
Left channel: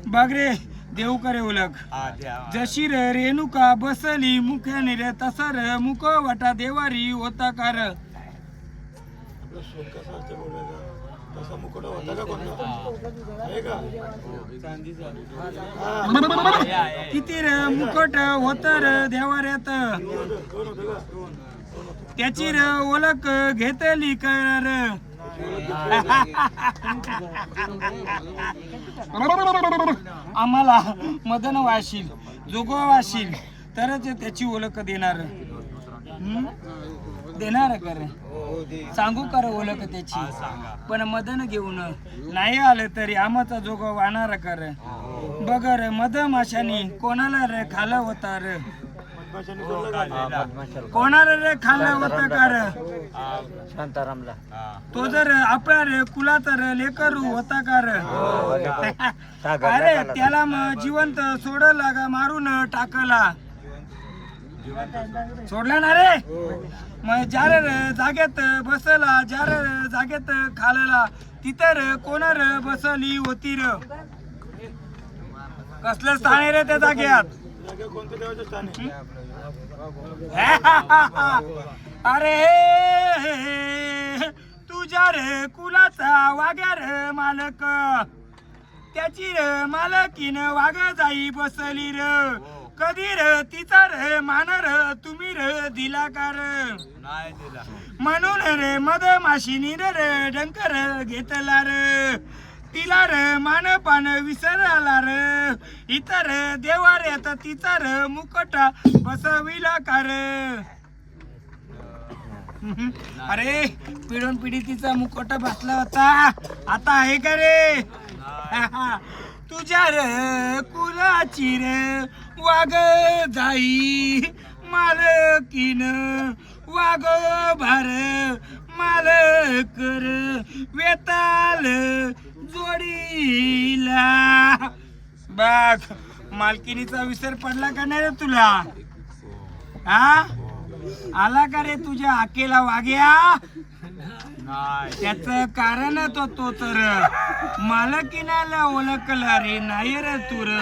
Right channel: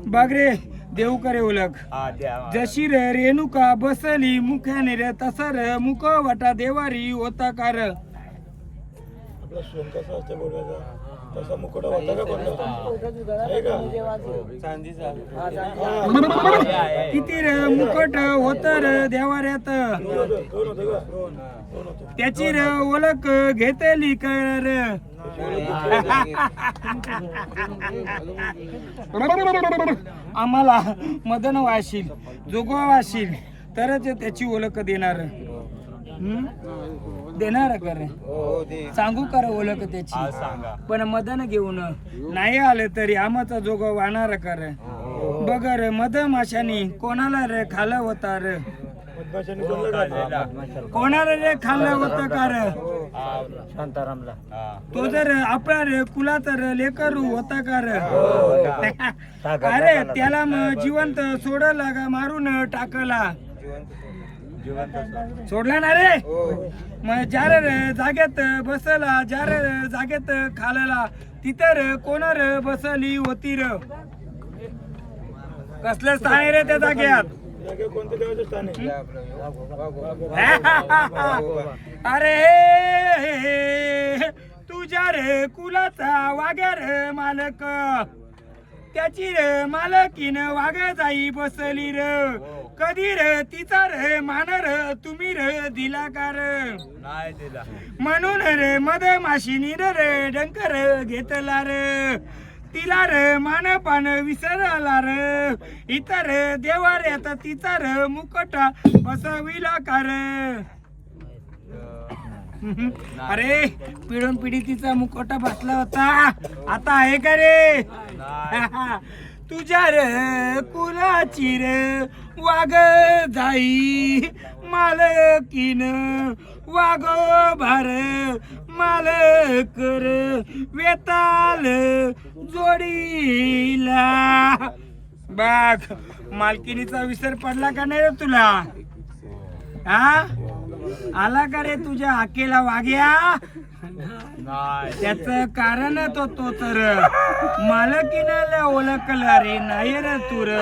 बघ रे देऊ करे ओळख. जशी रे रेणुका बसली मुख्याने रे तसा रे मुख वाटा देवारी होता कार. तसा मुकुट होता का कोणता आहे का. किती रे मुकुट होत रे देवाऱ्यात. त्याची रे ओळख घेतली कर. आम्हाला मदन वाशील जोगवा वाशील तरच त्याची ओळख देणार. देणार कर सांगू कर ओळख त्याची पण मदन घेऊन नाही आलं तरी आमाचा जोग वाहणार कर बघ रे मध माशानी कोणाला रे खाल्लं होता रे कोणाला रे खाल्लं होतं का रे तो जर आपला रे कुलाचा रे लेकरू होता का रे अरे त्याला मग जिवंत सोडला का मारून टाकला सोडला ना रे मग ज्यारे रे जागेत बसला ज्यारे रे जागेत खालेला तिथे रे कोण रे बसली होती रे कसलं स्थान आहे रे त्या जाग्यात अरे तुझ्या रे कुलाचा वाग्या रे मालक त्याची रे मालकीन वाघ जाई बसली रे कधी रे तिचा रे मान रे तुम्ही रे दिला का रे म्हणून रे मध माशिनी रे डंकर घेतला रे तिला रे मान पान विसरला रे इतर देवा रे आता तिचा रे मुकटा बसविला का रे अरे पिढून पिढी तिचा मुखवटा बसला होता आता आहे का रे तुझ्या रे कुलाची रे वाघ जाई मालकीन वाघ भार मालक रे वेताल जोडीला बघ मालकिनीचा विसर पडला का नाही रे तुला हा आला का रे तुझ्या हाकेला वाग्या त्याच कारण तो तर मालकीनाला ओळखला रे नाही रे तू र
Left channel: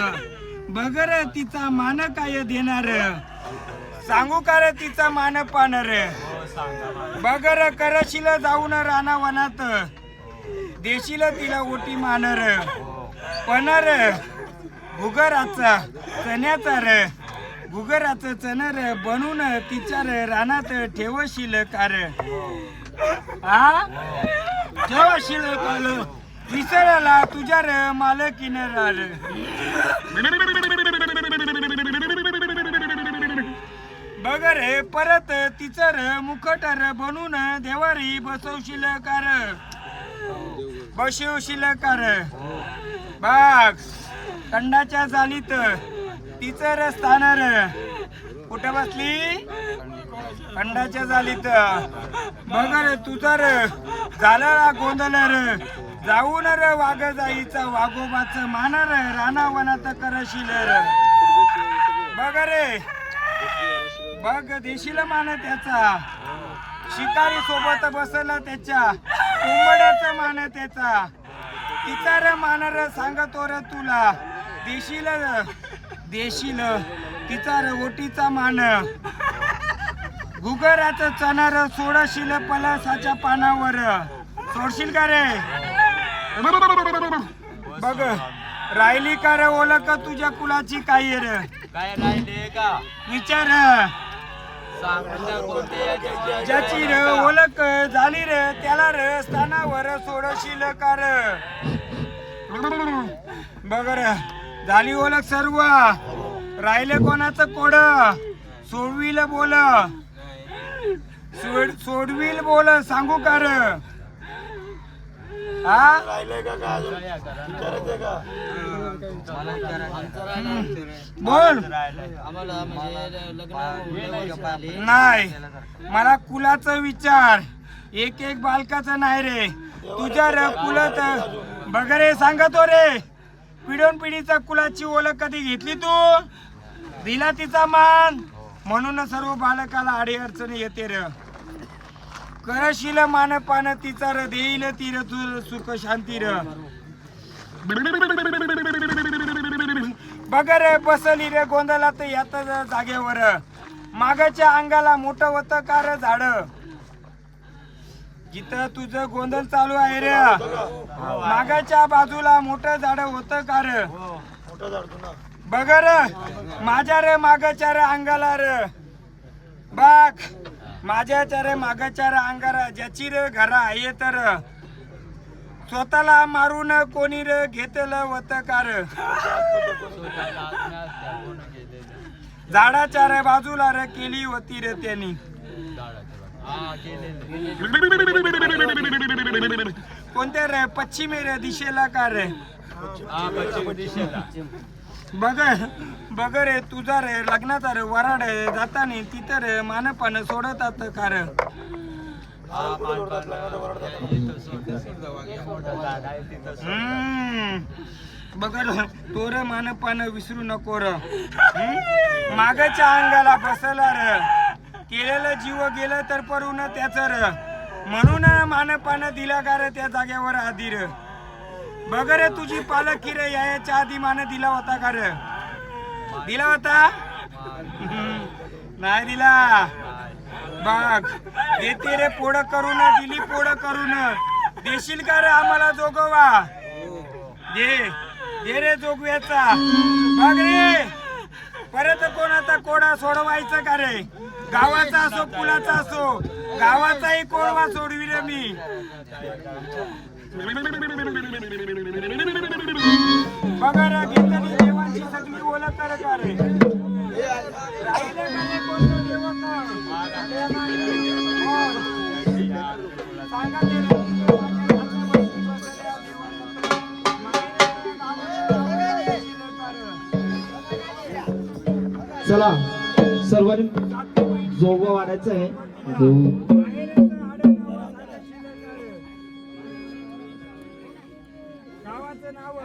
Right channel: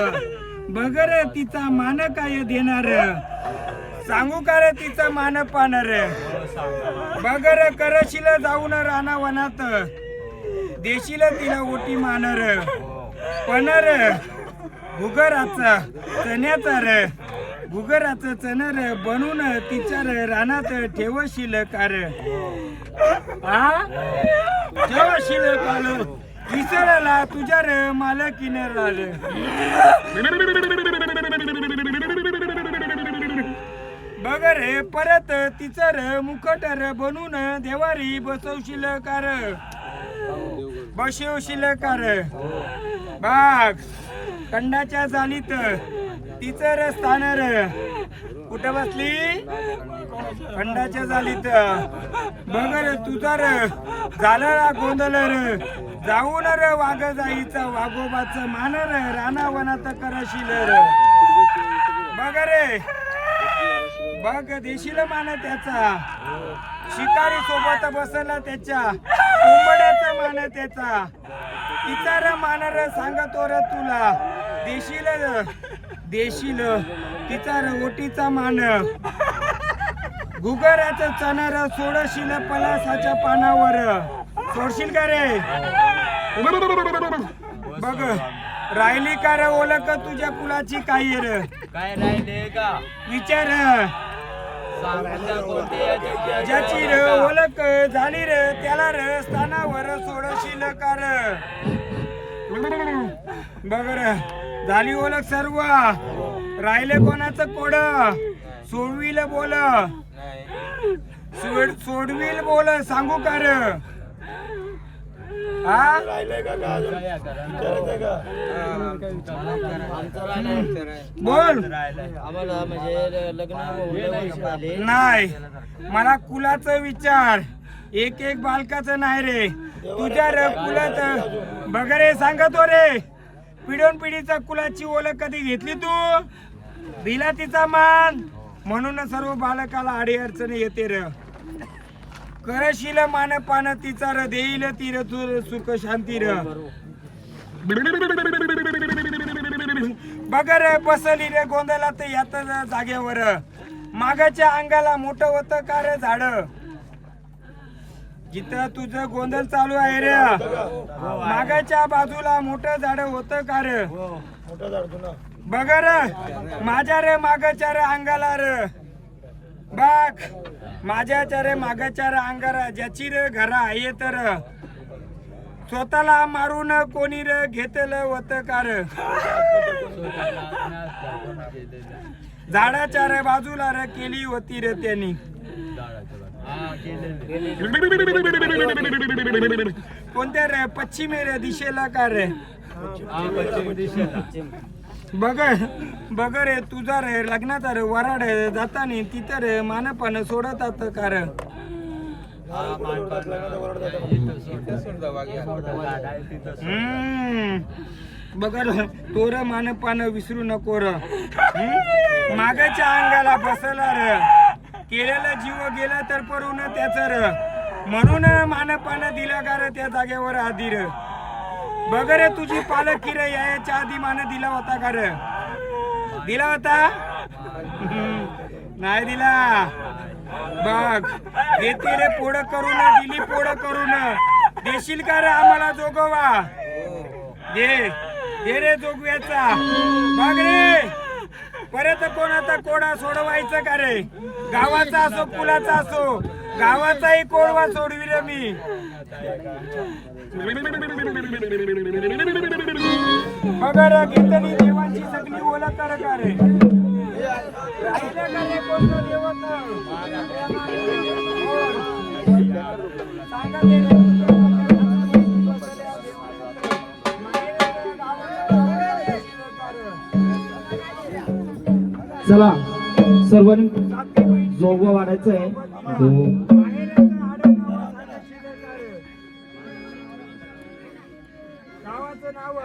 बघ रे तिचा मान काय देणार सांगू का रे तिचा मान पाहणार बघ रे करशील जाऊन राणा वनात देशील तिला ओटी मानर पण रे भुगराचा चण्याचा रे भुगराचं चणर बनून तिच्या रे रानात ठेवशील का रे हा ठेवशील का विसरायला तुझ्या रे मालकीने रे बघ रे परत तिचं रे मुखट रे बनून देवारी बसवशील का रे बसवशील का रे बाग कंडाच्या जालीत तिचं रे स्थान रे कुठे बसली खंडाच्या जालीत बघ रे तुझा रे झाला गोंधळ रे जाऊन रे वाघ जाईचा वाघोबाच मान रे राणा वनात करशील रे बघ रे बघ देशील मान त्याचा शिकारी सोबत बसला त्याच्या कोंबड्याचा मान त्याचा तिचा रे मान रे सांगतो रे तुला देशील देशील तिचा रे ओटीचा मान गुगराचं चणर सोडशील पलासाच्या पानावर सोडशील का रे बघ राहिली का रे ओळख तुझ्या कुलाची काही रे काय राहिले का विचार ज्याची रे ओळख झाली रे त्याला रे स्थानावर सोडशील का रे बघ रे झाली ओळख सर्व राहिले कोणाचं कोड सोडविल बोल सोडविल बोल सांगू का रे हा बोल आम्हाला म्हणजे लग्न झाले नाही मला कुलाचा विचार एक एक बालकाचं नाही रे तुझ्या रे कुलात बघ रे सांगतो रे पिढून पिढीचा कुलाची ओळख कधी घेतली तू दिला तिचा मान म्हणून सर्व बालकाला अडी अडचणी येते र करशील मान पान तिचा र देईल ती र तुझ सुख शांती र बघ रे बसली रे गोंधळात यात जागेवर मागाच्या अंगाला मोठं होतं का रे झाड जिथं तुझं गोंधळ चालू आहे रे मागाच्या बाजूला मोठं झाड होतं का रे बघ रे माझ्या रे मागाच्या रे अंगाला रे बघ माझ्याच्या रे मागाच्या रे अंगारा ज्याची रे घरा आहे तर स्वतःला मारून कोणी रे घेतलं होतं का रे झाडाच्या रे बाजूला रे केली होती रे त्यांनी कोणत्या रे पश्चिमी रे दिशेला का रे बघ रे तुझा रे लग्नाचा रे वराड रे जातानी तिथं रे मानपान सोडतात का रे बघ तो रे मानपान विसरू नको र मागच्या अंगाला बसला रे केलेलं जीव गेलं तर परून त्याच र म्हणून मानपान दिलं का रे त्या जागेवर आधी र बघ रे तुझी पालखी रे याच्या आधी मान दिला होता का रे दिला होता नाही दिला बघ देते रे पोड करून दिली पोड करून देशील का रे आम्हाला जोगवा दे रे जोगव्याचा बघ रे परत कोणाचा कोडा सोडवायचं का रे गावाचा असो कुलाचा असो गावाचाही कोडवा सोडवी रे मी बघा घेतली देवांची सगळी ओळख कर का रे राहिले का रे कोणतं देवक सांगा ते रे. चला सर्वांनी जोगवा वाढायचं आहे गावाचं नाव